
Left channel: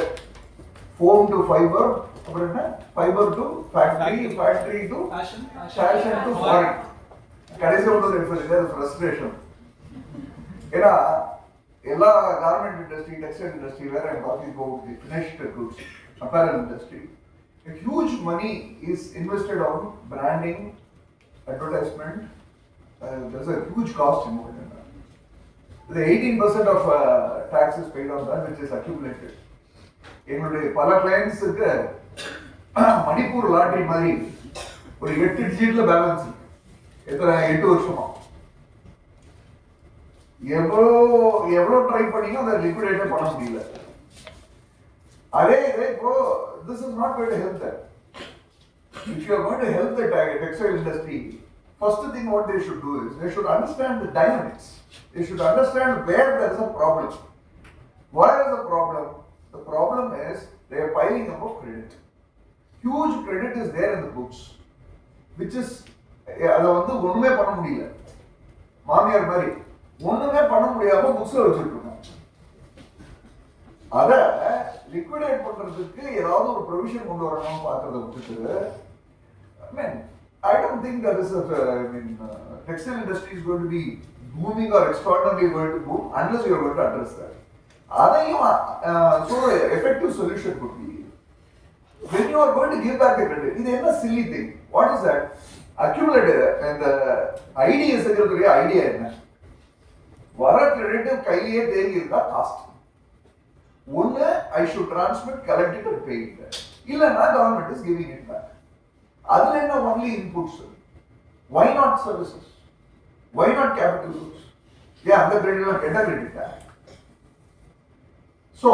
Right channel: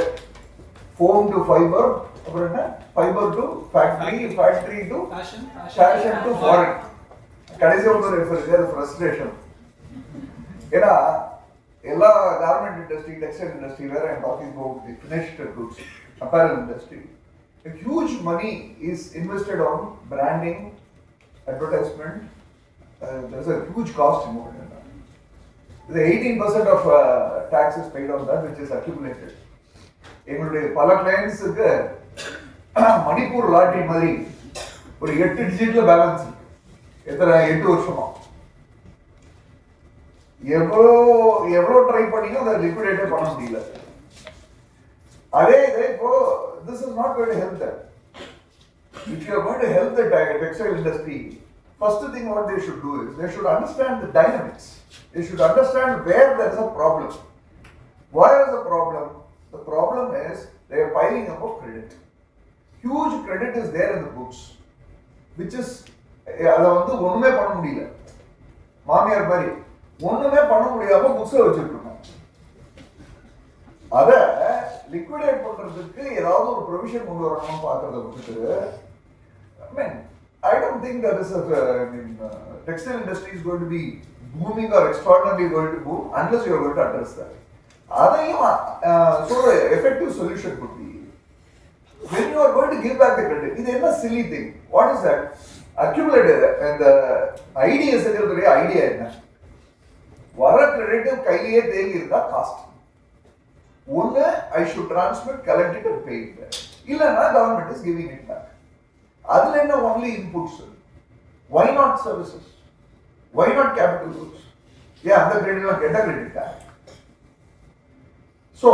Phone to fiber, அப்புறம் என்ன? Fiber to factory, factory to fashion to foreign. கடைசி ஒரு refer இது frustration. ஏன்னா எல்லா கார்மெண்ட் இண்டஸ்ட்ரி, டெக்ஸ்டைல் இண்டஸ்ட்ரி, வேற I'm talking about the finished goods, apparel industry. A huge money is invested on branding, advertisement. There's a huge cost involved in that. The 18% of tax is paid on that, which is accumulated. எங்களுடைய பல கிளைண்ட்ஸுக்கு Manipur lottery மாதிரி ஒரு 8 டிஜிட்ல balance எத்தனை 8 வருஷமா எவ்வளோ try பண்ணியும் அதை liquidate பண்ண முடியல. அதே இதை இப்போ this is not going to help them. If you are going to help the textile industry, first thing what they should do is they should understand the dynamics. They should understand where there is a problem. Why is the problem? The problem is they are piling up of credit. Huge credit is there in the books, which is அதை வந்து ஒண்ணுமே பண்ண முடியல. மாமியார் மாதிரி ஒண்ணுமே பண்ண முடியாம புக்ஸ்ல வச்சிருக்கணும். அதை லிக்விடேட் பண்றதுக்கு ஏதாவது ஒரு ப்ரொவிஷன் கொண்டு வரணும்னு பார்க்கறத விட்டுட்டு, I mean, I don't think that is textile industry is going to be booming or extraordinarily going to boom unless you are going to address that. அதையும் so effective solution could be when you are going to give back the credit. இது என்ன silly thing? What is that? Accumulated and the idea secretary idea என்ன? வர credit கையிலே தேங்கி இருந்தா cost. ஒன்னு I should transmit, collect it and pay it. இல்லன்னா government is giving it back. அதுல என்ன only inputs? Why not services? Why not capital goods? Yeah, அந்த கிரெடிட்லாம் கெட்ட credit. So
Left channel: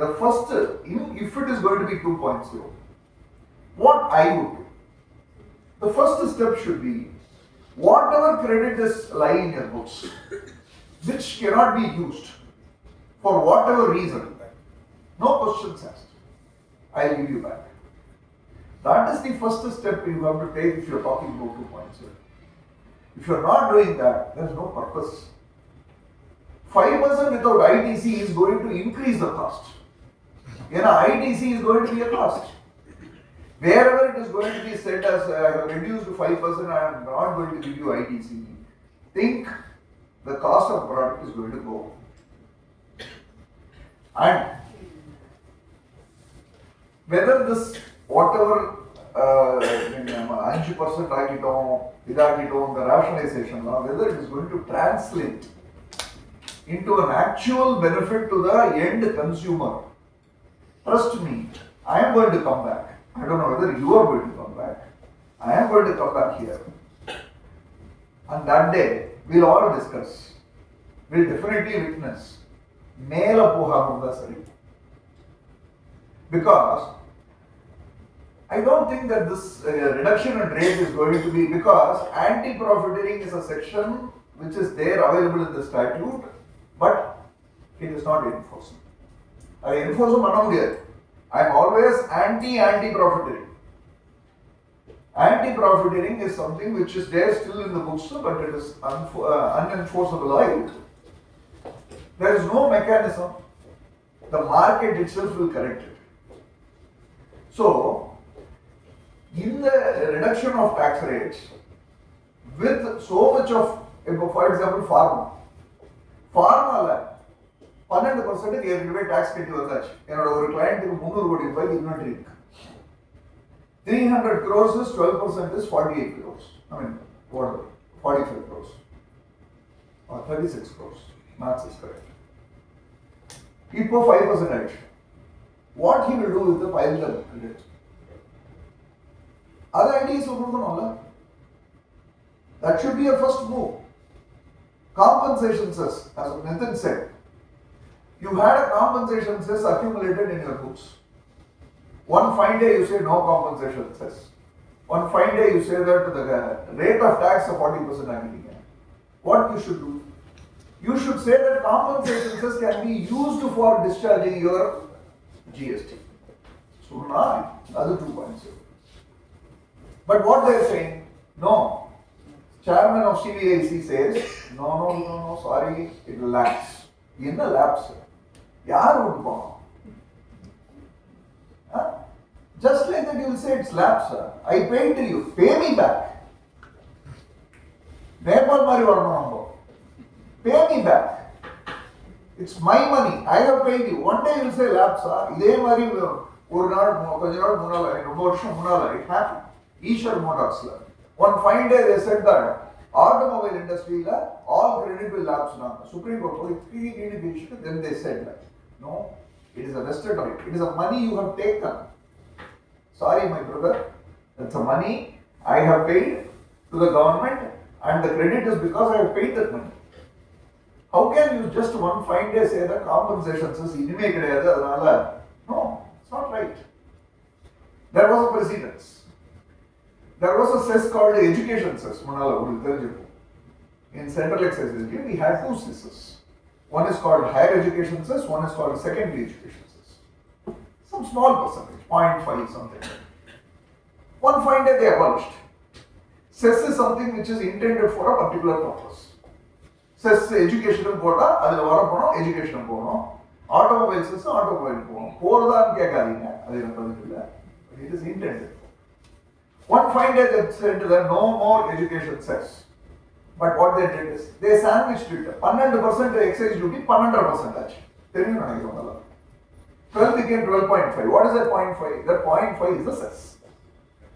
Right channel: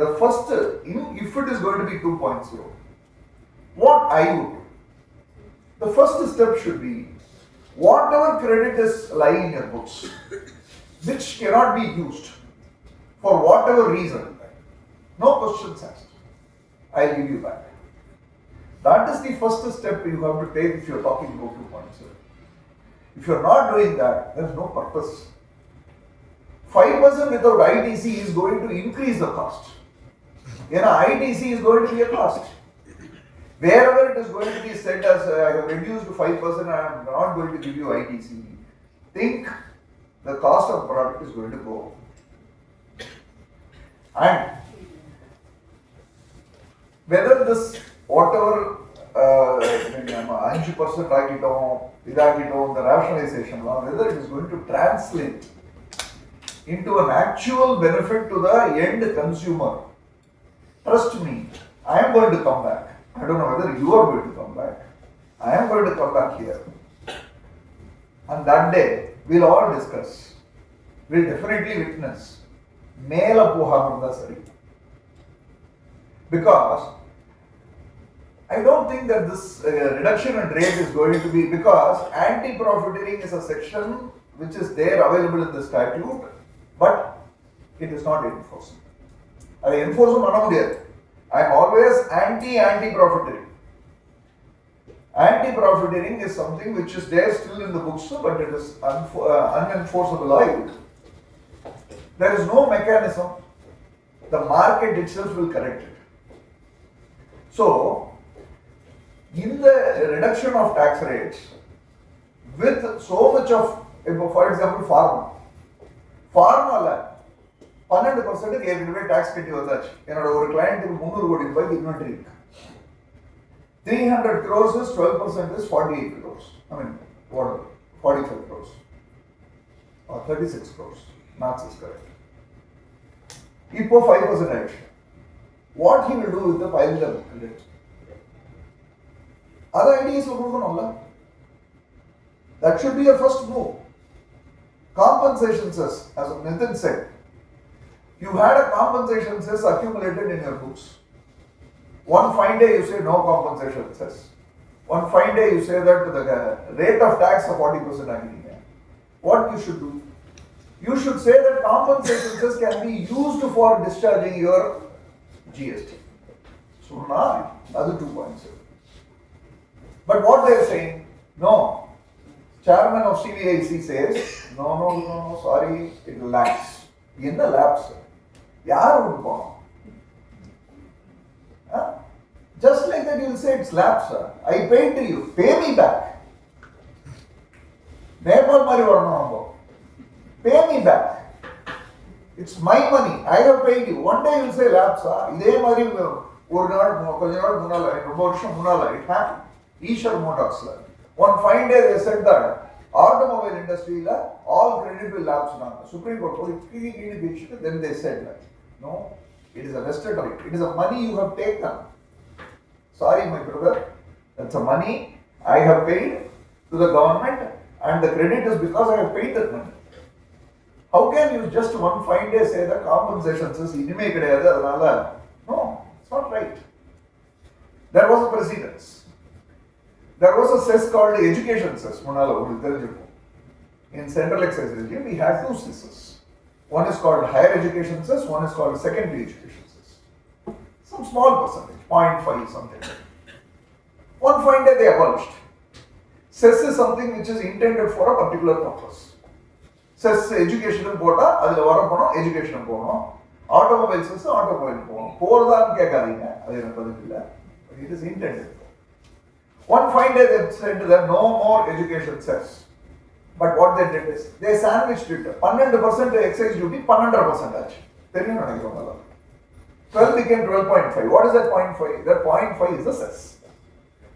the first, if it is going to be 2.0, what I would do, the first step should be whatever credit is lying in your books which cannot be used for whatever reason, no questions asked, I'll give you back. That is the first step you have to take if you are talking about 2.0. If you are not doing that, there is no purpose. 5% without ITC is going to increase the cost. ITC is going to be a cost. Wherever it is going to be set as I have reduced to 5%, I am not going to give you ITC. Think the cost of product is going to go. And whether this whatever 5% ஆகிட்டோம் இதாகிட்டோம் the rationalization, whether it is going to translate into an actual benefit to the end consumer. Trust me, I am going to come back. I don't know whether you are going to come back. I am going to come back here. And that day, we'll all discuss. We'll definitely witness. Mela pohamunda sari. Because I don't think that this reduction in rate is going to be, because anti-profiteering is a section which is there available in the statute, but it is not enforced. I enforce it. I am always anti-profiteering. Anti-profiteering is something which is there still in the books, but it is unenforceable. There is no mechanism. The market itself will correct it. So, in the reduction of tax rates, with so much of, for example, pharma 12% ஏற்கனவே tax கட்டி வந்தாச்சு. என்னோட ஒரு கிளையண்ட்டுக்கு 300 கோடி ரூபாய்க்கு inventory இருக்கு. 300 crores is 12% is 48 crores. I mean, whatever, 45 crores or 36 crores. Maths is correct. இப்போ 5% ஆயிடுச்சு. What he will do with the piled up credit? Other ideas கொடுக்கணும்ல. That should be a first move. Compensation cess, as Nitin said. You had a compensation cess accumulated in your books. One fine day you say no compensation cess. One fine day you say that the rate of tax of 40% agreement. What you should do? You should say that compensation cess can be used for discharging your GST. So now, other 2 points. But what they are saying, no. Chairman of CVIC says, no, sorry, it will lapse. In the lapse, yaar would go. Just like that, you will say it's lapse. I paid to you, pay me back. Nepal mari varanam. Pay me back. It's my money. I have paid you. One day you will say lapse. இதே மாதிரி ஒரு நாள் கொஞ்ச நாள் முன்னால ரொம்ப வருஷம் முன்னால it happened. Eshwar Motorsல. One fine day they said that automobile industry all credit will lapse now. Supreme Court then they said that no, it is a vested right. It is a money you have taken. Sorry, my brother, that's a money I have paid to the government, and the credit is because I have paid that money. How can you just one fine day say that compensation says inime kediyadhu adanaala? No, it's not right. There was a precedence. There was a cess called education cess. In central excise regime, we had 2 cesses. One is called higher education cess, one is called secondary education cess. Some small percentage, 0.5 something. One fine day they abolished. Cess is something which is intended for a particular purpose. Cess education quota, adhu varapono education pono. Automobile cess automobile pono. Poradhan kekadinga, adhu enakku padilla. It is intended. One fine day they said to them, no more education cess. But what they did is, they sandwiched it. 12% excise duty, 12% ஆச்சு. தெரியும் நினைக்கிறவங்க. 12 became 12.5. What is that 0.5? That 0.5 is the cess.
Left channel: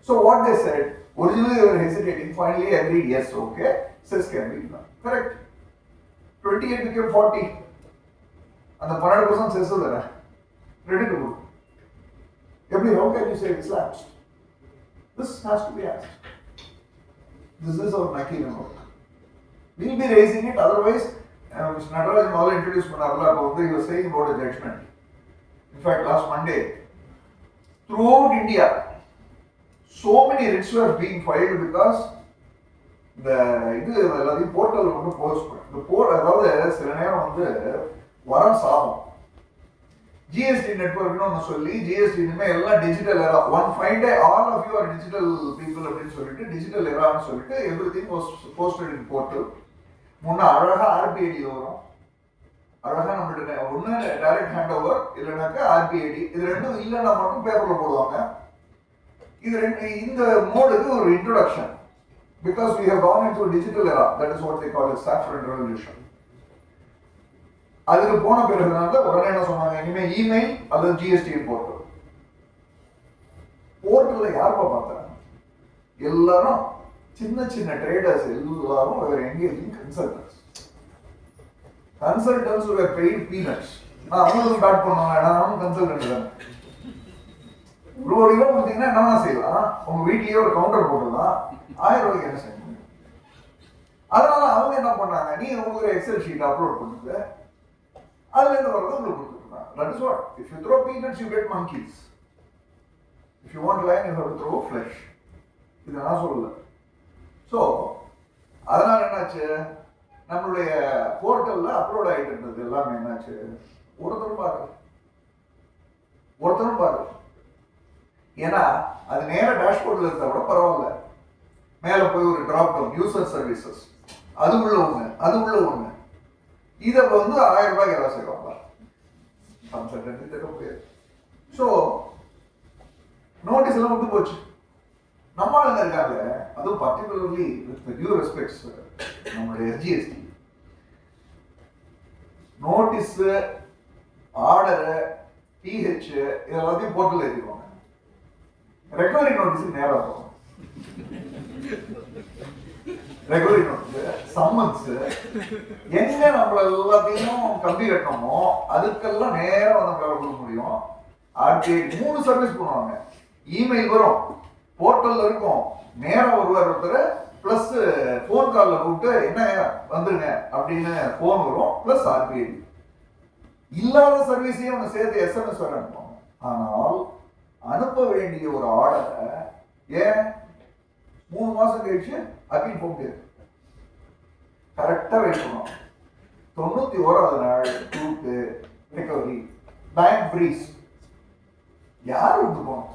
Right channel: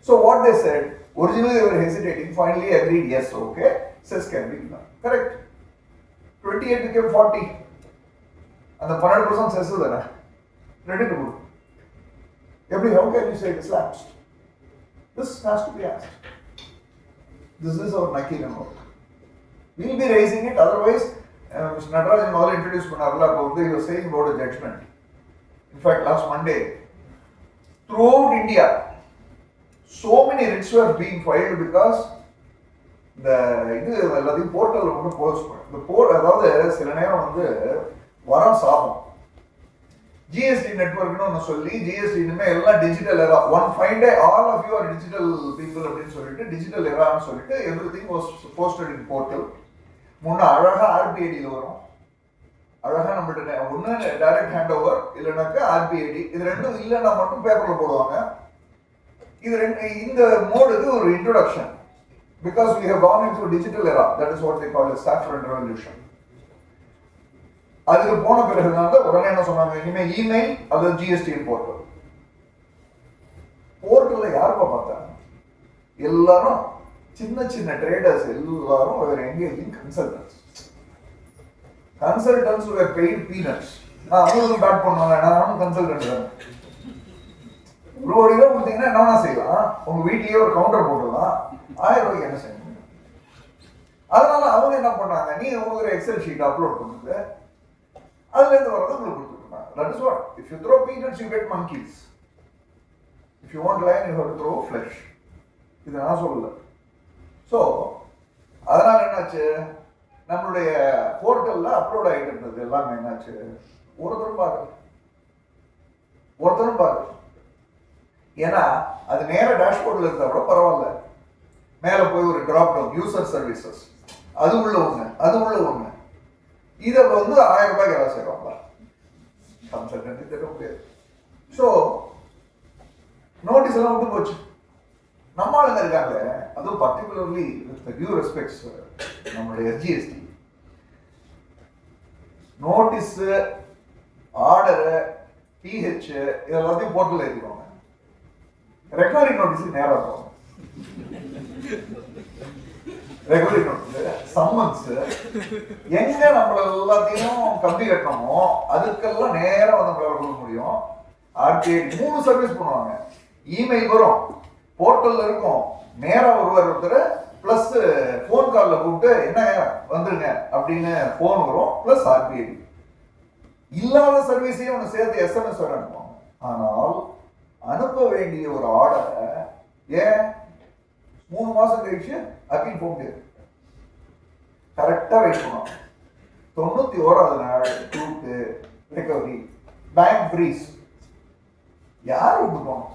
So what they said, originally they were hesitating, finally agreed, yes, okay, cess can be done. Correct. 28 became 40. And the 12% cess is there. Ready to go. How can you say it's lapsed? This has to be asked. This is our Naki number. We will be raising it, otherwise, Mr. Natarajan all introduced Manarla, he was saying about a judgment. In fact, last Monday, throughout India, so many writs were being filed because the portal post. The portal, அதாவது சில நேரம் வரம் சாபம். GST network னு சொல்லி GST இனிமே எல்லாம் digital era. One fine day all of you are digital people அப்படினு சொல்லிட்டு digital era னு சொல்லிட்டு everything was posted in portal. முன்ன அழகா RBID வரும். அழகா நம்மகிட்ட ஒண்ணு டைரக்ட் ஹேண்ட் ஓவர் இல்லனாக்க RBID. இது ரெண்டும் இல்லனா மட்டும் பேப்பர்ல போடுவாங்க. இது இந்த மோடுக்கு ஒரு introduction. Because we have gone into digital era. That is what they call a saffron revolution. அதுக்கு போன பிறகுதான் உடனே என்ன சொன்னாங்க, இனிமே இமெயில் அல்லது ஜிஎஸ்டி போர்ட்டல். போர்ட்டல்ல யாருப்பா பார்த்தாங்க? எல்லாரும் சின்ன சின்ன ட்ரேடர்ஸ் எல்லாரும் engaging consultants. Consultants were paid peanuts. நான் அவங்களுக்கும் பேட் பண்ணாங்க, நானும் கன்சல்டன்ட் தான். ஒரு கோடி ரூபாய் கொடுத்தீங்கன்னா என்ன செய்யலாம்? உங்க வீட்லயே ஒரு கவுண்டர் போட்டுலாம், 1000 ரூபாய்க்கு என்ன செய்யணும்? அதனால அவங்க என்ன பண்ணாங்க, நீங்க உங்களுக்கு ஒரு எக்ஸல் ஷீட் அப்லோட் பண்ணுங்க, அதுல இருந்து வரது உங்களுக்கு கொடுத்துருக்காங்க. That is what. If you throw peanuts, you get monkeys. If you want lion, you have to throw flesh. இது நான் சொல்லல. So, அதனால என்னாச்சு, நம்மளுடைய போர்ட்டல்ல அப்லோட் ஆகிட்டு இருந்தது எல்லாமே என்னாச்சு, ஒருத்தரும் பார்க்க. ஏன்னா அது நேர டேஷ்போர்ட்ல இருந்தா கூட பரவாயில்ல, மேல போய் ஒரு டிராப் டவுன் யூசர் சர்வீசஸ் அது உள்ள ஒண்ணு இதை 1000 ரூபாய்க்கு யாராவது செய்வாங்களா? கன்சல்டன்ட் கேட்க முடியாது. ஸோ நோட்டீஸ் எல்லாம் விட்டு போச்சு. நம்ம ஆளுங்க இருக்காங்க, அதுவும் பர்டிகுலர்லி வித் டியூ ரெஸ்பெக்ட்ஸ் நம்மளுடைய எஸ்ஜிஎஸ்டி நோட்டீஸ், ஆர்டர், டிஹெச் இதெல்லாத்தையும் போர்ட்டல் ஏற்றிடுவாங்க. ரெக்கவரி நோட்டீஸ் நேரம் போகும். ரெகுலரி நோட்டீஸ், சம்மன்ஸ், எங்க நம்மள எல்லாத்தையும் கம்பி கட்டணுமோ அதுக்கெல்லாம் நேரம் நம்மளால கொடுக்க முடியும். ஆர்டிஐ 3 சர்வீஸ் பண்ணுவாங்க. இமெயில் வரும், போர்ட்டல்ல இருக்கும், நேரம் ஒருத்தர் பிளஸ் போன் கால்ல கூப்பிட்டு என்ன வந்துருங்க அப்படின்னு போன் வரும், பிளஸ் ஆர்டிஐ இல்லாத சர்வீஸையும் அவங்க சேர்த்து எஸ்எம்எஸ் வர அனுப்புவாங்க. ஆனால் அனுப்ப வேண்டிய ஒரு ஆர்டரை ஏன் 3 மாசம் கழிச்சு அப்பீல் போக முடியாது. கரெக்டா வெயிட் பண்ணுவோம். 91வது நாள் ட்ரூத் ரெக்கவரி பேங்க் ஃப்ரீஸ் யார் விட்டுருப்போம்?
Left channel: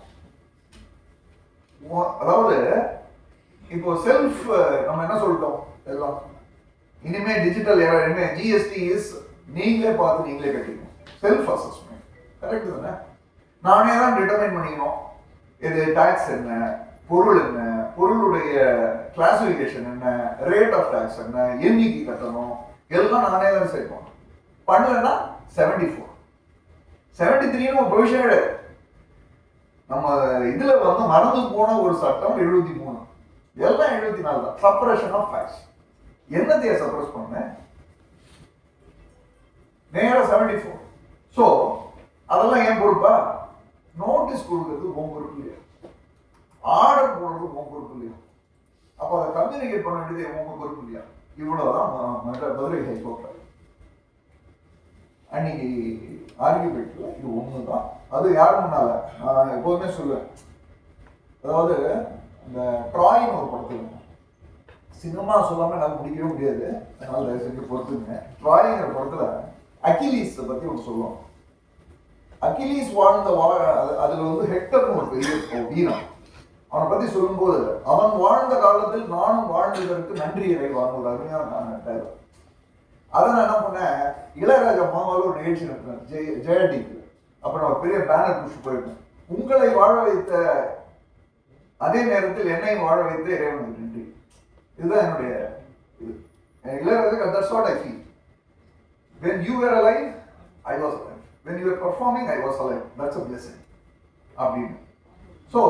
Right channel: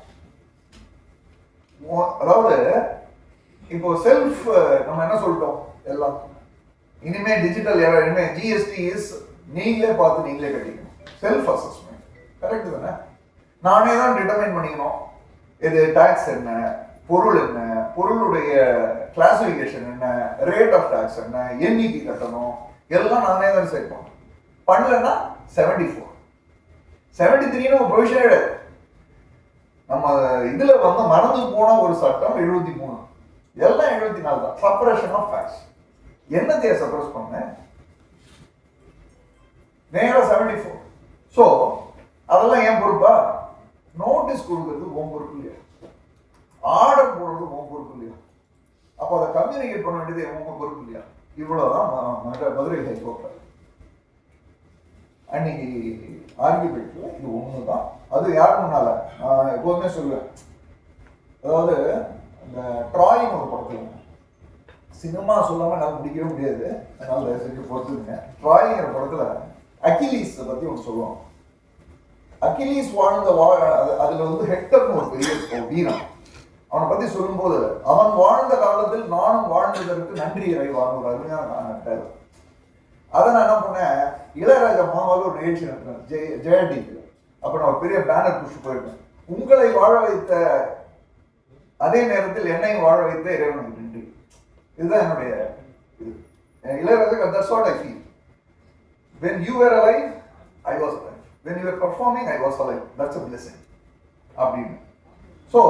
அதாவது இப்போ செல்ஃப் நம்ம என்ன சொல்லிட்டோம் எல்லாம், இனிமே டிஜிட்டல் இனிமே ஜிஎஸ்டி இஸ் நீங்களே பார்த்து நீங்களே கட்டிக்கணும். செல்ஃப் அசஸ்மெண்ட் கரெக்ட் தானே? நானே தான் டிட்டர்மைன் பண்ணிக்கணும் இது டாக்ஸ் என்ன, பொருள் என்ன, பொருளுடைய கிளாசிபிகேஷன் என்ன, ரேட் ஆஃப் டாக்ஸ் என்ன, எண்ணிக்கை கட்டணும், எல்லாம் நானே தான் செட் பண்ணணும். பண்ணலன்னா 74 73 ஒரு ப்ரொவிஷன் கிடையாது. நம்ம இதுல மறந்து போன ஒரு சட்டம் 73, எல்லாம் 74 தான். Suppression of facts. என்னத்தைய சப்ரஸ் பண்ண நேரா 74. ஸோ அதெல்லாம் ஏன் பொறுப்பா? நோட்டீஸ் கொடுக்கறது உன் பொறுப்பு இல்லையா, ஆர்டர் போடுறது உன் பொறுப்பு இல்லையா, அப்போ அதை கம்யூனிகேட் பண்ண வேண்டியது உன் பொறுப்பு இல்லையா? இவ்வளவுதான் மதுரை ஹைகோர்ட்ல அன்னைக்கு ஆர்கியூமெண்ட்ல இது ஒண்ணுதான். அது யாரும் முன்னால நான் எப்போதுமே சொல்லுவேன், அதாவது இந்த ட்ராயிங் ஒரு படத்துல, சினிமா சொல்லாம நான் முடிக்கவே முடியாது, அதனால செஞ்சு பொறுத்துங்க. ட்ராயிங்கிற படத்துல அகிலீஸ் பத்தி ஒன்று சொல்லுவோம். அகிலீஸ் வாழ்ந்த அதுல ஹெக்டர்னு ஒரு பெரிய வீரன், அவனை பத்தி சொல்லும்போது அவன் வாழ்ந்த காலத்தில் நானும் வாழ்ந்ததற்கு நன்றி இறைவான் ஒரு அருமையான அதை நான் என்ன பண்ணேன், இளையராஜா மாமாவில் ஒரு நிகழ்ச்சி நடத்தினேன் ஜெயடி. அப்ப நான் பெரிய பேனர் புஷ் போயிருக்கேன், உங்களை வாழ வைத்த அதே நேரத்தில் என்னையும் வாழ வைத்த இறைவனுக்கு நன்றி. இதுதான் என்னுடைய இது. Ilaiyaraaja that's what I feel. When you were alive, I was alive. When you were performing, I was alive. That's a blessing. அப்படின்னு. ஸோ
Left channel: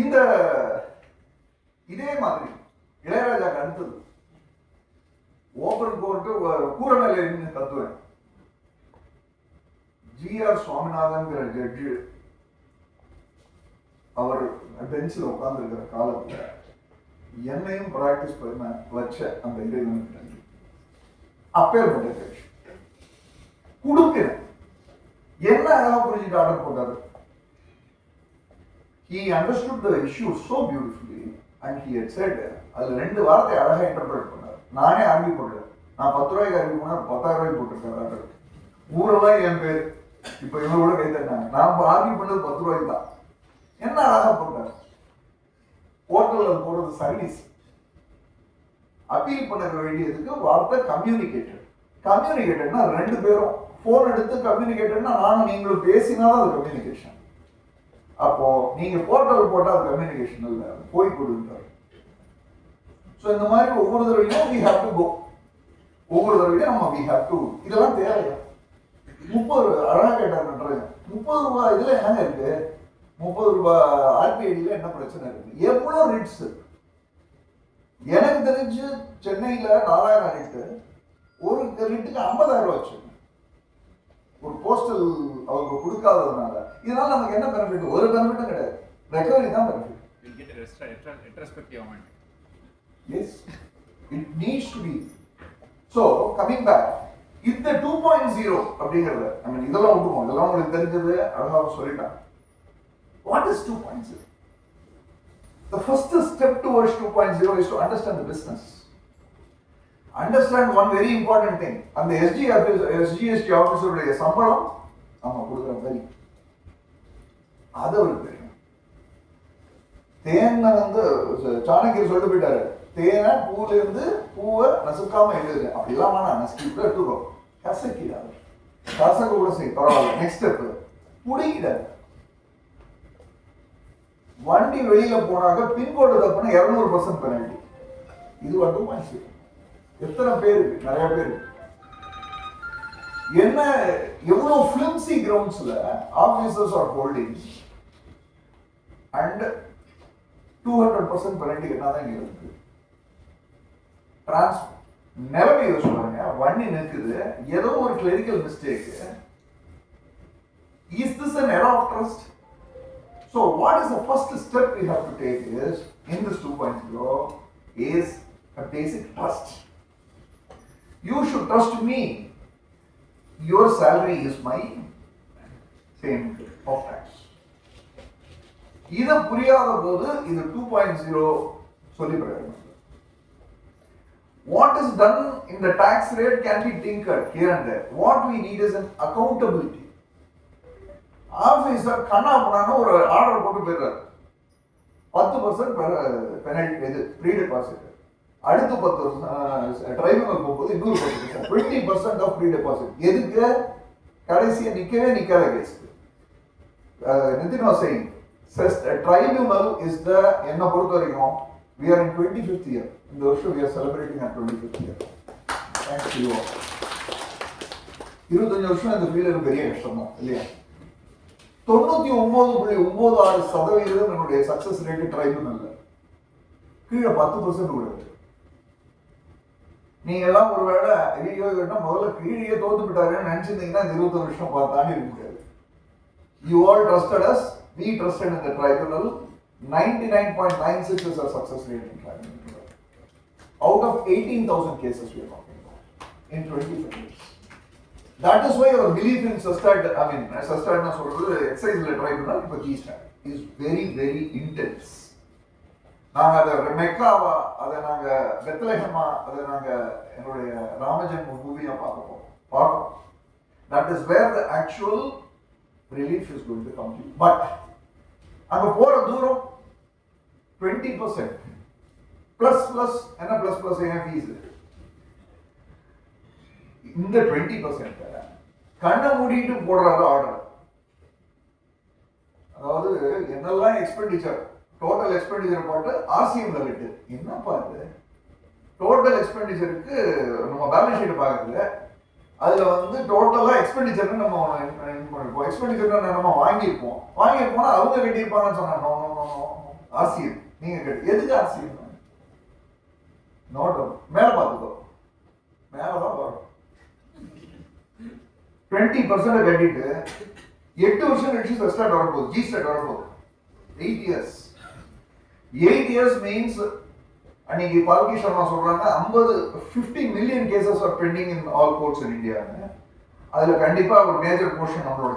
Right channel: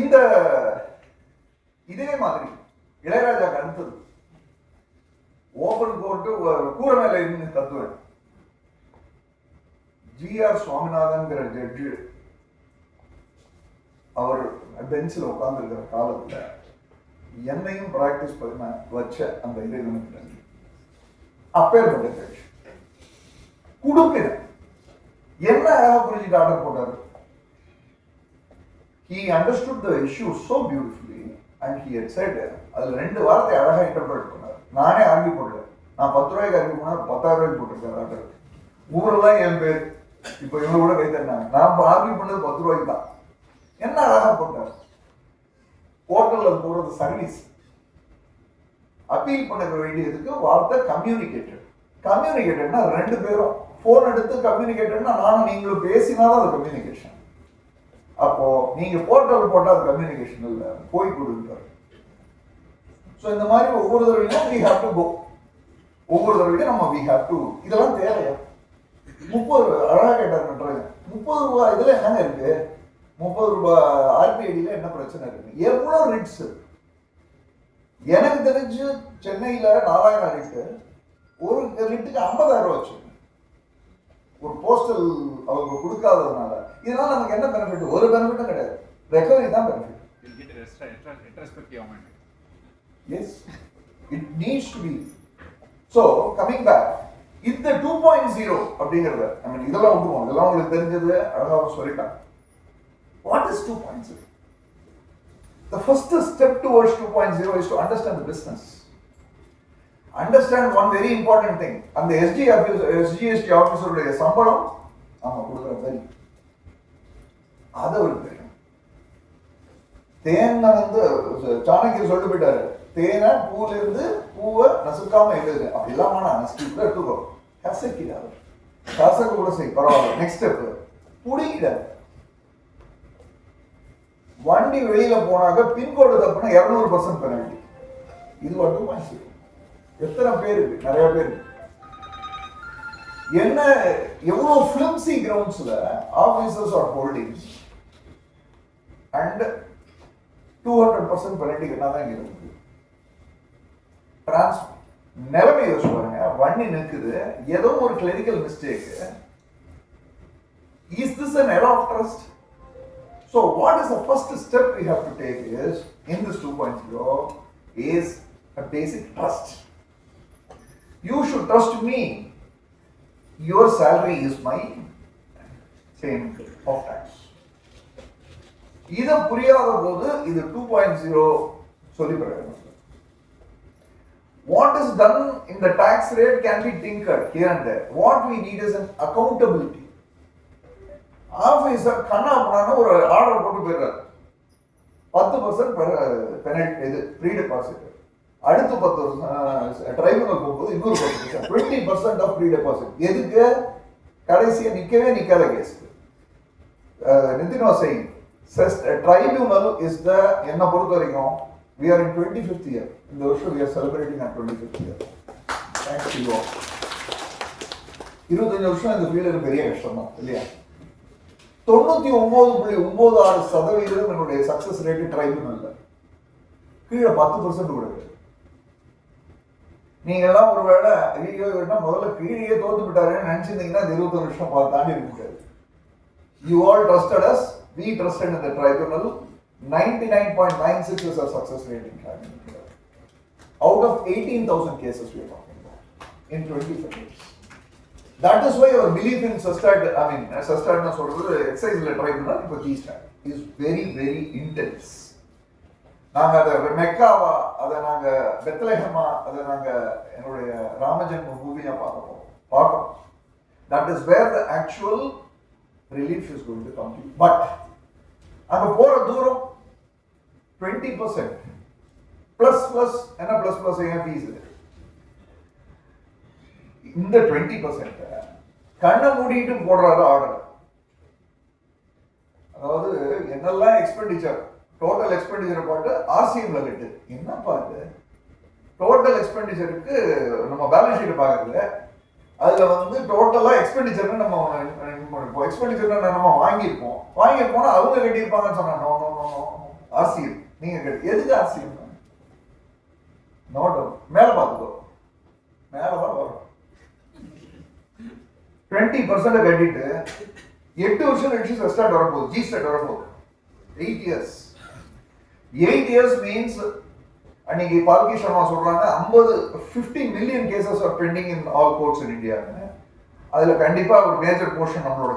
இந்த இதே மாதிரி இளையராஜாக்கு அடுத்தது ஓபன் கோர்ட்டு கூரை மேல இருந்து தத்துவேன். GR சுவாமிநாதன்கிற ஜட்ஜு அவர் பெஞ்சில் உட்கார்ந்து இருக்கிற காலத்துல என்னையும் பிராக்டிஸ் பண்ண வச்ச அந்த இறைவனுக்கு நன்றி. அப்பேற்பட்ட ஜட்ஜ் குடும்பின என்ன புரிஞ்சுட்டு ஆர்டர் போட்டாரு. He understood the issue so beautifully and he had said, அதுல 2 வார்த்தை அழகா இன்டர்பிரேட் பண்ணார். நானே ஆர்கியூ போட்டேன், நான் 10 ரூபாய்க்கு ஆர்கியூ பண்ணா 10,000 ரூபாய்க்கு போட்டிருக்கேன் ஆர்டர். ஊரெல்லாம் என் பேர் இப்ப இவ்வளவு கூட கை தந்தாங்க. நான் ஆர்கியூ பண்ணது 10 ரூபாய்க்கு தான். என்ன அழகா போட்டார். போர்ட்டல்ல போறது சர்வீஸ். அப்பீல் பண்ண வேண்டியதுக்கு வார்த்தை கம்யூனிகேட்டட். கம்யூனிகேட்டட்னா 2 பேரும் போன் எடுத்து கம்யூனிகேட்டட்னா நானும் நீங்களும் பேசினாதான் அது கம்யூனிகேஷன். அப்போ நீங்க போர்ட்டல் போட்டா அது கம்யூனிகேஷன் இல்ல, போய் கொடுத்தாரு. ஸோ இந்த மாதிரி ஒவ்வொரு தடவையும் we have to go. ஒவ்வொரு தடவையும் நம்ம we have to. இதெல்லாம் தேவையா? 30 அழகா கேட்டார் நன்றாக. 30 ரூபாய் இதுல என்ன இருக்கு? 30 ரூபாய் ஆர்பிஐடியில என்ன பிரச்சனை இருக்கு? எவ்வளவு ரிட்ஸ்? எனக்கு தெரிஞ்சு சென்னையில 4000 ரிட்டு, ஒரு ரிட்டுக்கு 50,000 ரூபாய் வச்சு ஒரு போஸ்டல் அவங்க கொடுக்காததுனால இதனால நமக்கு என்ன பெனிஃபிட்? ஒரு பெனிஃபிட்டும் கிடையாது. ரெக்கவரி தான் benefit. Yes, it needs to be. So coming back, இந்த 2.0 அப்படிங்கறத நம்ம இதெல்லாம் விட்டுருவோம். இதெல்லாம் உங்களுக்கு தெரிஞ்சது அழகா சொல்லிட்டாங்க. What is 2.0? The first step towards 2.0 is to understand the business. Understand one very important thing. And the SGST officer சம்பளம் அவங்க கொடுக்குற வரி அதை அவருக்கு தெரியும். தேனை வந்து சாணக்கியர் சொல்லிட்டு போயிட்டாரு, தேனை பூல இருந்து பூவை நசுக்காம எழுதுங்க அப்படிலாம் வேணாம், நசுக்கிட்டு எடுத்துக்கோ, கசக்கிடாது, கசக்க கூட செய் பரவாயில்ல. நெக்ஸ்ட் ஸ்டெப் புடிக்கிடாது. வண்டி வெளியில போனாக்க பின்கோடு தப்புனா 200% பெனல்டி. இது மட்டும் மனசு எத்தனை பேருக்கு, நிறைய பேருக்கு என்ன எவ்வளவு ஃபிலிம்சி கிரவுண்ட்ஸ்ல officers are holding and 200% penalty கட்டாதான் இங்க இருக்கு. நிலைமை யோசிச்சு, வண்டி நிற்குது, ஏதோ ஒரு clerical mistake. Is this an error of trust? So what is the first step we have to take is, in this 2.0, is a basic trust. You should trust me. Your salary is my same of tax. இது புரியாத போது இது 2.0 சொல்லி பிரயோஜனம். What is done in the tax rate can be tinkered here and there. What we need is an accountability. Officer கண்ணா பண்ணான ஒரு order போட்டு போயிடுறாரு, 10% பெனல்டி இது ப்ரீ டெபாசிட், அடுத்து 10 வருஷம் டிரைவிங் போகும்போது இன்னொரு 10%, 20% ஆஃப் ப்ரீ டெபாசிட். எதுக்கு? கடைசியா நிக்காத case. Nitin was saying tribunal is the, என்ன பொறுத்த வரைக்கும் we are in 25th year. இந்த வருஷம் we are celebrating our 25th year. Thanks to you all. 25 வருஷம் இந்த ஃபீல்டு பெரிய கஷ்டம் தான் இல்லையா? 99.96% என்னுடைய சக்சஸ் ரேட் ட்ரைபுனல்ல, கீழே 10% கூட. நீங்க எல்லாம் ஒருவேளை ஐயோ முதல்ல கீழே தோத்து விட்டாருன்னு நினைச்சிருந்தீங்கன்னா 20 வருஷம் தாண்டி இருக்க முடியாது. You all trusted us, we trusted in the tribunal. 99.96 is our success rate in tribunal. Out of 18,000 cases we are talking about in 25 years. That is why our belief in sustained, excise tribunal for GST is very, very intense. நாங்க அதை மெக்காவா, அதை நாங்க பெத்லஹேமா, அதை நாங்க என்னுடைய ராமஜன்ம பூமியா பார்க்கணும். That is where the actual relief is going to come to you. But அங்க போற தூரம் 20% plus என்ன plus என்ன ஃபீஸ். இந்த 20% கண்ணை மூடிட்டு போடுறாரு ஆர்டர். அதாவது என்னெல்லாம் எக்ஸ்பெண்டிச்சர், டோட்டல் எக்ஸ்பெண்டிச்சர் போட்டு ஆர்சிஎம்ல கட்டு. என்ன பார்த்து டோட்டல் எக்ஸ்பெண்டிச்சருக்கு நம்ம பேலன்ஸ் ஷீட் பார்க்கறதுல அதுல வந்து டோட்டலா எக்ஸ்பெண்டிச்சர்னு நம்ம எக்ஸ்பெண்டிச்சர் நம்ம வாங்கியிருப்போம் அவங்க கட்டியிருப்பாங்கன்னு சொன்னாங்க. ஆர்சிஎம் நீங்க கட்டி, எதுக்கு ஆர்சிஎம்? நோட் மேல பார்த்துக்கோ, மேலதான் வரும். 20% கட்டிட்டு 8 வருஷம் கழிச்சு ஸ்டார்ட் வரப்போகுது, ஜி ஸ்டார்ட் வரப்போகுது. 8 years. 8 years means அன்னைக்கு பால்கி சர்மா சொல்றாங்க 50 million cases are pending in all courts in India. அதுல கண்டிப்பா ஒரு மேஜர் போர்ஷன் நம்மளோட,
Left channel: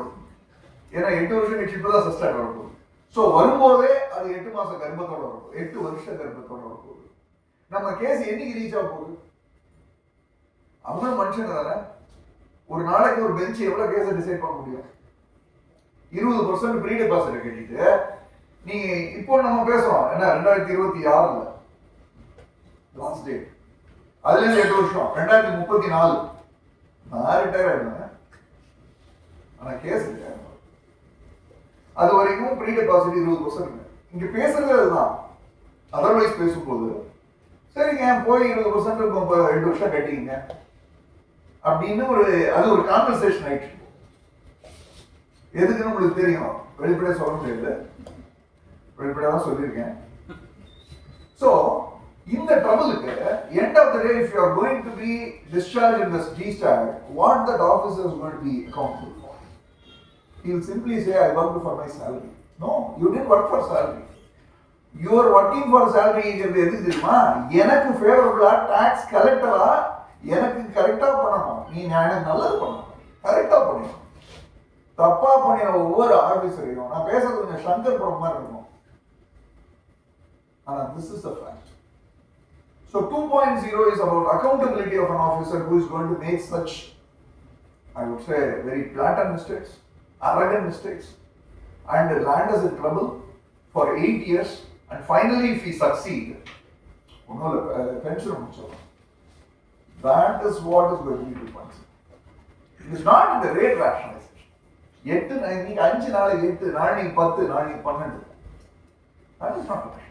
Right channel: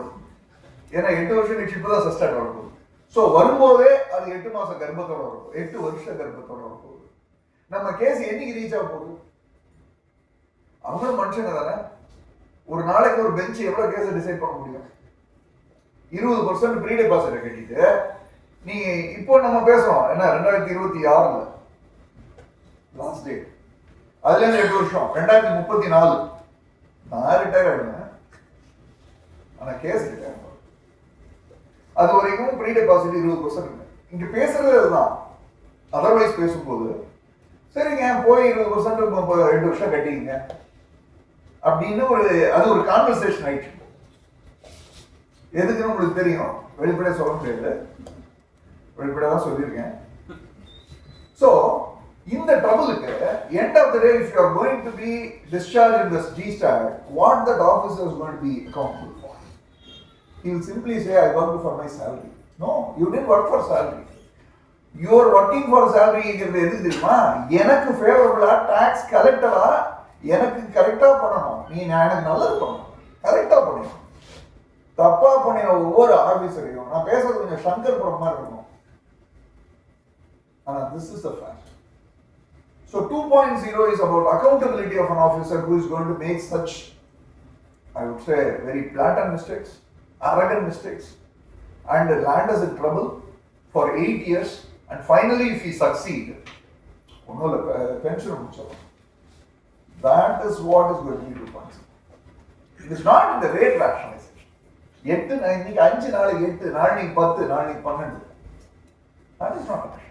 ஏன்னா 8 வருஷம் கழிச்சு இப்பதான் ஸ்டார்ட் வரப்போகுது. ஸோ வரும்போதே அது 8 மாசம் கர்ப்பத்தோட வரப்போகுது, 8 வருஷம் கர்ப்பத்தோட வரப்போகுது. நம்ம கேஸ் என்னைக்கு ரீச் ஆக போகுது? அவங்க மனுஷங்க தானே. ஒரு நாளைக்கு ஒரு பெஞ்ச் எவ்வளவு கேஸ் டிசைட் பண்ண முடியும்? 20% ப்ரீ டெபாசிட் கட்டிட்டு நீங்க இப்போ நம்ம பேசுறோம் என்ன 2026 லாஸ்ட் டேட், அதுல இருந்து 8 வருஷம் 2034 நான் ரிட்டையர் ஆயிடுவேன். ஆனா கேஸ் ரிட்டையர் அது வரைக்கும் ப்ரீ டெபாசிட் 20%. இங்க பேசுறது அதுதான். அதர்வைஸ் பேசும்போது சரிங்க போய் 20% 2 வருஷம் கட்டிங்க அப்படின்னு அது ஒரு கான்வர்சேஷன் ஆயிடுச்சு. எதுக்குன்னு உங்களுக்கு தெரியும், வெளிப்படையா சொல்ல முடியாது, வெளிப்படையா தான் சொல்லியிருக்கேன். ஸோ இந்த ட்ரபிளுக்கு end of the day, if you are going to be discharged in this GST, what that officer is going to be accountable for? He will simply say, I worked for my salary. No, you didn't work for salary. You are working for salary. எதுக்கு தெரியுமா? எனக்கு ஃபேவரபிளா tax கலெக்டரா எனக்கு கரெக்டா பண்ணணும். நீ எனக்கு நல்லது பண்ணணும், கரெக்டா பண்ணணும். தப்பா பண்ணின ஒவ்வொரு ஆபீசரையும் நான் பேசுறது கொஞ்சம் சங்கர் படம் மாதிரி இருக்கணும். ஆனா this is the fact. So 2.0 is about accountability of an officer who is going to make such, I would say, very blatant mistakes, arrogant mistakes, and land us in trouble for 8 years, and finally if he succeed, pension. That is what is going to be 2.0. It is not in the rate rationalization. 8 இன்னைக்கு 5 நாளைக்கு 8 நாளைக்கு 10 நாளைக்கு 12. That is not rationalization.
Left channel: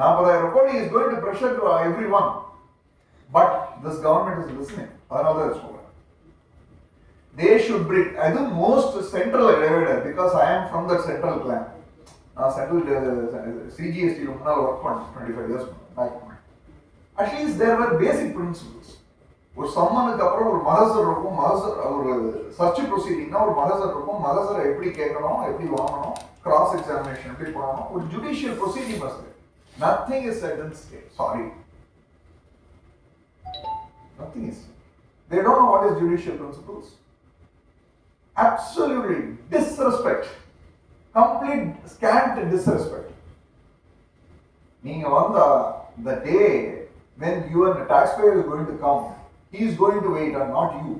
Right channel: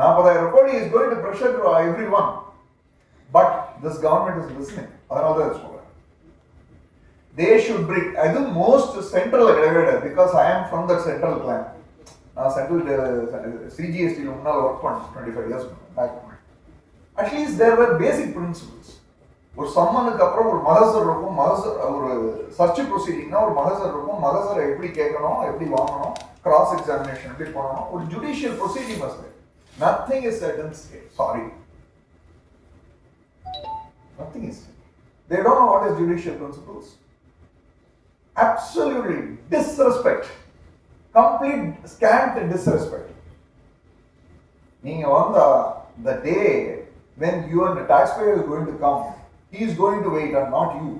40,000 கோடி is going to pressure to everyone. But this government is listening. அதனால தான் சொல்றேன். They should bring, I think most central because I am from the central plan. நான் central CGST முன்னால work பண்ணேன் 25 years back. At least there were basic principles. ஒரு சம்மனுக்கு அப்புறம் ஒரு மகசர் இருக்கும், ஒரு சர்ச் ப்ரொசீடிங்னா ஒரு மகசர் இருக்கும், மகசரை எப்படி கேட்கணும், எப்படி வாங்கணும், கிராஸ் எக்ஸாமினேஷன் எப்படி பண்ணணும், ஒரு judicial proceeding must. Nothing is said in state. Sorry. Nothing is said. They don't know what is judicial principles. Absolutely disrespect. Complete scant disrespect. நீங்க வந்தா the day when you and the taxpayer is going to come, he is going to wait and not you.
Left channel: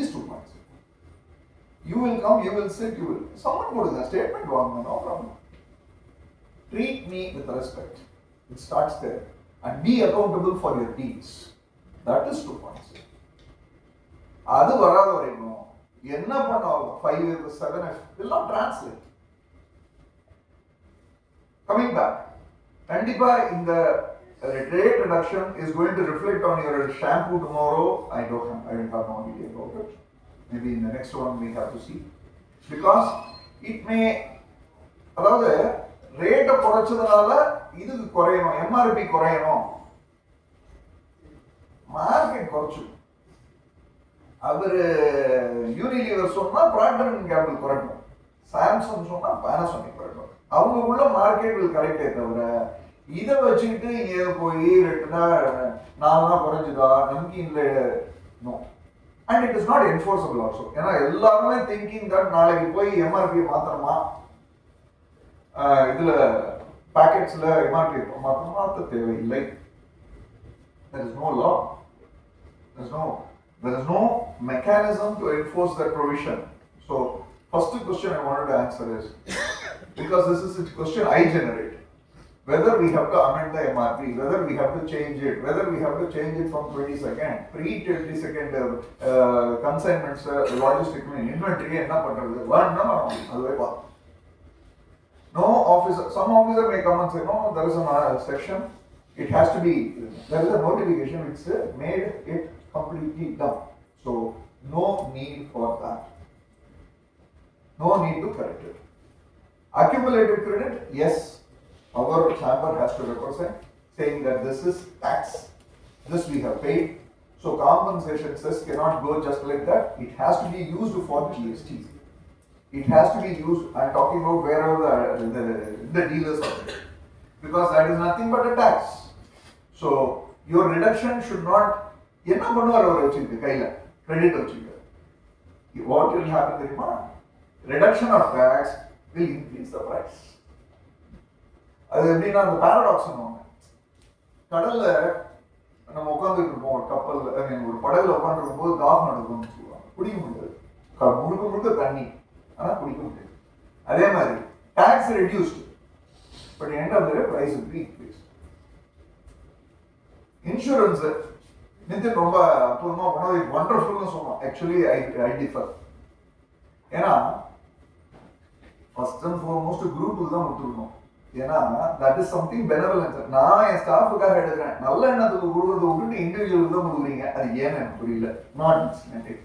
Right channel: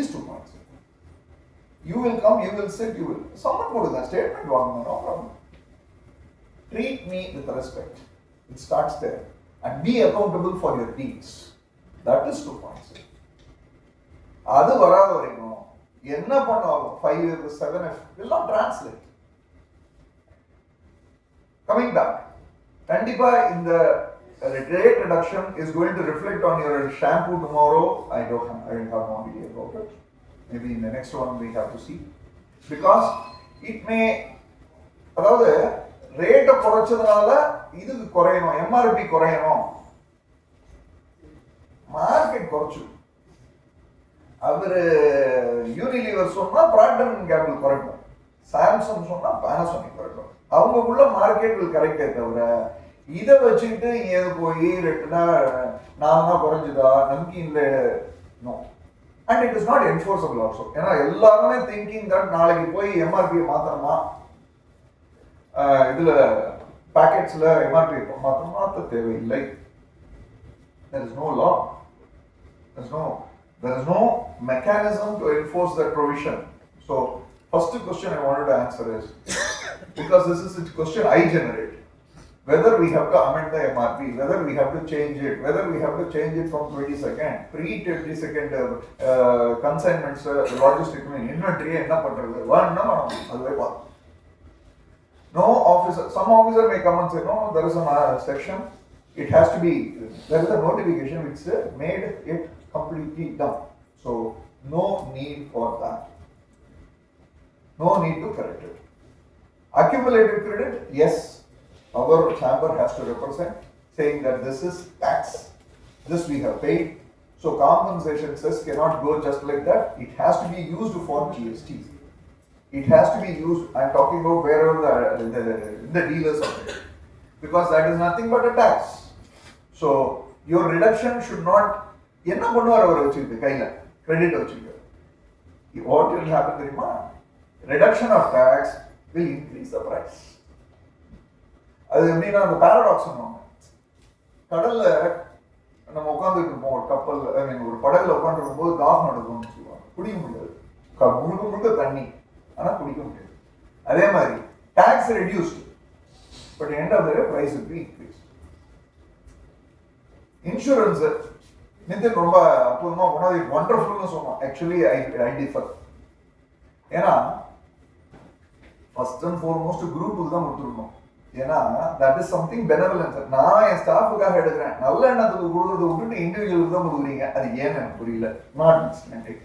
Is 2.0. You will come, you will sit, you will. Someone put in a statement, no problem. Treat me with respect. It starts there. And be accountable for your deeds. That is 2.0. அது வராத வரைக்கும் என்ன பண்ணாலும் 5F, 7F will not translate. Coming back, கண்டிப்பா இந்த rate reduction is going to reflect on your shampoo tomorrow. I have no idea about it. Maybe in the next one we have to see. Because it may, அதாவது ரேட்டை குறைச்சதுனால இதுக்கு குறையணும், MRP குறையணும், market குறைச்சு. அவரு Unilever சொன்னா Procter and Gamble குறைக்கும், Samsung சொன்னா Panasonic குறைக்கும். அவங்க உள்ள மார்க்கெட் வில் கரெக்டே தவிர இதை வச்சுக்கிட்டு இங்க போய் ரெட்டுனா நான் தான் குறைஞ்சுதா நம்பிக்கை இல்லை. No. And it is not enforceable also. ஏன்னா எல்லாருமே திங்கிங் தட் நாளைக்கு போய் எம்ஆர்பி மாத்தணுமா, இதுல பேக்கெட்ஸ்ல எம்ஆர்பி மாத்த தேவையில்லை. There is no law. There is no mechanism to enforce that provision. So first question I wanted to answer is, because this is a question I generate, whether we have to amend the MRP, whether we have to change it, whether we have to change it from 22nd, pre-22nd consignments, logistics, inventory, enna pandrathu vaanna aduvai paathu. No officer, some officer may come and say, no, there is a section, it has to be, there is a notification which made it completely done. So no need for that. No need to correct it. Accumulated credit, yes, our chamber has to represent, saying that this is tax, this we have paid. So compensation cess cannot go just like that. It has to be used for GST. It has to be used, I'm talking about wherever the dealers are, because that is nothing but a tax. So your reduction should not, என்ன பண்ணுவார் அவர் வச்சிருக்கு கையில credit வச்சிருக்கு. What will happen தெரியுமா? Reduction of tax will increase the price. அது எப்படின்னா அந்த paradox பண்ணுவாங்க. கடல்ல நம்ம உட்காந்துட்டு இருப்போம், ஒரு கப்பல் ஒரு படகுல உட்காந்துருக்கும் போது தாகம் நடக்கும்னு சொல்லுவாங்க. குடிக்க முடியாது, முழுக்க தண்ணி, ஆனா குடிக்க முடியாது. அதே மாதிரி tax reduced, but end of the day price will be increase. Insurance Nitin ரொம்ப அற்புதமா ஒன் வண்டர்ஃபுல்னு சொன்னோம். Actually I differ. ஏன்னா ஃபர்ஸ்ட் அண்ட் ஃபார்மோஸ்ட் குரூப்புக்கு தான் கொடுத்துருக்கணும். ஏன்னா தட் இஸ் சம்திங் பெனவலன்ஸ். நான் என் ஸ்டாஃபுக்காக எடுக்கிறேன், நல்ல எண்ணத்துக்கு கொடுக்கறத விட்டுட்டு இண்டிவிஜுவலுக்கு தான் கொடுக்குறீங்க. அது ஏன்னு எனக்கு புரியல. Not understanding.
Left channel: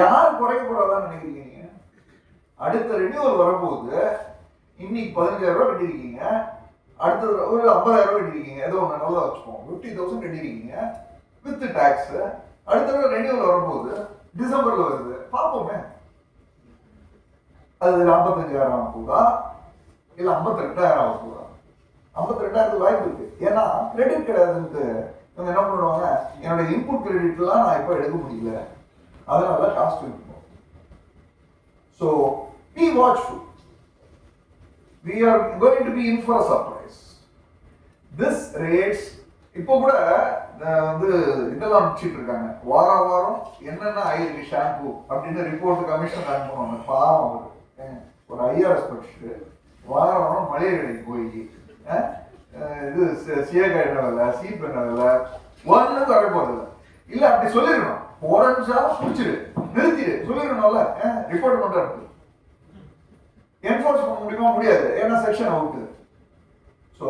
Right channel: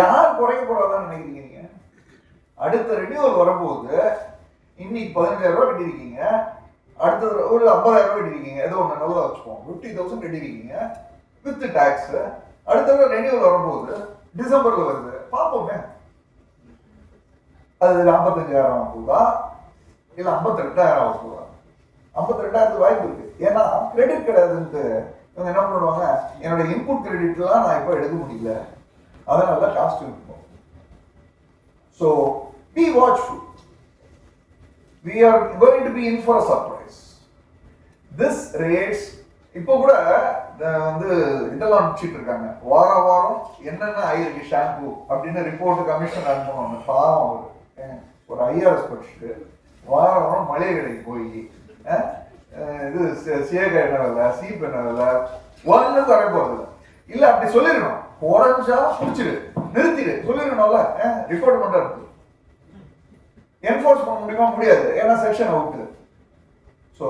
யார் குறைக்க போறாங்கன்னு நினைக்கிறீங்க நீங்க? அடுத்த ரெனியூவல் வரும்போது இன்னைக்கு 15,000 ரூபாய் கட்டிருக்கீங்க, அடுத்த ஒரு 50,000 ரூபாய் கட்டிருக்கீங்க, ஏதோ ஒன்று நல்லா வச்சுப்போம், 50,000 கட்டிருக்கீங்க வித் டாக்ஸ். அடுத்த ரெனியூவல் வரும்போது டிசம்பர்ல வருது, பார்ப்போமே அது 45,000 ஆக போதா இல்ல 52,000 ஆக போதா? 52,000 வாய்ப்பு இருக்கு. ஏன்னா கிரெடிட் கிடையாதுன்ட்டு இவங்க என்ன பண்ணுவாங்க, என்னோட இன்புட் கிரெடிட்லாம் நான் இப்போ எடுக்க முடியல, அதனால காஸ்ட் இருக்கும். So be watchful. We are going to be in for a surprise. This rates இப்போ கூட வந்து இதெல்லாம் அனுப்பிச்சிட்டு இருக்காங்க, வாரம் என்னென்ன ஆயிருக்கு ஷாம்பு அப்படின்னு ரிப்போர்ட் கமிஷன் அனுப்பணும். பாவம் ஒரு ஐஆர்எஸ் படிச்சுட்டு வாரம் மளிகை கடைக்கு போய் இது சேக என்ன இல்லை, சீப் என்ன இல்லை, ஒன்றும் தர போறது இல்லை. அப்படி சொல்லிடணும், போற நிமிஷம் பிடிச்சிடு, நிறுத்திடு சொல்லிடணும்ல. ரிப்போர்ட் மட்டும் இருக்கு, என்ஃபோர்ஸ் பண்ண முடியுமா? முடியாது, ஏன்னா செக்ஷன் அவுட். ஸோ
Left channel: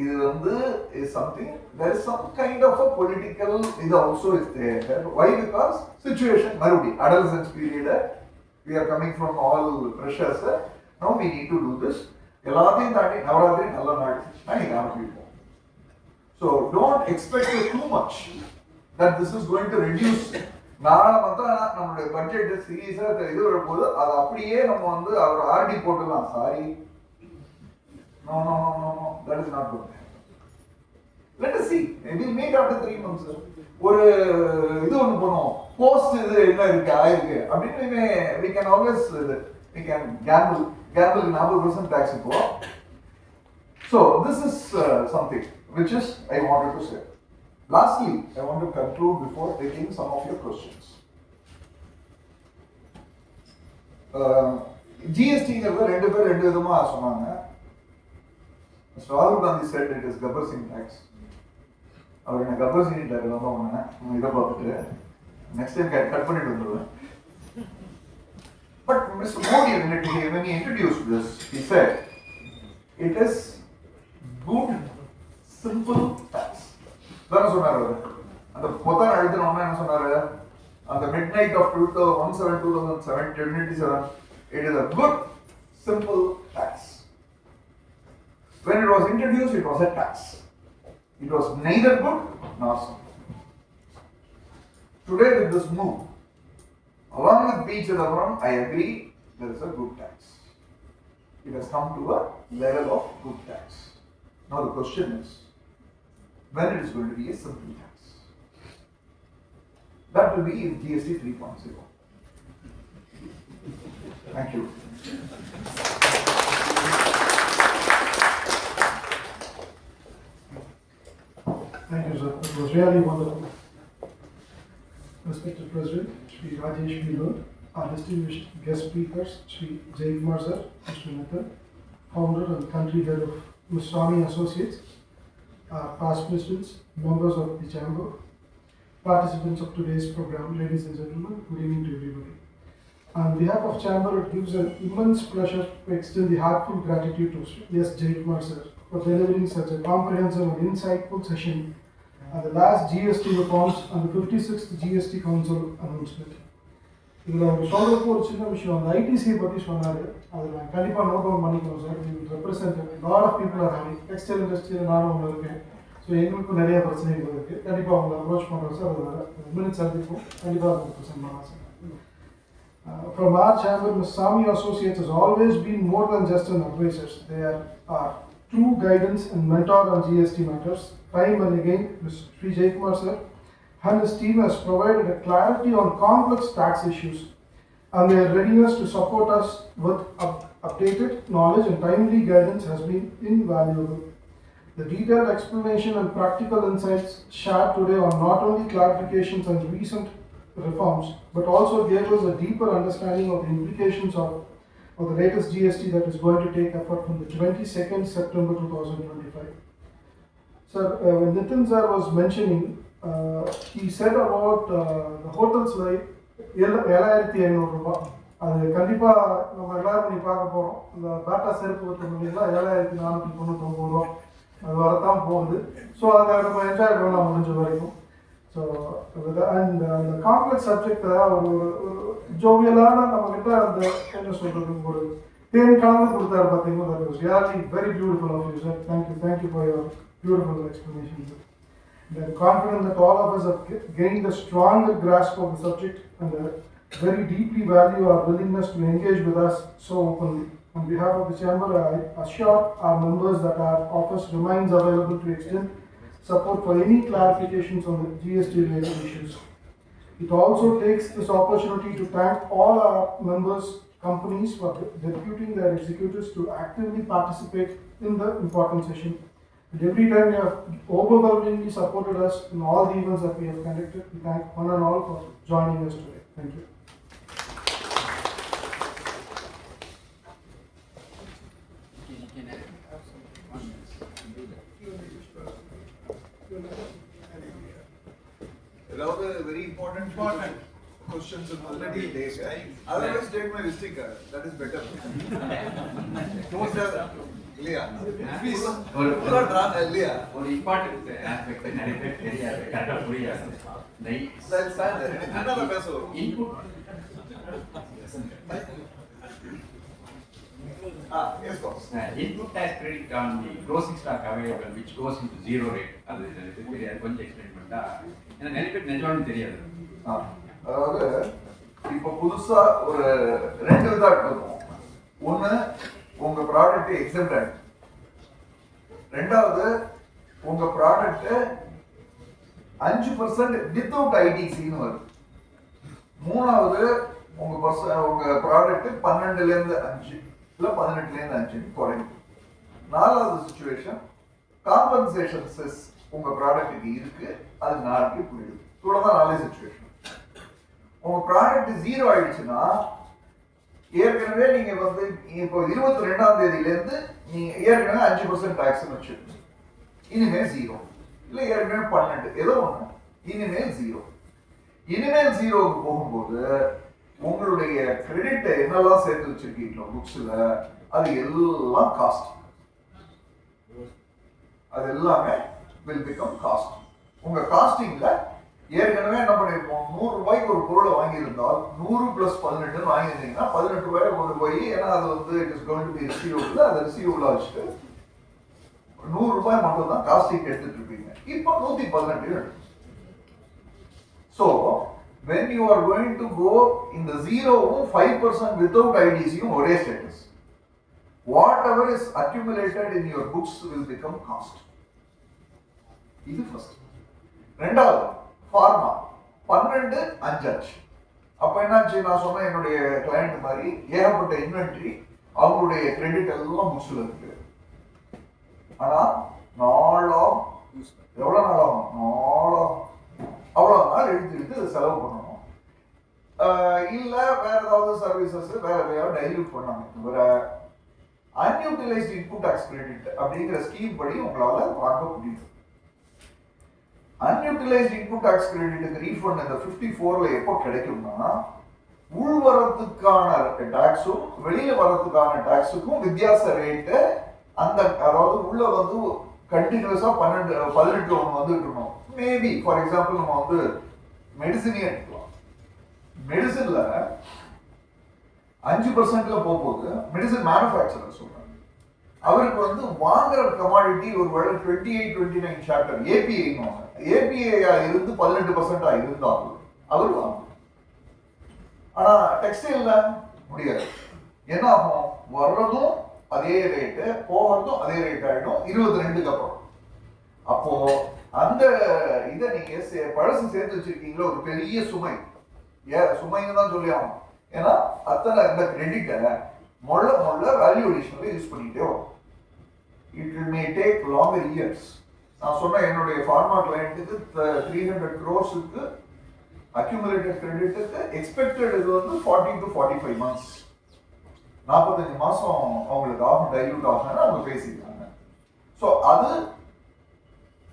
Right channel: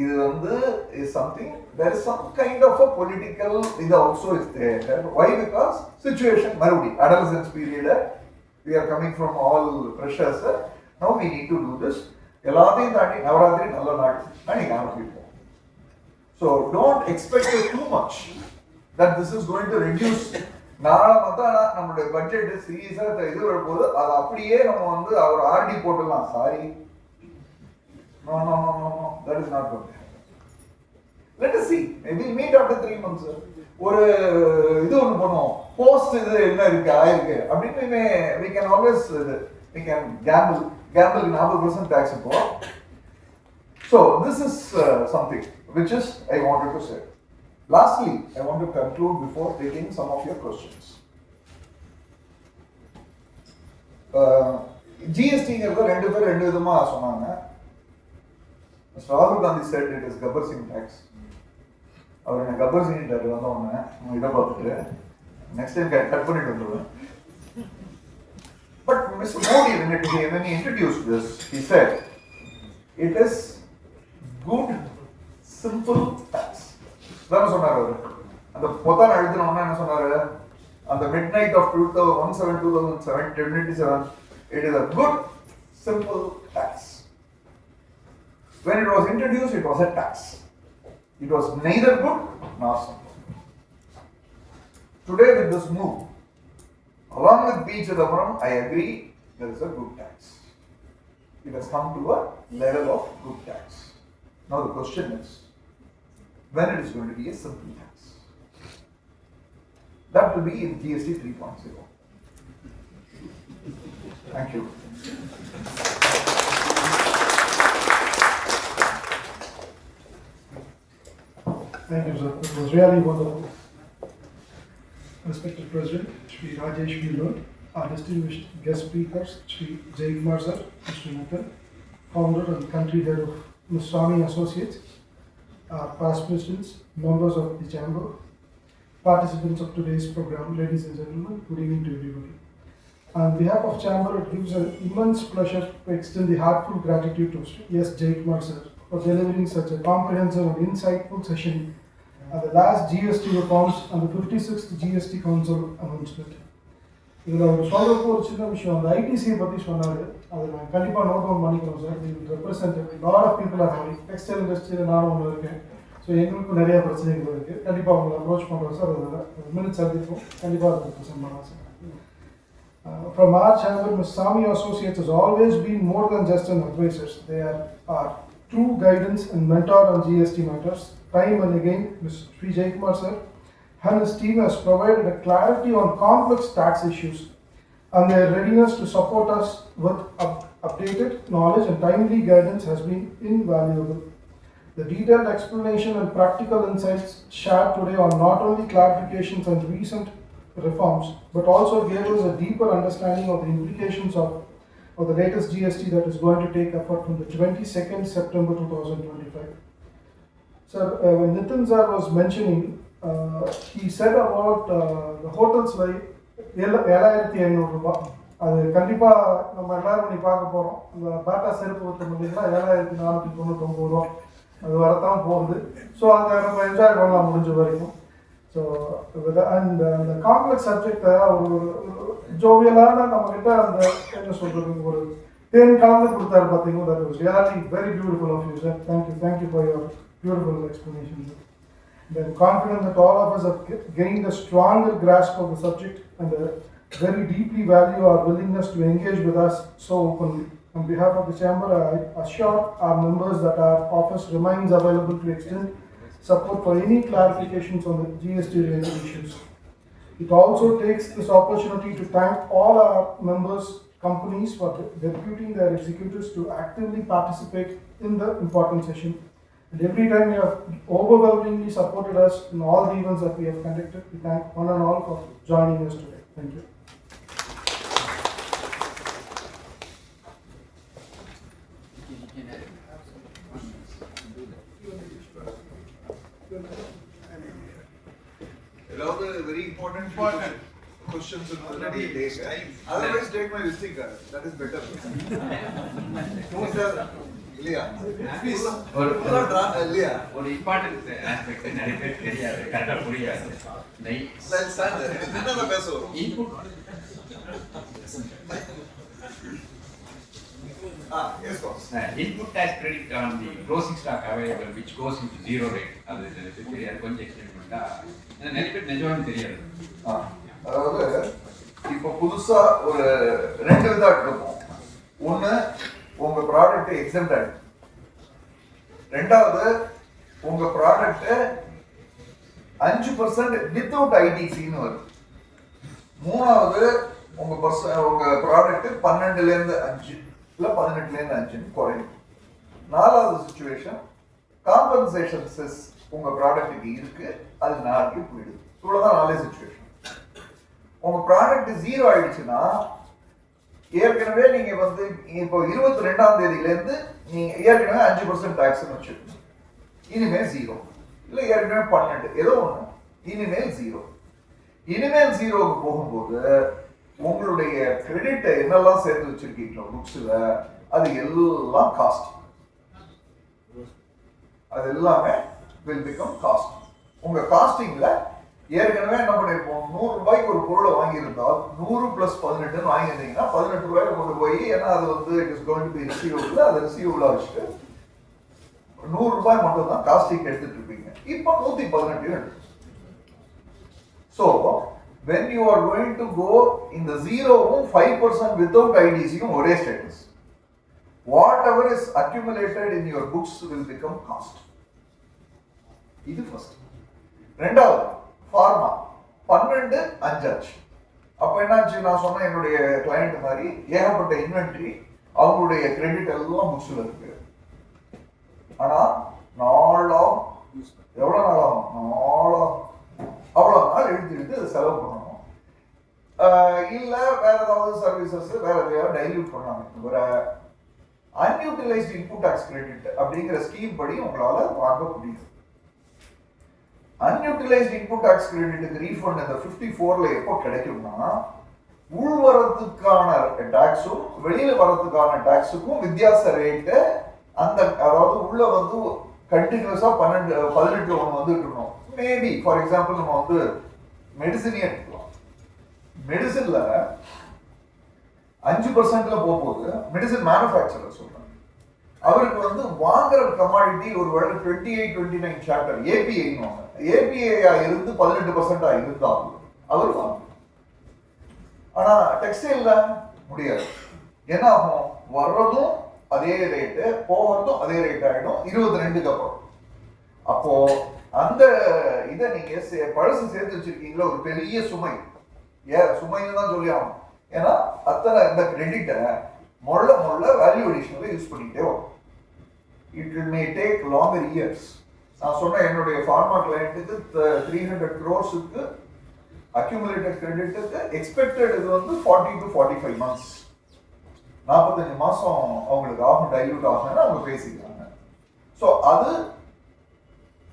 இது வந்து is something, there is some kind of a political இது also is there. Why? Because situation மறுபடி adolescence period, we are coming from all pressures. Now we need to do this. எல்லாத்தையும் தாண்டி நவராத்திரி நல்ல நாள் நீங்க ஆரம்பிப்போம். So don't expect too much that this is going to reduce. நாளை தான் நம்மளுடைய பட்ஜெட் சீரியஸா இது வரும்போது அது அப்படியே நம்ம வந்து அவர் ஆர்டி போட்டுலாம். Sorry, no, that is not good. Let us see, we'll meet after 3 months. ஒரு இது ஒன்று பண்ணுவோம், போஸ்ட் இது என்ன இருக்கு ஆயிருக்கு அப்படின்னு. we can always we can gamble 40% tax இப்போ. So this is something which is I wanted to say. Lastly, I want to conclude before taking some of your questions. GST-ங்கிறது ரெண்டு பேர் ரெண்டு விதமா சொன்னாங்க. Mr. Rahul Gandhi said it is Gabbar Singh tax. அவர் என்ன கப்பர் Singh doctor வந்த உடனே இதை பார்த்துட்டு நெக்ஸ்ட் டைம் கட் பண்ணிட்டு வந்துடுவேன். But Mr. Modi, when he introduced this, he said it is good simple tax. தான சொன்னார் அவர். அந்த பொத்தான் அழுத்தின உடனே என்ன சொன்னாரு? அந்த midnight of 2017, it is a good simple tax. When it was introduced, it was a tax. It was neither good nor simple. Today with this move, along with beach and the front, I agree there is a good tax. It has come to a level of good tax. Now the question is, when it is going to be a simple tax? That will be in GST 3.0. Thank you. Thank you, sir. It was really wonderful. Respected President, Shri Rajesh Vilur, our distinguished guest speakers, Shri Jaikumar sir, Mr. Nitin, founder and country head of Ms. Swamy Associates, our past presidents, members of the chamber, participants of today's program, ladies and gentlemen, good evening to everybody. On behalf of chamber, it gives an immense pleasure to extend the heartfelt gratitude to Shri S Jaikumar sir for delivering such a comprehensive and insightful session at the last GST Reforms and the 56th GST Council Announcement. இதில் அவர் சொல்கிறப்போ ஒரு சின்ன விஷயம், அந்த ஐடிசியை பற்றி சொன்னார். அதை நான் கண்டிப்பாக நோட் டவுன் பண்ணிக்கணும் சார். இது represent lot of people are having textile இண்டஸ்ட்ரியில் நானும் ஒன்று இருக்கேன். ஸோ எங்களுக்கும் நிறைய பிரச்சனைகள் இருக்குது. கண்டிப்பாக உங்களை அப்ரோச் பண்ணுறோம் சார். அதில் மினிட்ஸ் சந்திப்போம், கண்டிப்பாக அதை ப்ரெசென்ட் பண்ணலாம் sir. From our chamber, Ms. Swamy Associates has always been more than just an advisors. They are our true guidance and mentor on GST matters. Time and again, Mr. Shri Jaikumar sir and his team has provided a clarity on complex tax issues, and their readiness to support us with updated knowledge and timely guidance has been invaluable. The detailed explanation and practical insights shared today are not only clarifications on recent reforms, but also gave us a deeper understanding of the implications of the latest GST that is going to take effect from the 22nd September 2025. Sir, when Nitin sir was mentioning, he said about the hotels like 7,500 ரூபாய். அது கண்டிப்பாக நம்ம எல்லாரும் பண்ணி பார்க்க போகிறோம். இந்த பேட்டா செருப்பு விற்ற முடியுங்களா 7,499 ரூபா அது வரத்தான் போகுது. ஸோ அதை நம்ம என்ஜாய் பண்ணலாம் முடிஞ்ச வரைக்கும். ஸோ அண்ட் அந்த காம்ப்ளெக்ஸ் சப்ஜெக்டை ஒரு ஜோவியலான நம்மக்கிட்ட அந்த என்ன சொல்கிறது ஒரு தேன் கலந்து கொடுத்தாரு பார்த்தீங்கன்னா, that was really very beautiful of you sir. Thank you for your beautiful explanation. I am confident that all of us have gained a stronger grasp of the subject and very deeply value our willingness to engage with us so openly. On behalf of the chamber, I assure our members that our office remains available to extend support for any clarifications on the GST related issues. It also takes this opportunity to thank all our members, companies for deputing their executives to actively participate in the important session. And every time you have overwhelmingly supported us in all the events that we have conducted. We thank one and all for joining us today. Thank you. Another very important questions on already take. Otherwise, take my visiting card. That is better. இல்லையா இல்லையா ஒரு important aspect நிறைய பேர் தெரியாது, கரெக்டாக புரியாது. என்ன பேச வரும் Input tax credit on the closing stock available which goes into zero rate. அது தெரியாது, கொஞ்சம் எக்ஸ்பிளைன் பண்ணா ஏன்னா நிறைய பேர் நிஜமாவே தெரியாது. அதாவது இப்போ புதுசா ஒரு ரெண்டு விதம் இருக்கும். ஒண்ணு உங்க ப்ராடக்ட் எக்ஸம்ப்டட், ரெண்டாவது உங்க ப்ராடக்ட் 5% வித்தவுட் ஐடிசின்னு வருது, மூணாவது உங்க ப்ராடக்ட் 12ல இருந்து 5 இல்ல 18ல இருந்து 5 குறையும். நாலாவது சிச்சுவேஷன் காம்பன்சேஷன் செஸ் உங்க ப்ராடக்ட்டுக்கு இருக்கு, அது 4க்கு போயிடுது. இவ்வளவுதான் நாலே சிச்சுவேஷன். உங்க ப்ராடக்ட் 0 ஆயிடுச்சுன்னா ஏற்கனவே நீங்க வந்து இப்போ 22ஆம் தேதியில இருந்து நீங்க ஏற்கனவே 5% டாக்ஸ் வச்சிருக்கீங்க, இனிமே 0 இல்ல ஏற்கனவே 12 ஏதோ ஒண்ணு, இனிமேல் 0. இனிமேல் 0க்கு போகும்போது உங்களுடைய கிரெடிட் என்னெல்லாம் சேர்த்து வச்சிருக்கீங்களோ புக்ஸ்ல அது எல்லாம் காஸ்ட், அது எல்லாமே will become cost. உங்க காஸ்டிங்ல ஏற்கனவே என்ன பண்ணிருப்போம், 100 ரூபாய்க்கு ஒரு பொருளை வாங்கியிருந்தால் 100 + 18 வாங்கியிருந்தீங்கன்னா 18 ரூபாய் கொண்டு போய், ஏன்னா அது வந்து it is going to be receivable, அதை ரிசீவபிளா வச்சுட்டு 100 ரூபாய் மட்டும் தான் காஸ்டிங் எடுத்துட்டு இருப்பீங்க. இப்போ 118 எடுத்து. So when you are going to go in the 0வும் 5% without IDCயும் ஒரே status. Whatever is accumulated in your books will become cost. இது ஃபர்ஸ்ட். ரெண்டாவது ஃபார்மா 12 5 ஆச்சு. அப்ப என்னாச்சு, நான் சொன்ன என்னுடைய கிளையண்ட் மாதிரி ஏகப்பட்ட இன்வென்ட்ரி, அவங்களுடைய கிரெடிட் எல்லாம் புக்ஸ்ல இருக்கு. ஆனா நாளாம் எவ்வளவு நாளாகும், அவ்வளவு நாள் எடுத்து அதை செலவு பண்ணணும். இல்ல வேற ஏதாவது சர்வீசஸ் வேற டைல்யூட் பண்ணாங்க. அன்யூட்டிலைஸ்ட் இன்புட் டாக்ஸ் கிரெடிட் அப்படிங்கிற ஸ்கீம் படி உங்களால வாங்க முடியும். அன்யூட்டிலைஸ்ட் இன்புட் டாக்ஸ் கிரெடிட்டுக்கு ரீஃபண்ட் இந்த 54ல எப்போ கிடைக்கும்னா, உள் வரத்துக்கான டாக்ஸும் வெளியில வரத்துக்கான டாக்ஸுக்கும் வித்தியாச ரேட்டு அந்த, அதாவது உள்ள வந்து கண்டினியூஸா 18 ஒன்று வந்துட்டு இருக்கணும். மேபி ஃபார் எக்ஸாம்பிள் நம்ம வந்து மெடிசினே எடுக்கலாம். மெடிசின்ல 5%ல போகும்போது மெடிசின் மேனுஃபேக்சரர் சொல்றாங்க, அவருக்கு வந்து வாங்குற கமாடிட்டி ஒரு வேளை 28, 29 சாப்டர் ஏபிஐ ஏபிஐயா இருந்து 18% இருந்தாலும் அவர் வாங்க. ஆனா டெக்ஸ்டைல்ல முடியாது. என்ன ஆகும், வர்றதும் அதே ரேட்டு, போகிறதும் அதே ரேட் ஆயிடும் 22க்கு அப்புறம். அப்போ அந்த இதை நீங்க பழசு சேர்த்து வச்சிருக்கீங்களா, ஒரு பெரிய சுமை, சுமைன்னு தான் சொல்லி ஆகணும். ஏன்னா அத்தனை இந்த கிரெடிட்டை மொள்ள வேல்யூ அடிஷனல யூஸ் பண்ணிக்கிட்டே வரும். It may take longer years. நான் சொன்ன என்னுடைய ஃபார்மா கிளையண்ட்டுக்கு 300 crores அக்யூமுலேட்டட் கிரெடிட்டுக்கு எக்ஸ்பெக்டட் இது வந்து 40 to 45 months, 45 மாசம் அவங்களுக்கு ஆகும், டைல்யூட் ஆகும்னு அவங்க பேசிக்கிறாங்க. ஸோ அது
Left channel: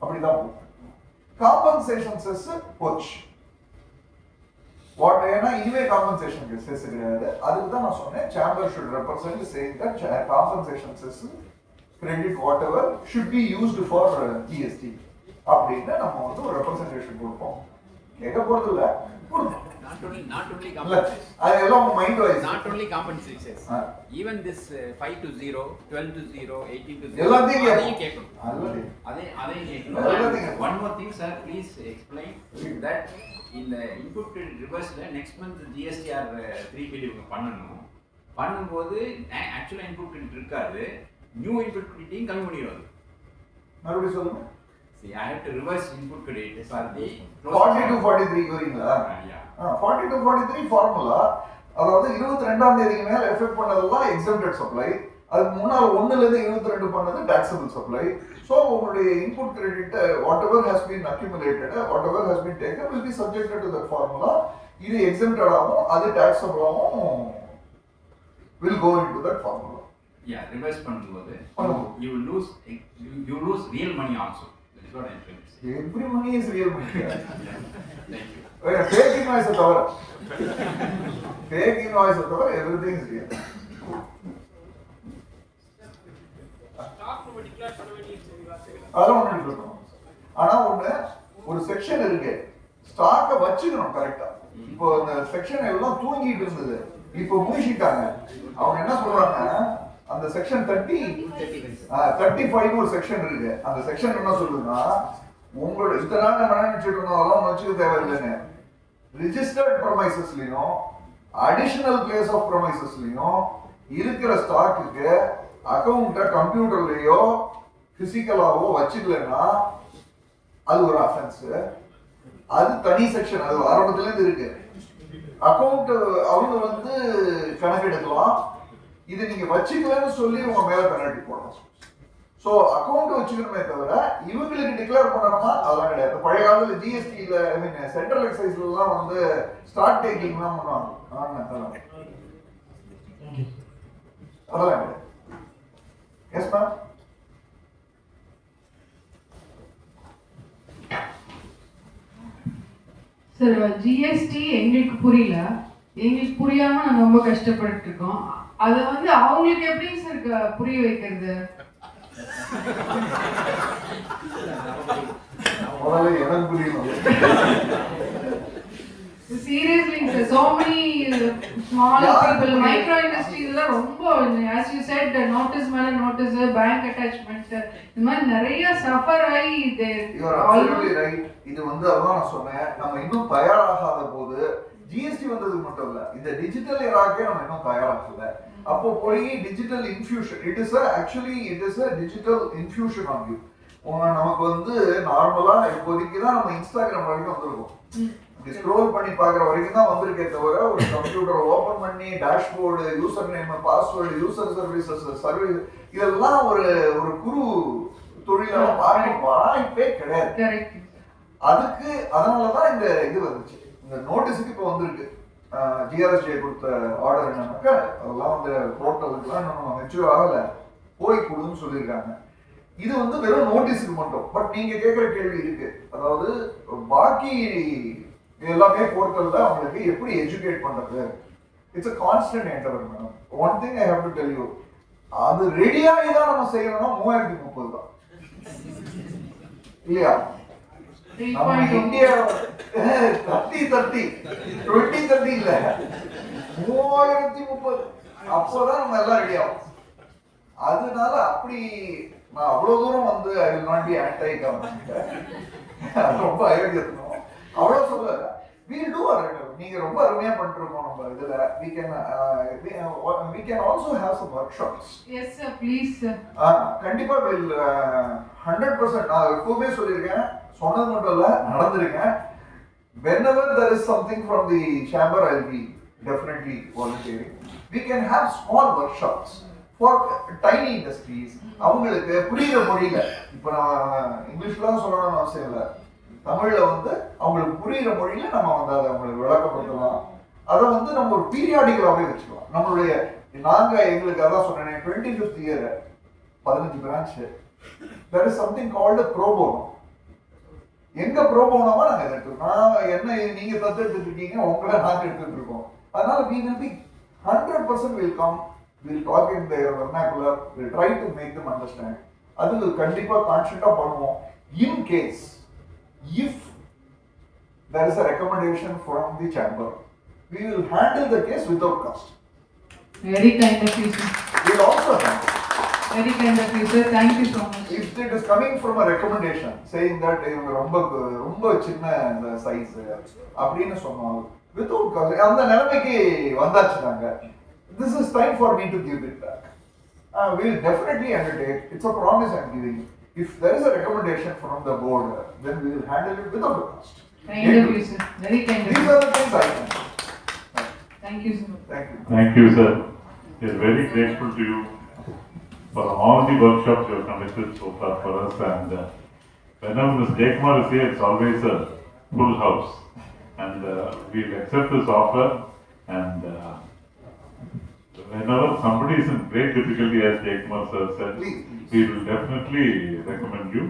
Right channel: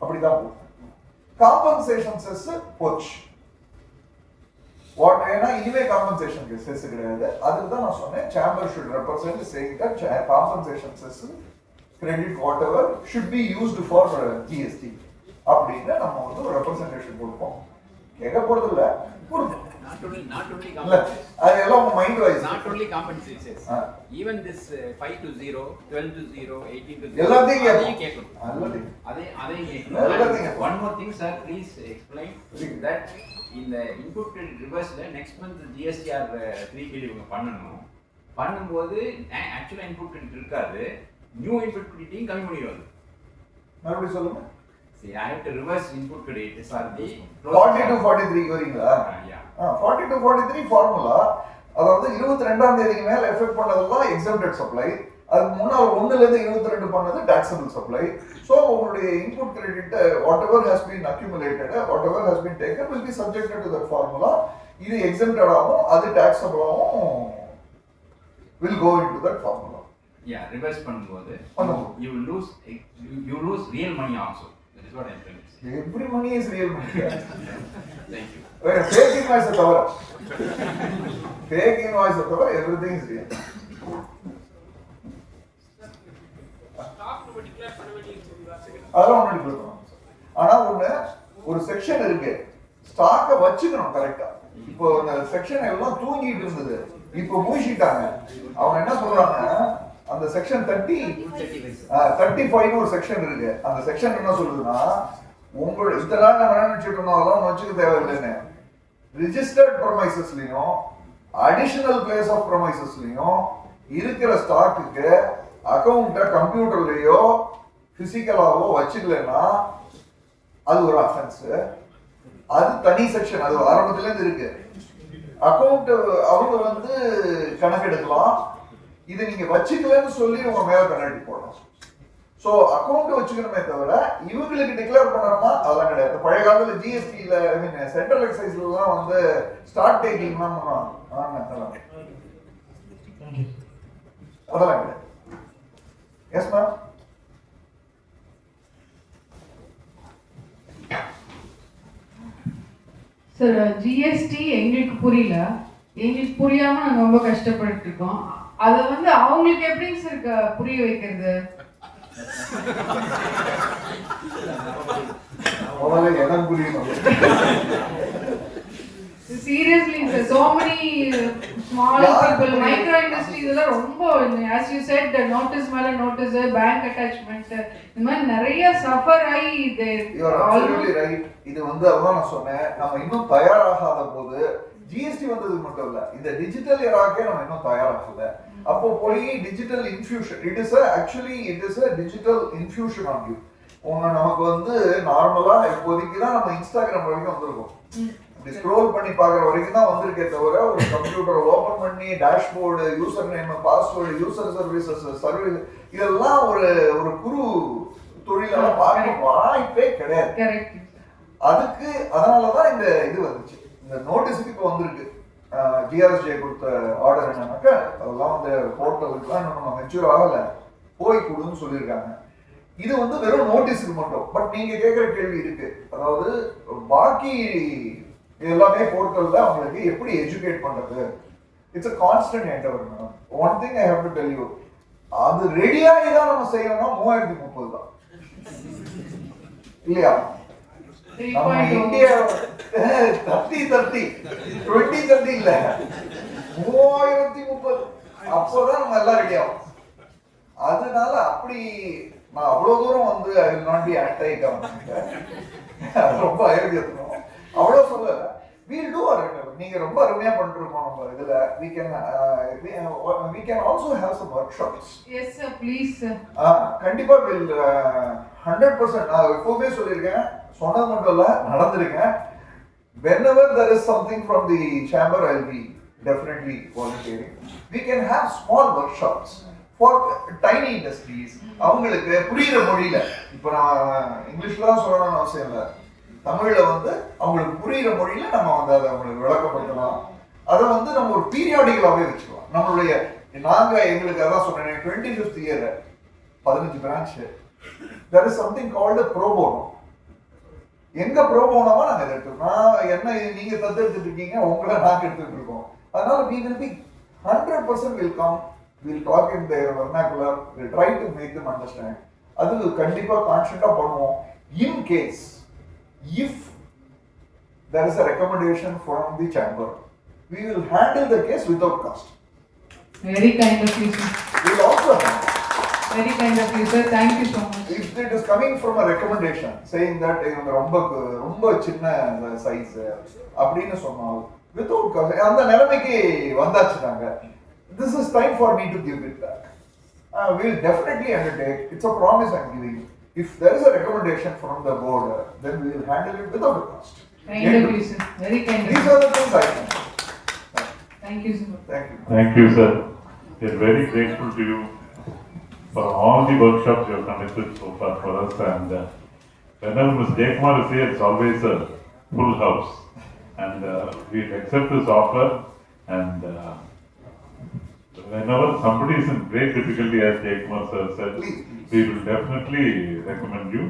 அப்படிதான் போகும். காம்பன்சேஷன் செஸ் போச்சு. ஏன்னா இனிமே காம்பன்சேஷன் செஸ் கிடையாது. அதுக்கு தான் நான் சொன்னேன், chamber should represent saying that compensation chess credit what ever should be used for GST அப்படின்னு நம்ம வந்து ஒரு ரெப்ரசன்டேஷன் கொடுப்போம். கேட்க போறது இல்ல, அது எல்லாம் mind wise. Not only compensations, even this 5 to 0, 12 to 0, 18 to 0, எல்லாத்தையும் கேட்கும். அதையும் கேட்கும். எல்லாத்தையும். One more thing sir, please explain that in the input reverse next month GSTR 3 billion பண்ணும்போது ஆக்சுவலா இன்புட் கிரெடிட் இருக்காது, நியூ இன்புட் கிரெடிட்டையும் கம்மி பண்ணிடுவாங்க. மறுபடியும் சொல்லுங்க. See, I have to reverse input credit for the 40 to 43 வரீங்களா? 40 to 43 ஃபார்முலா, அதாவது 22ஆம் தேதிக்கு மேல எஃபெக்ட் பண்ணதெல்லாம் எக்ஸம்ப்டட் சப்ளை, அதுக்கு முன்னால் 1லேருந்து 22 பண்ணது taxable supply. So உங்களுடைய input credit whatever has been accumulated, whatever has been taken will be subjected to that formula. இது exempted ஆகும், அது taxable ஆகும், will go into that formula. Yeah, reverse பண்ணும்போது you lose real money also. That is what I am trying to say. Every money is real money. Thank you. Fake invoice தவிர fake invoice தவிர everything is real. அதெல்லாம் ஒண்ணு இருக்கணும். ஆனா ஒரு section இருக்கு, ஸ்டாக்க வச்சுக்கணும் கரெக்டா. இப்போ அந்த செக்ஷன் எல்லாம் தூங்கிட்டு இருந்தது, இப்போ மூடிட்டாங்க. அவங்க என்ன சொல்றாங்க, அந்த செக்ஷன் 35 ஒரு செக்ஷன் இருக்கு. அந்த செக்ஷன் என்ன சொல்லுதுன்னா, உங்களோட இதெல்லாம் நம்ம நினைச்சிட்டு இருந்தோம், அதெல்லாம் வச்சுக்க தேவையில்லைன்னு. ரிஜிஸ்டர்ட் ப்ரமைசஸ்லயும் அடிஷனல் பிளேஸ் ஆஃப் ப்ரமைசஸ்லயும் இருக்கிற ஸ்டாக்குக்கு அக்கௌண்ட்டை கம்ப்யூட்டர்லயோ பிசிக்கலாவோ வச்சுக்கலன்னா அது ஒரு அஃபென்ஸ். அது தனி செக்ஷன், அது ஆரம்பத்துல இருந்து இருக்கு. அக்கௌண்ட் அவங்க கணக்கெடுக்கலாம், இது நீங்க வச்சுக்கலன்னு சொல்லி உங்க மேல பெனால்டி போடலாம். சோ அக்கௌண்ட் வச்சுக்கணுமே தவிர இவங்களுக்கு டிக்ளேர் பண்ணணும்னா அதெல்லாம் கிடையாது. பழைய காலத்துல ஜிஎஸ்டில சென்ட்ரல் எக்ஸைஸ்ல எல்லாம் ஸ்டார்ட் டேக்கிங் தான் பண்ணுவாங்க. அதெல்லாம் எஸ் மேம். சார், ஜிஎஸ்டி எங்களுக்கு புரியல, எங்களுக்கு புரியாம நாங்க ரொம்ப கஷ்டப்பட்டு இருக்கோம். அதை அவங்களுக்கு எப்படி சார் புரிய வைக்கிறது? எனக்கு புரியணும். Seriously, sir, so many small people, micro industries எல்லாம் ரொம்ப, as you said, the notice மேல notice, bank attachment, இந்த மாதிரி நிறைய சஃபர் ஆகி இது ஆல்ரெடி ரைட். இது அதான் நான் சொன்னேன், நம்ம இன்னும் தயாராகாத போது ஜிஎஸ்டி வந்தது மட்டும் இல்ல, இந்த டிஜிட்டல் ஏராக்கே நம்ம இன்னும் தயாராகல. அப்போ போய் digital infusion, it is a digital infusion on you. நமக்கு நார்மலா இப்போதைக்கு தான் நம்ம இன்ஸ்டாகிராம் வரைக்கும் வந்திருக்கோம். ஸ்க்ரோல் பண்ணி பார்க்குற வரைக்கும் தான் வந்திருக்கே தவிர ஒரு கம்ப்யூட்டரை ஓப்பன் பண்ணி dashboard, user name, password, user services, service, இதெல்லாம் ஒரு குறு தொழிலாக பார்க்க வாய்ப்பே கிடையாது. அதுக்கு அதனாலதான் இந்த இது வந்துச்சு, இந்த நோட்டீஸுக்கு இப்போ வந்திருக்கு. ஜிஆர்எஸ்ஜே கொடுத்த ஆர்டர் என்னன்னாக்கா, அதெல்லாம் போர்ட்டலுக்குலாம் நம்ம மெச்சூர் ஆகல, போய் கொடுன்னு சொல்லியிருக்காங்க. இது வெறும் நோட்டீஸுக்கு மட்டும். பட் நீங்க கேட்குற கேள்வி இருக்கு, அதாவது பாக்கி எல்லாமே போர்ட்டல்ல அவங்களுக்கு எப்படி எஜுகேட் பண்றது? It's a constant endeavor madam. One thing I have to tell you, அது ரெடியாகி தான் நம்ம செய்யணும்னா 3030 தான் இல்லையா? நம்ம இந்தியா 2030 இல்ல 3030 அப்பதான் நம்ம எல்லாம் ரெடி ஆகும். அதனால அப்படி நான் அவ்வளவு தூரம் I will not be anti government, ரொம்ப அயோக்கியத்தணும் அவ்வளவு சொல்லல. வீல் டூ ஆர் நீங்க ரொம்ப அருமையா பண்ணிருக்கோம். நம்ம இதுல we can also have some workshops. Yes sir, please sir. கண்டிப்பா will 100% நான் எப்பவுமே சொல்லியிருக்கேன், சொன்னது மட்டும் இல்ல நடந்திருக்கேன். Whenever there is something from the chamber, I'll be definitely volunteering. We can have small workshops for tiny industries. அவங்களுக்கு புரியுற மொழியில, இப்ப நான் இங்கிலீஷ்ல தான் சொல்லணும்னு அவசியம் இல்லை, தமிழ்ல அவங்களுக்கு புரியுற மொழியில நம்ம அதை அவங்களுக்கு விளக்கப்படுத்தலாம். அதை நம்ம ஒரு பீரியாடிக்கலாவே வச்சுக்கலாம். நம்மளுடைய எங்களுக்கு அதான் சொன்னேன், 25th year 15 branch, there is something called a pro bono. எங்க pro bonoவா நாங்க எடுத்துக்கோம். நான் என்ன நீங்க தத்தெடுத்துட்டு இருக்கீங்க, உங்களை நாங்க எடுத்துட்டு இருக்கோம். அதனால we will be 100% will come, we'll talk in their vernacular, we'll try to make them understand. அது கண்டிப்பா கான்ஸ்டன்டா பண்ணுவோம். In case if there is a recommendation from the chamber, we will handle the case without cost. Very kind of you sir. We will also handle. Very kind of you sir, thank you so much. If it is coming from a recommendation saying that ரொம்ப சின்ன size அப்படின்னு சொன்னாங்க, without cost, அந்த நிலைமைக்கு வந்தாச்சுட்டாங்க. This is time for me to give it back. We will definitely undertake. It's a promise I am giving you. If there is a recommendation from the board, then we will handle it without the cost. Kind of you sir, very kind of you. These are the things I can. Thank you sir. Thank you. Thank you, sir. We are very grateful to you for all the workshops you have conducted so far for us. And whenever Ms. Jaikumar is here, it's always a full house. And we accept this offer. And whenever somebody is in great difficulty, as Jaikumar sir said, we will definitely recommend you.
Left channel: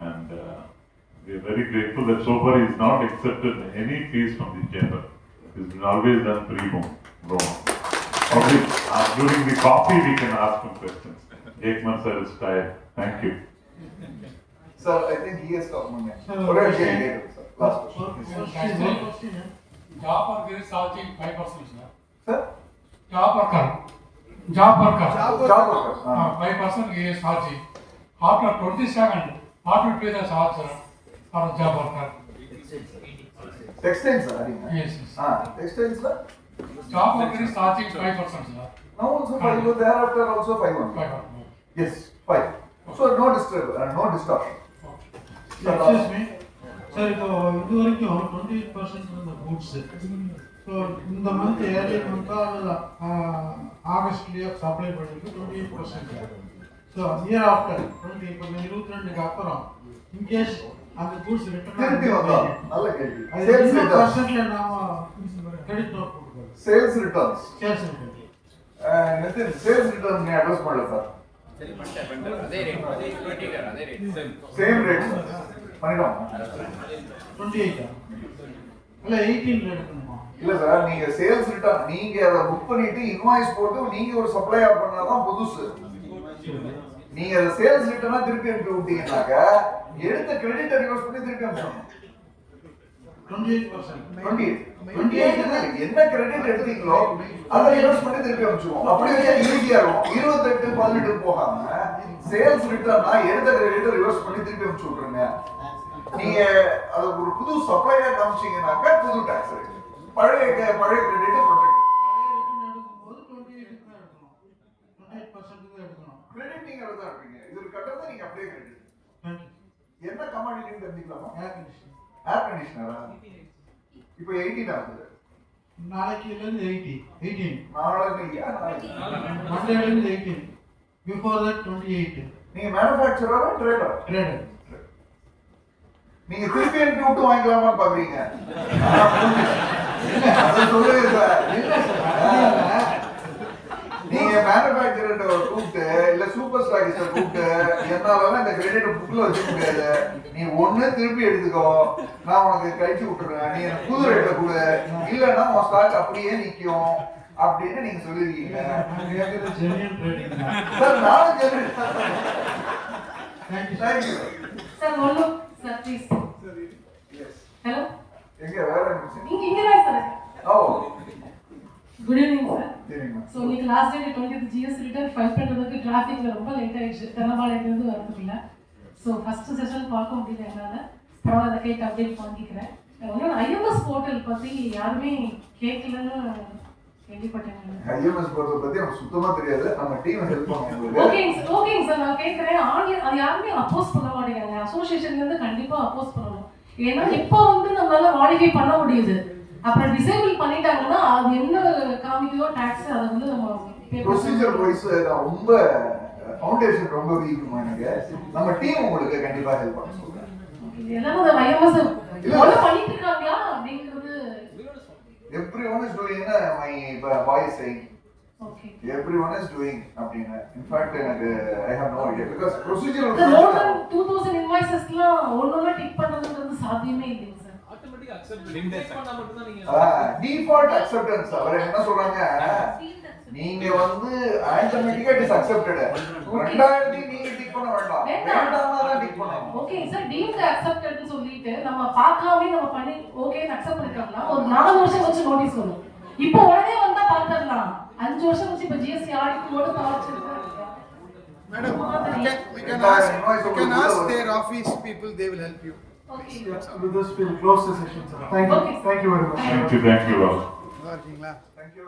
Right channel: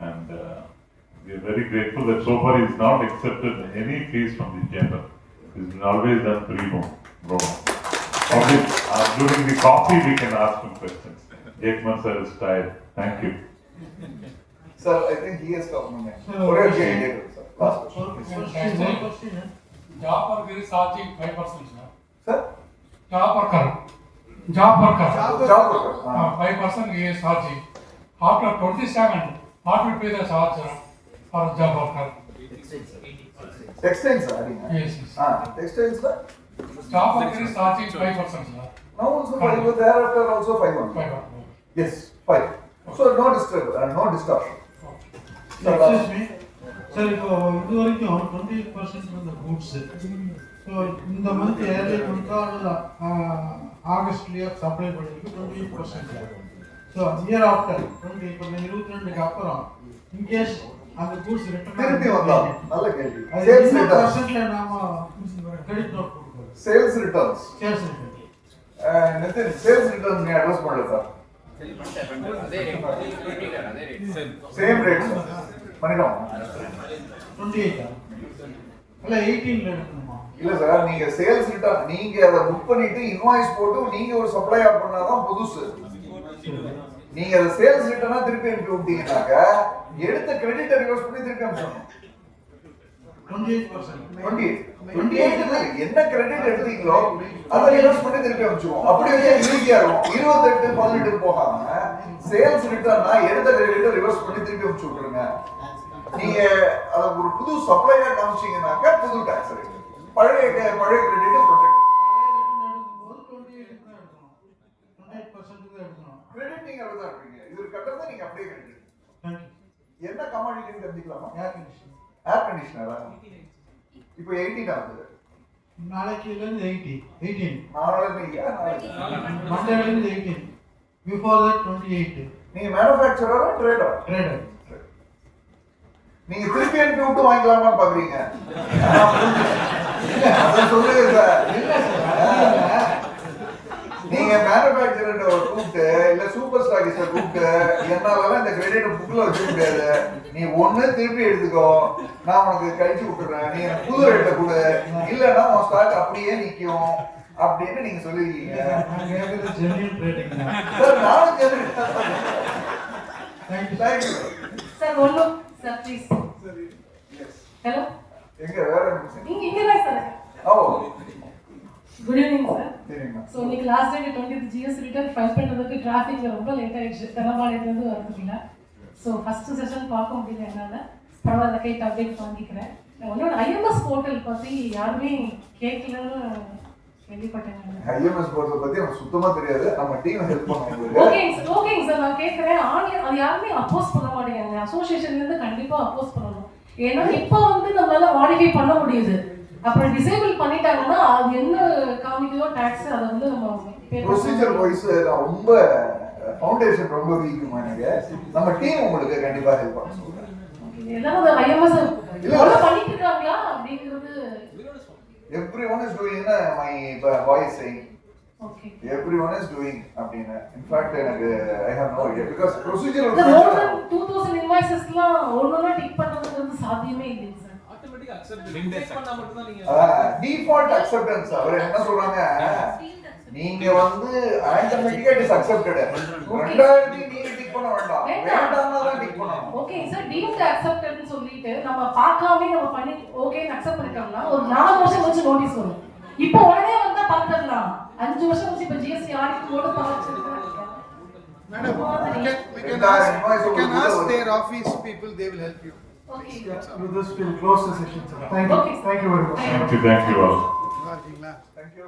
And we are very grateful that so far he's not accepted any fees from the chamber. He's been always done pro bono. Only during the coffee we can ask him questions. Jaikumar sir is tired. Thank you. Sir, I think he has come next. Last question. Job worker is charging 5%, sir. Sir? Job worker. 5% he is charging. After 27, what will be the charge for job worker? Textiles, sir. Yes. Textiles, sir. Job worker is charging 5%, sir. Now also 5, thereafter also 5 only. Yes, 5. So no distortion. Excuse me, sir, இது வரைக்கும் 20% from the goods. So இந்த month early month ஆகஸ்ட்லயே supply பண்ணிருக்கு 28%. So year after 20 இப்போ 22க்கு அப்புறம் in case அந்த goods return திருப்பி வந்தா நல்ல கேள்வி. அது Sales என்ன returns. பர்சன்ட்ல நாம credit note கொடுக்கணும். Sales returns. Sales return. Nitin, sales returns நீ அட்ரஸ் பண்ணல சார். Same rate. பண்ணிடுவோம். 28 இல்ல 18ல எடுக்கணுமா? இல்ல சார், நீங்க சேல்ஸ் ரிட்டர்ன் நீங்க அதை புக் பண்ணிட்டு இன்வாய்ஸ் போட்டு நீங்க ஒரு சப்ளையா பண்ணாதான் புதுசு. நீங்க அதை சேல்ஸ் ரிட்டர்னா திருப்பி அனுப்பி விட்டீங்கன்னாக்க எடுத்த கிரெடிட்டை ரிவர்ஸ் பண்ணி திருப்பி அனுப்பணும். 28 என்ன கிரெடிட் எடுத்தீங்களோ அதை ரிவர்ஸ் பண்ணி திருப்பி அனுப்பிச்சுவோம். அப்படியே ஈஸியா இருக்கும். 28 18 போகாம சேல்ஸ் ரிட்டர்னா எடுத்த கிரெடிட்டை ரிவர்ஸ் பண்ணி திருப்பி அனுப்பிச்சு விட்டுருங்க. நீங்க அதை ஒரு புது சப்ளையா காமிச்சீங்கன்னாக்க புது டாக்ஸ் ரேட். பழைய கிரெடிட்டை ப்ரொடெக்ட். கிரெடிட் நீங்க அப்படிதான் இருப்பீங்க. இது கட்டுறது நீங்க அப்படியே கிரெடிட். என்ன கமாடிட்டின்னு தெரிஞ்சுக்கலாமா? ஏர் கண்டிஷனரா? இப்போ 18 ஆகுது. நாளைக்கு இருந்து 18. நாளைக்கு மண்டேல இருந்து 18. Before that 28. நீங்க மேனுஃபேக்சரரா ட்ரேடரா? Trader. நீங்க திருப்பி அனுப்பி விட்டு வாங்கிக்கலாமா பாக்குறீங்க? இல்ல அத சொல்லுங்க சார். நீங்க மேனுஃபேக்சரர் கூப்பிட்டு இல்ல சூப்பர் ஸ்டாக்கிஸ்ட கூப்பிட்டு என்னால இந்த கிரெடிட் புக்ல வச்சுக்க முடியாது, நீ ஒண்ணு திருப்பி எடுத்துக்கோ, நான் உனக்கு கழிச்சு விட்டுறேன், நீ எனக்கு புது ரேட்டை கொடு, இல்லன்னா உன் ஸ்டாக் அப்படியே நிக்கும் அப்படின்னு நீங்க சொல்லிருக்கீங்க. சார் நானும் ஜென்யூன். தேங்க்யூ சார் ஒன்னு சார் ப்ளீஸ். ஹலோ எங்க வேற நிமிஷம் இங்க தான் சார். ஓ குட் ஈவினிங் சார். சரிங்க. ஸோ இன்னைக்கு last day 20th GST return file பண்ணுறதுக்கு டிராஃபிக்ல ரொம்ப லேட் ஆயிடுச்சு, தெரவாளையிலேருந்து வரதுக்குள்ள. ஸோ ஃபர்ஸ்ட் செஷன் பார்க்க முடியல என்னால். பரவாயில்ல கேட்டு அப்டேட் வாங்கிக்கிறேன். உங்களோட ஐஎம்எஸ் போர்ட்டல் பற்றி யாருமே கேட்கலன்னு கேள்விப்பட்டேன். ஐஎம்எஸ் போர்ட்டல் பற்றி எனக்கு சுத்தமாக தெரியாது. நம்ம டீம் ஹெல்ப் பண்ணுவோம். ஓகேங்க சார், நான் கேட்குறேன். ஆன்லைன் அது யாருமே அப்போஸ் பண்ண மாட்டேங்கிறாங்க. அசோசியேஷன்லேருந்து கண்டிப்பாக அப்போஸ் பண்ணணும். ஏன்னா இப்போ வந்து நம்மளால மாடிஃபை பண்ண முடியுது. அப்புறம் டிசேபிள் பண்ணிட்டாங்கன்னா அது என்ன காமிக்குதோ டாக்ஸ் அதை வந்து நம்ம ப்ரொசீஜர் வைஸ் ரொம்ப ஃபவுண்டேஷன் ரொம்ப வீக்குமா எனக்கு. நம்ம டீம் உங்களுக்கு கண்டிப்பாக ஹெல்ப் பண்ண சொல்றேன். ஏதாவது ஐஎம்எஸ் ஃபாலோ பண்ணிட்டு இருக்காங்களா அப்படிங்கிறது. everyone is doing my voice saying okay everyone is doing அப்படினா in fact எனக்கு I have no idea because procedure the more than 2000 invoicesலாம் ஒவ்வொண்ணா tick பண்றதுங்கிறது சாத்தியமே இல்லை சார். ஆட்டோமேட்டிக்கா அக்செப்ட் பண்ணா மட்டும் தான் நீங்க டிஃபால்ட் அக்செப்டன்ஸ். அவர் என்ன சொல்றாங்க, நீங்க வந்து ஆட்டோமேட்டிக்கா இட் இஸ் அக்செப்டட். ரெண்டாயிரத்தி நீங்க டிக் பண்ண வேண்டாம், வேண்டாம்னா தான் டிக் பண்ணணும். ஓகே சார், டீம்ட் அக்செப்டட்னு சொல்லிட்டு நம்ம பார்க்காம நம்ம பண்ணி ஓகேன்னு அக்செப்ட் பண்ணிட்டோம்னா ஒரு 4 வருஷம் வச்சு நோட்டீஸ் வரும். இப்போ உடனே வந்தா பார்த்துடலாம். 5 வருஷம் வச்சு இப்போ ஜிஎஸ்டி ஆடிட் போட்டு தாச்சிருக்காங்க. Madam, we can ask their office people, they will help you. Okay. With this, we'll close the session, sir. Thank you. Okay. Thank you very much. Thank you all. Thank you. Thank you.